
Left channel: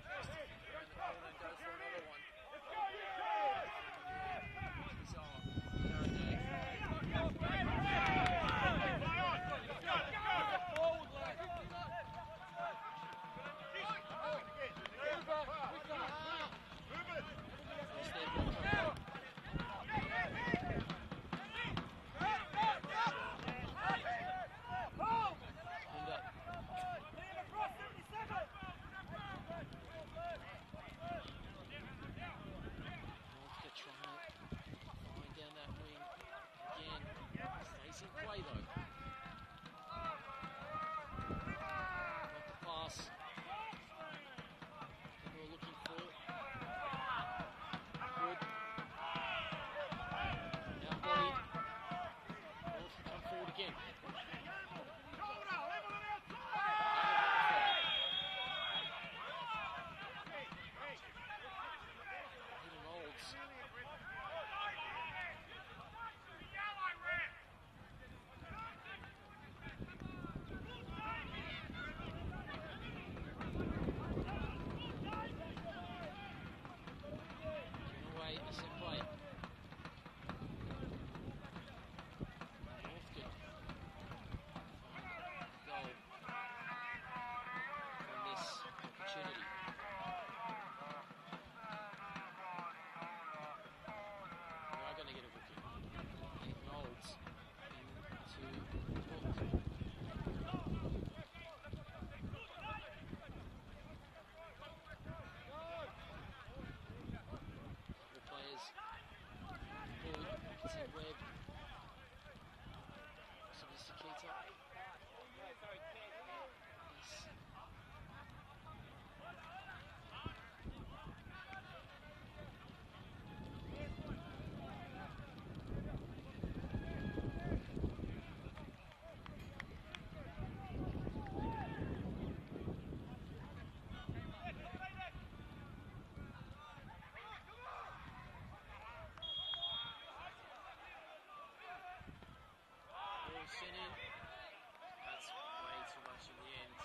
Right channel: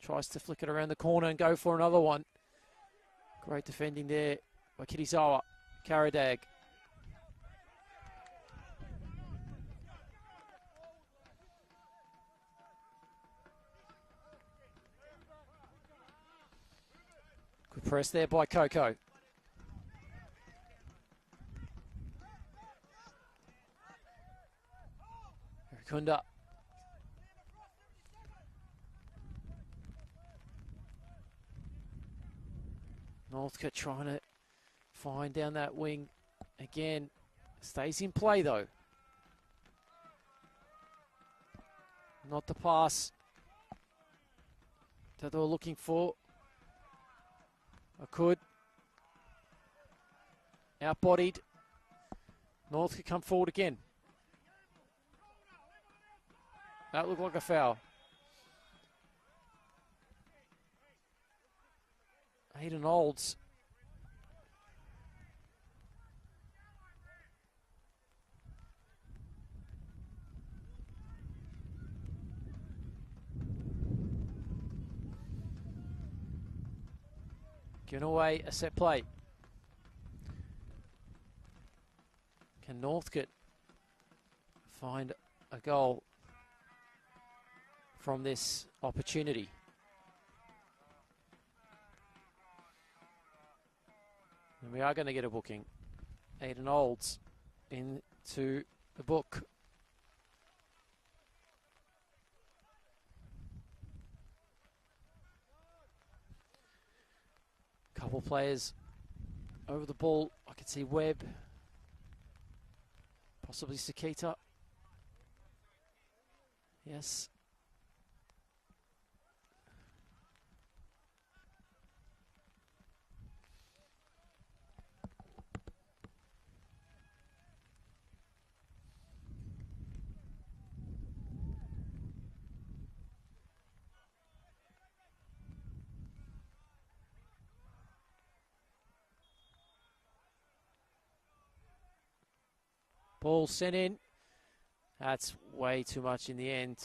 Tries to flick it around the corner and go for another one. Great defending there by Kirisawa. Karadag. Press there by Coco. Kunda. Northcote trying to find down that wing again. Stays in play though. Not the pass that they were looking for. Could. Outbodied. North could come forward again. That looked like a foul. Hayden Olds. Giving away a set play. Can Northcote find a goal from this opportunity? And we are going to get a booking. Hayden Olds into the book. Couple players over the ball. I can see Webb, possibly Sakita. Yes. Ball sent in. That's way too much in the end.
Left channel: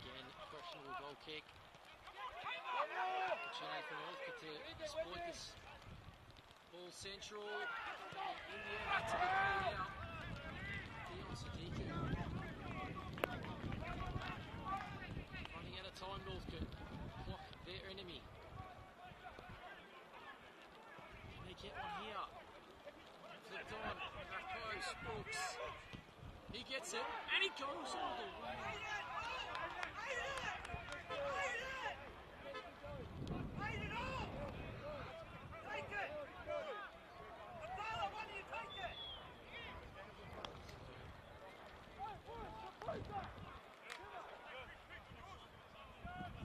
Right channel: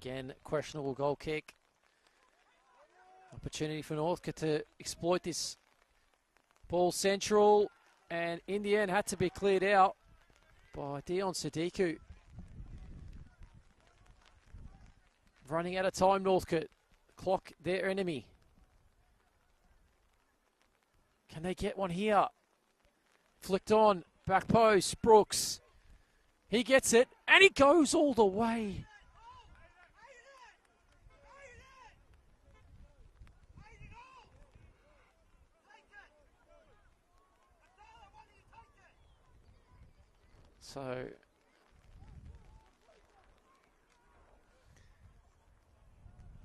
Again, questionable goal kick. Opportunity for Northcote to exploit this. Ball central, and in the end had to be cleared out by Dion Sadiku. Running out of time, Northcote. Clock their enemy. Can they get one here? Flicked on, back post, Brooks. He gets it, and he goes all the way. So,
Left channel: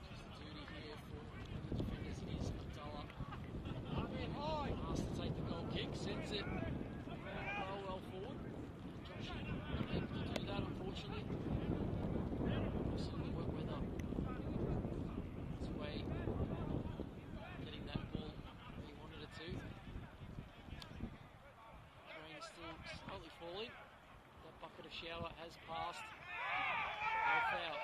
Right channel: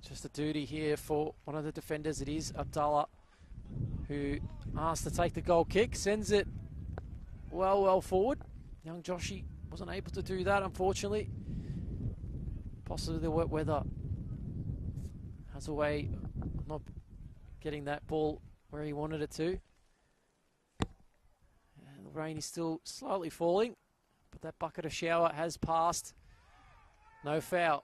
just a duty here for one of the defenders. It is Abdallah, who asked to take the goal kick, sends it well forward. Young Joshi wasn't able to do that, unfortunately. Possibly the wet weather has a way of not getting that ball where he wanted it to. And the rain is still slightly falling. That bucket of shower has passed. No foul.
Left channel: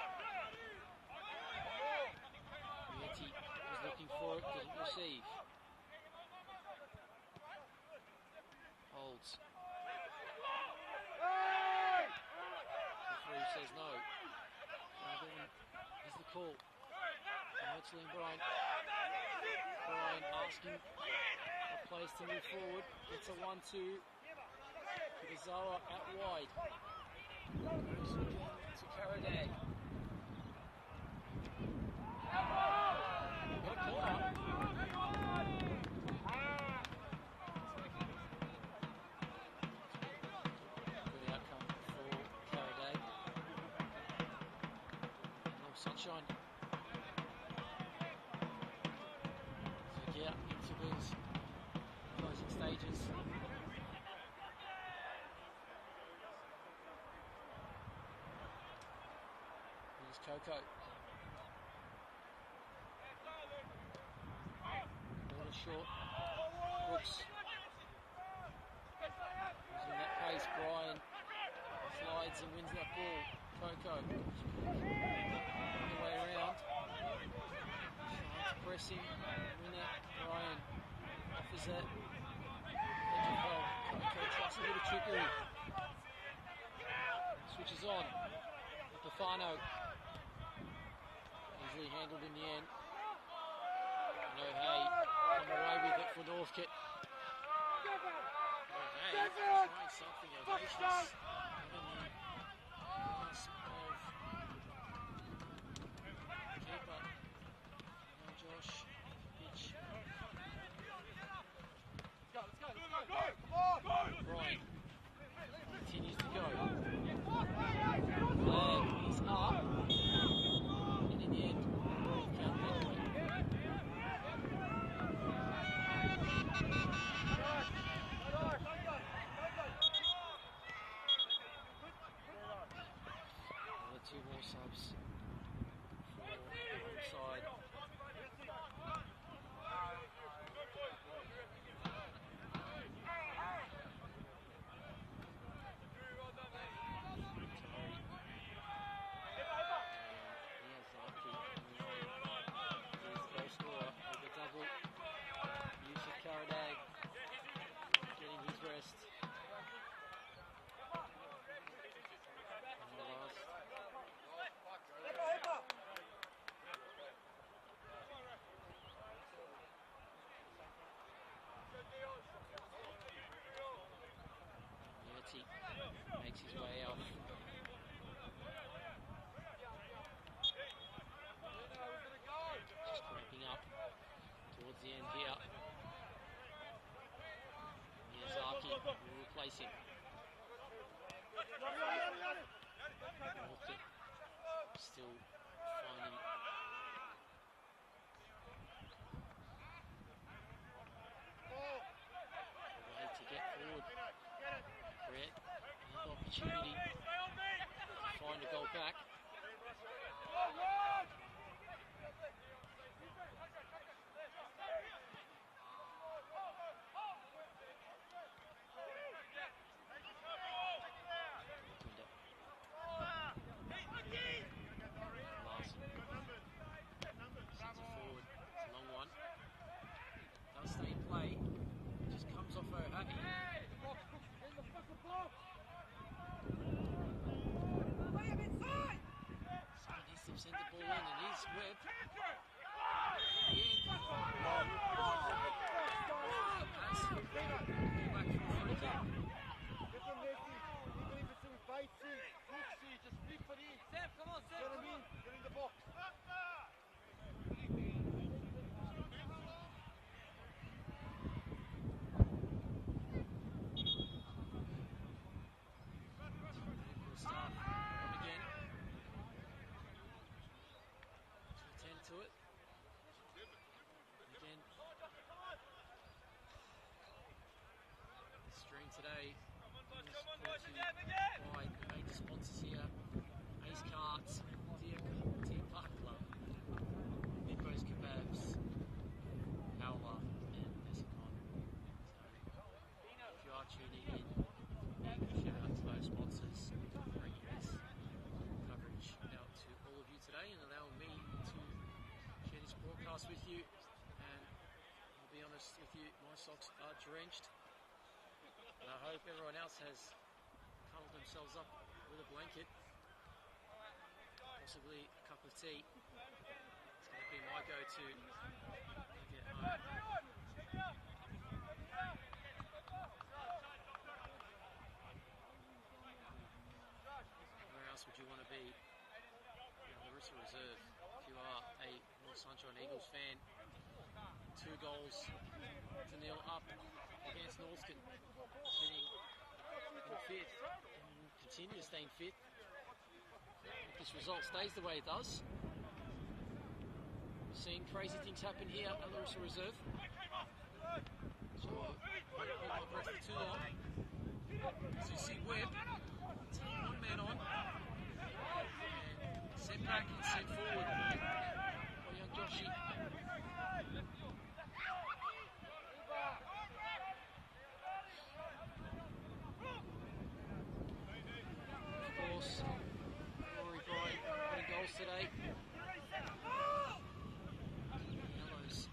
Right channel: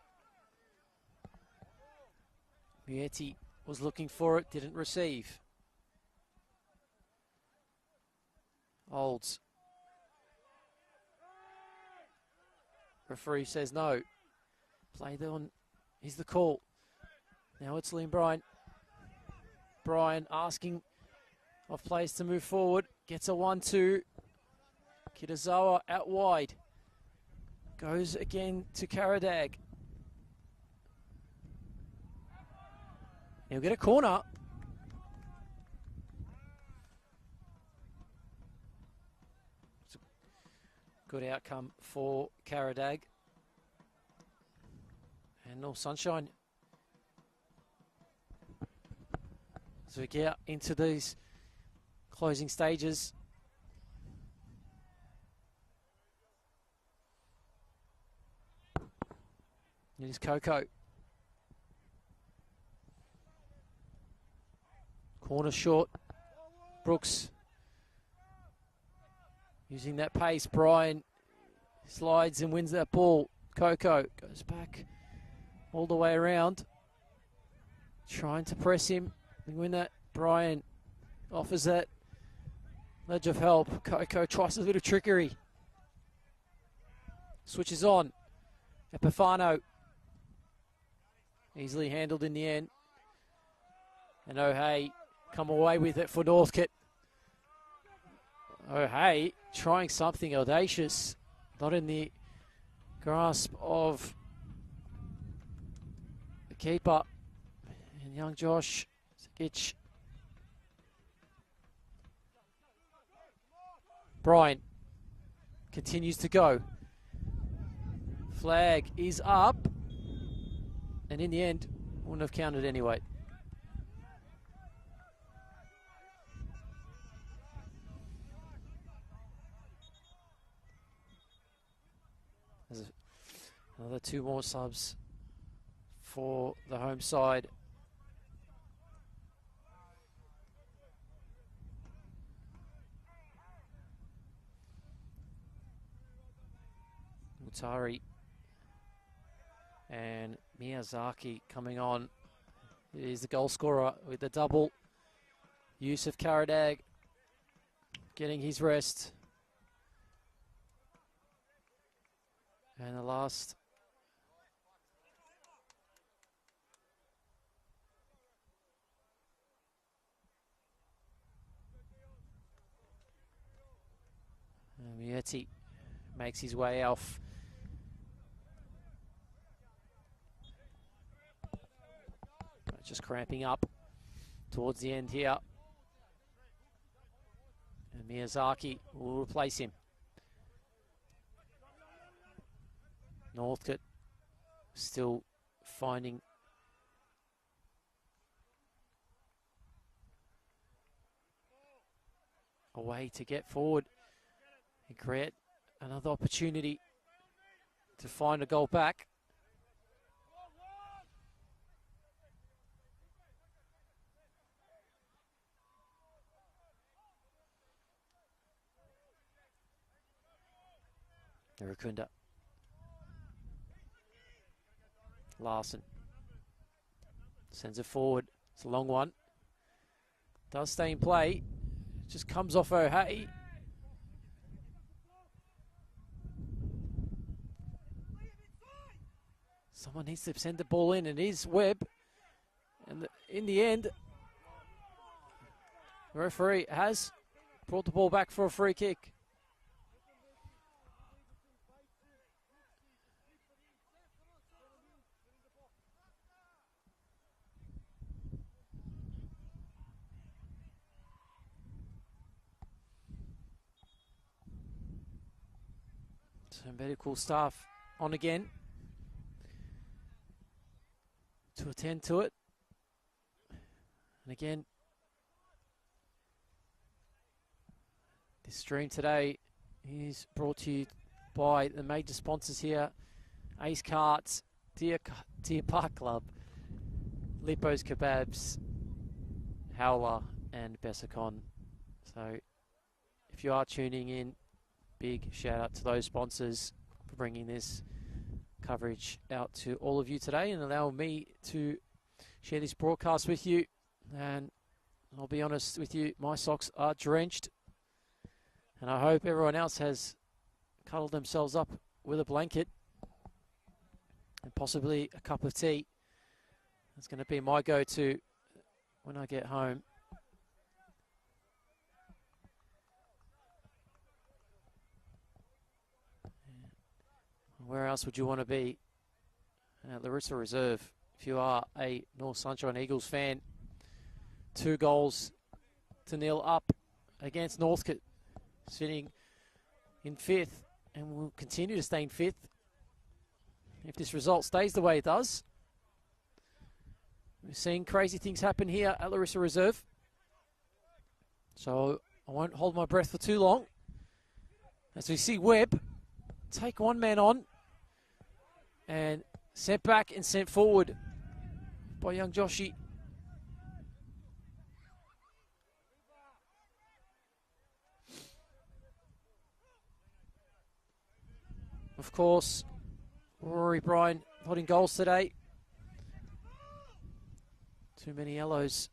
Mieti was looking for it, didn't receive. Olds. Referee says no. Played on is the call. Now it's Liam Bryan. Bryan asking of players to move forward. Gets a 1-2. Kitazawa out wide. Goes again to Karadag. He'll get a corner. Good outcome for Karadag. And North Sunshine. As we get into these closing stages. Here's Coco. Corner short. Brooks. Using that pace. Bryan slides and wins that ball. Coco goes back all the way around. Trying to press him and win that. Bryan offers that ledge of help. Coco tries a little trickery. Switches on. Epifano. Easily handled in the end. And O'Hay come away with it for Northcote. O'Hay trying something audacious. Not in the grasp of the keeper. And young Josh itch. Bryan continues to go. Flag is up. And in the end, wouldn't have counted anyway. Another two more subs for the home side. Utari and Miyazaki coming on. He's the goal scorer with the double. Use of Karadag getting his rest. And the last Bertie makes his way off. Just cramping up towards the end here. And Miyazaki will replace him. Northcote still finding a way to get forward and create another opportunity to find a goal back. Rukunda. Larson sends it forward. It's a long one. Does stay in play. Just comes off O'Hay. Someone needs to send the ball in, and it is Webb. And in the end, the referee has brought the ball back for a free kick. Medical staff on again to attend to it. And again, this stream today is brought to you by the major sponsors here: Ace Carts, Deer Park Club, Lippo's Kebabs, Howler, and Bessicon. So if you are tuning in, big shout out to those sponsors for bringing this coverage out to all of you today and allowing me to share this broadcast with you. And I'll be honest with you, my socks are drenched, and I hope everyone else has cuddled themselves up with a blanket and possibly a cup of tea. It's going to be my go-to when I get home. Where else would you want to be? At Larissa Reserve, if you are a North Sunshine Eagles fan. 2-0 up against Northcote, sitting in 5th, and will continue to stay in 5th if this result stays the way it does. We're seeing crazy things happen here at Larissa Reserve, so I won't hold my breath for too long as we see Webb take one man on and sent back and sent forward by young Joshi. Of course, Rory Bryan putting goals today. Too many yellows.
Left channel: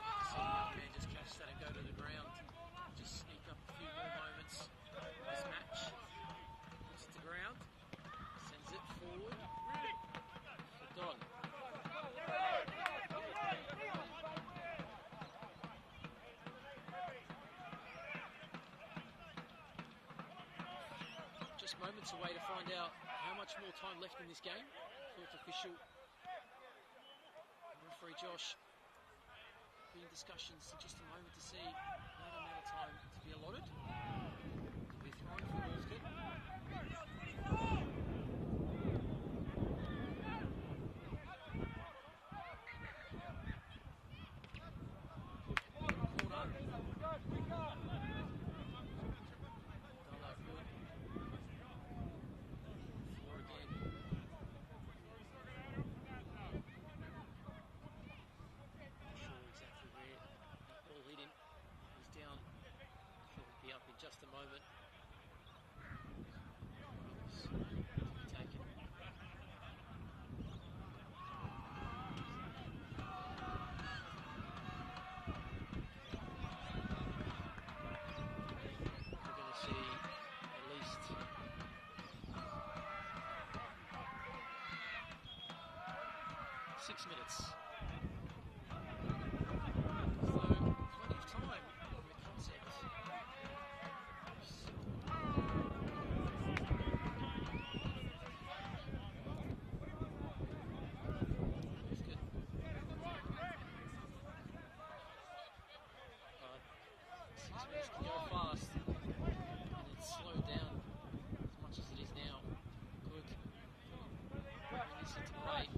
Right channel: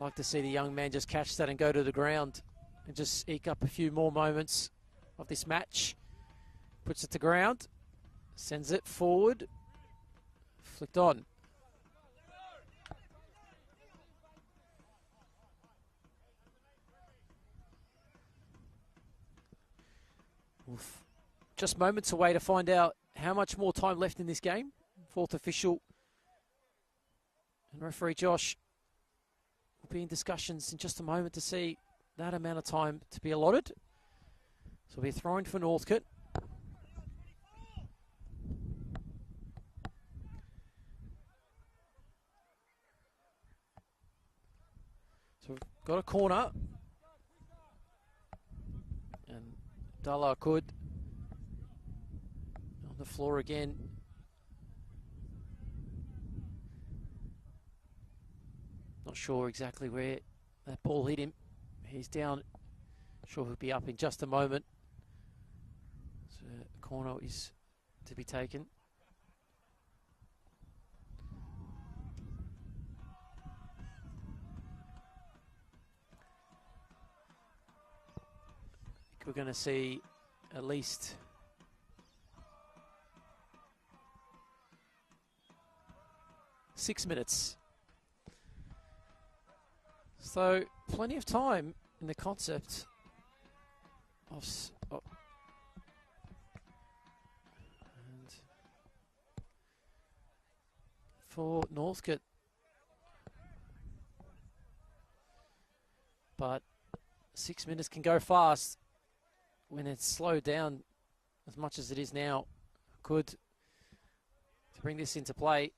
Like to see the young man just catch that and go to the ground and just eke up a few more moments of this match. Puts it to ground, sends it forward, flicked on. Just moments away to find out how much more time left in this game. 4th official, and referee Josh will be in discussions in just a moment to see that amount of time to be allotted. So we'll be throwing for Northcote. So we've got a corner. And Dalla could. On the floor again. Not sure exactly where that ball hit him. He's down. Sure he'll be up in just a moment. So corner is to be taken. We're going to see at least .6 minutes. So plenty of time in the concept of for Northcote. But 6 minutes can go fast. When it's slowed down as much as it is now, could bring this into play.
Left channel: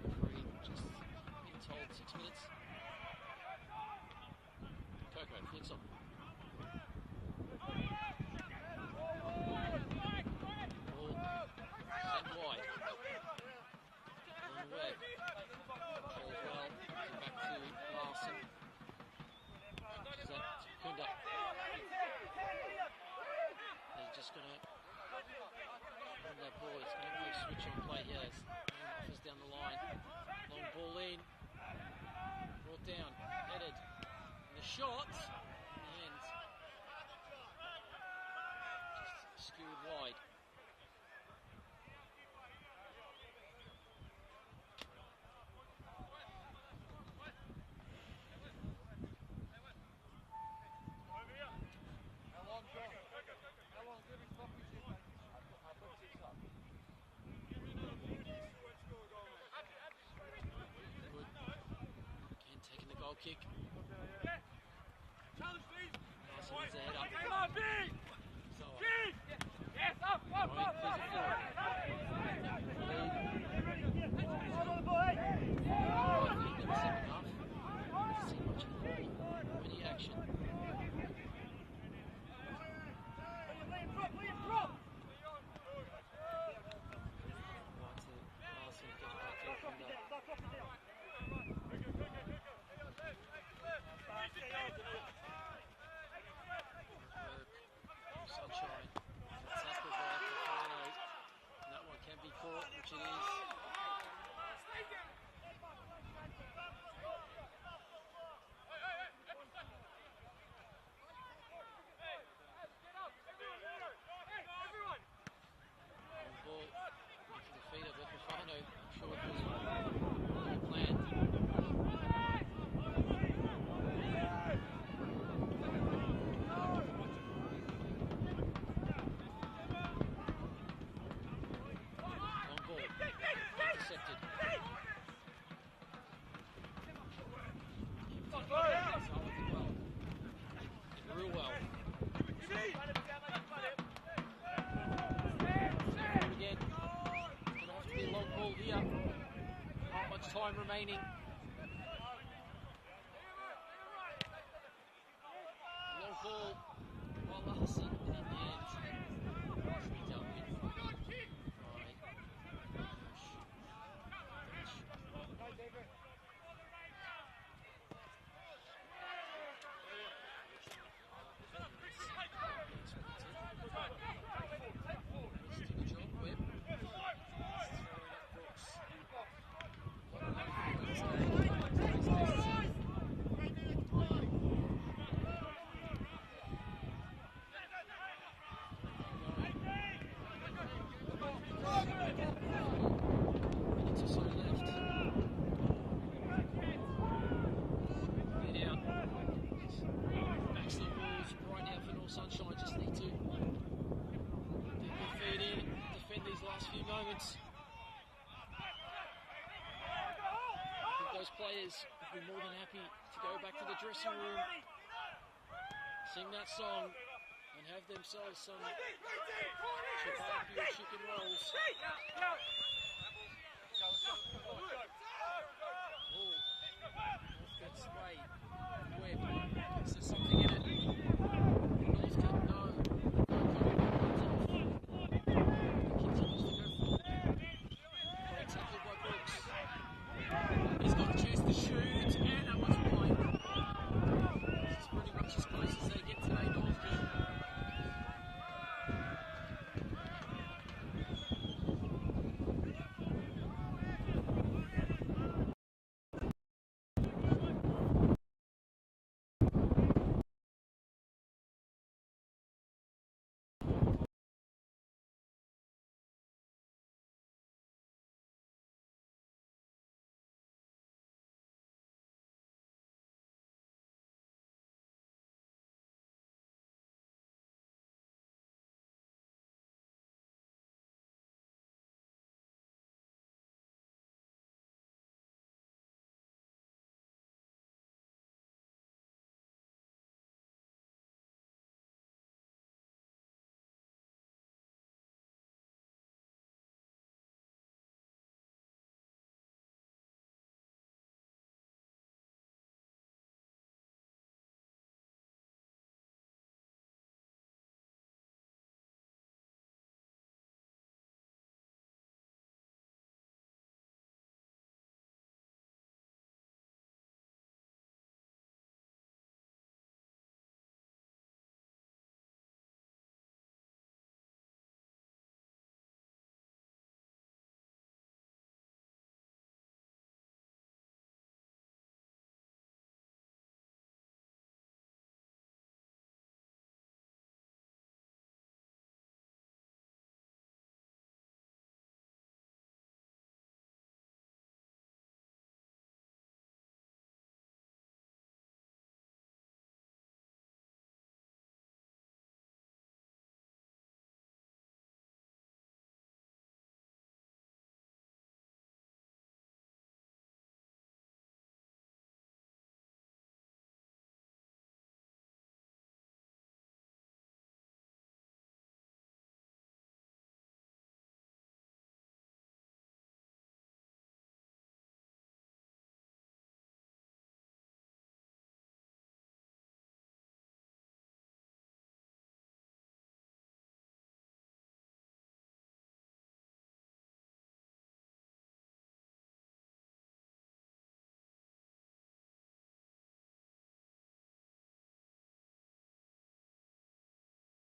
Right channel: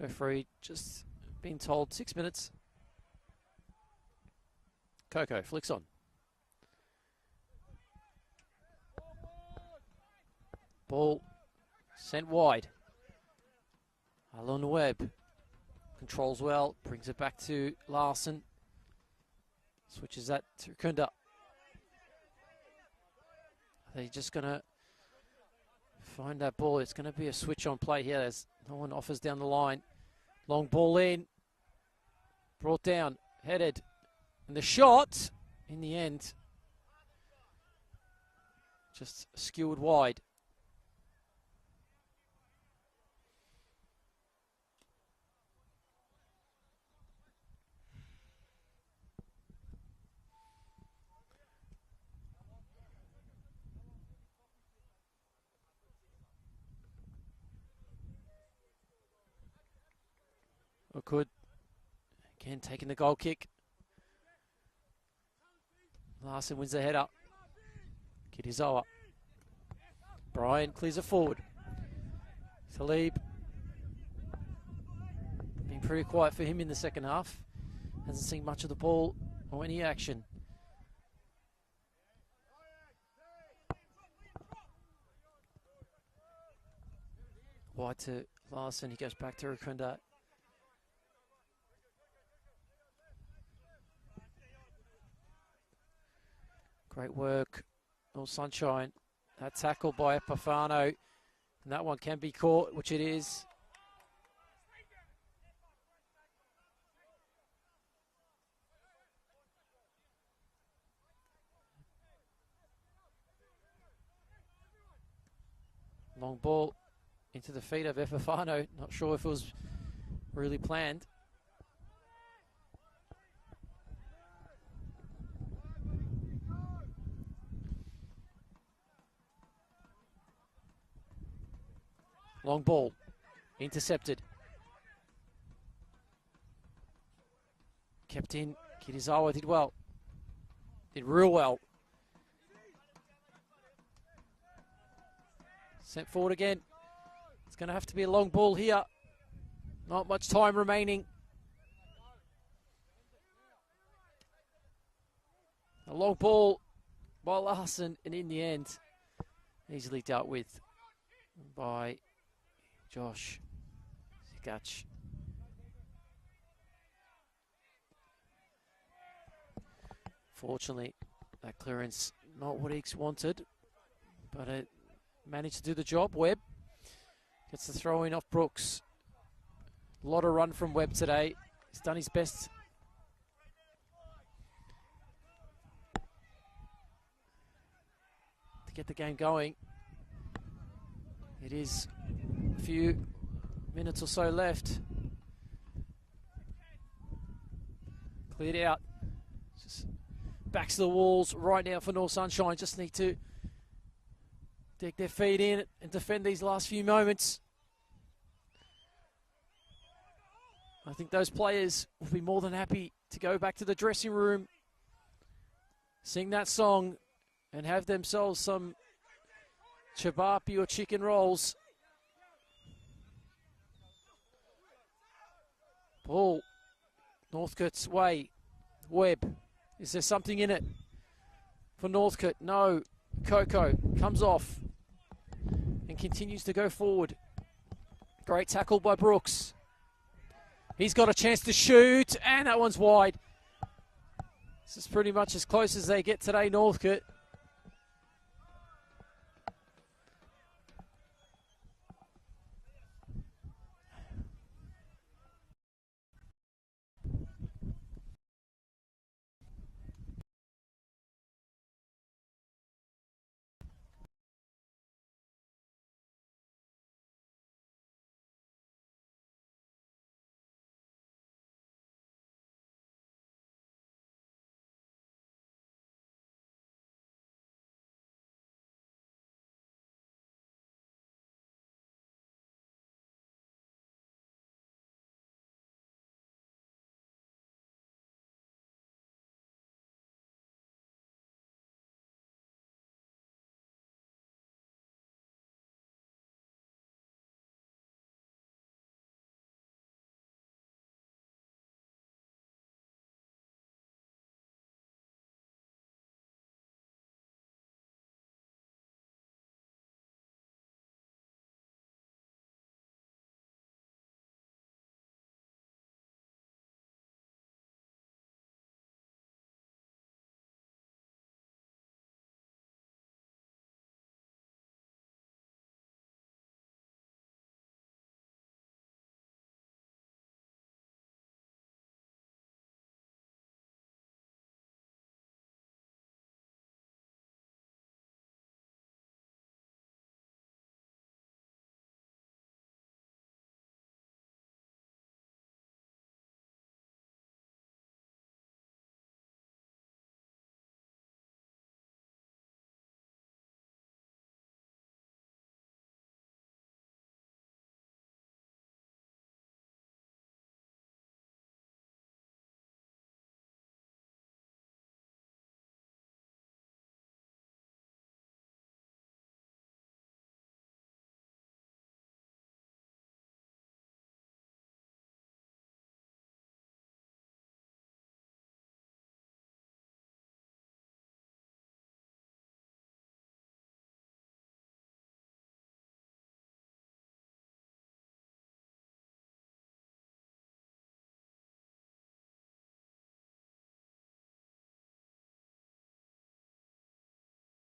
Referee just being told 6 minutes. Coco flicks on. Ball sent wide. Along the web. Controls well, brings it back to Larson. Switches that to Kunda. They're just going to find that ball. It's going to be a switch on play here as no one offers down the line. Long ball in. Brought down, headed. And the shot, in the end, just skewered wide. Good. Again, taking the goal kick. Larson wins the head up. Kirizawa. Brian clears it forward. Talib. Pretty quiet for him in the second half. Hasn't seen much of the ball or any action. Wide to Larson. He goes back to Rukunda. Great work, no sunshine. That tackle by Epifano. And that one can be caught, which it is. Long ball into the feet of Epifano. Not sure if it was really planned. Long ball, intercepted. Kept in, Kirizawa did well. Did real well. Sent forward again. It's going to have to be a long ball here. Not much time remaining. A long ball by Larson, and in the end, easily dealt with by Josh Gatch. Fortunately, that clearance not what Eakes wanted, but they managed to do the job. Webb gets the throw in off Brooks. A lot of run from Webb today. He's done his best to get the game going. It is a few minutes or so left. Cleared out. Backs to the walls right now for North Sunshine. Just need to dig their feet in and defend these last few moments. I think those players will be more than happy to go back to the dressing room, sing that song, and have themselves some chabapi or chicken rolls. Ball Northcote's way. Webb. Is there something in it for Northcote? No. Coco comes off and continues to go forward. Great tackle by Brooks. He's got a chance to shoot, and that one's wide. This is pretty much as close as they get today, Northcote.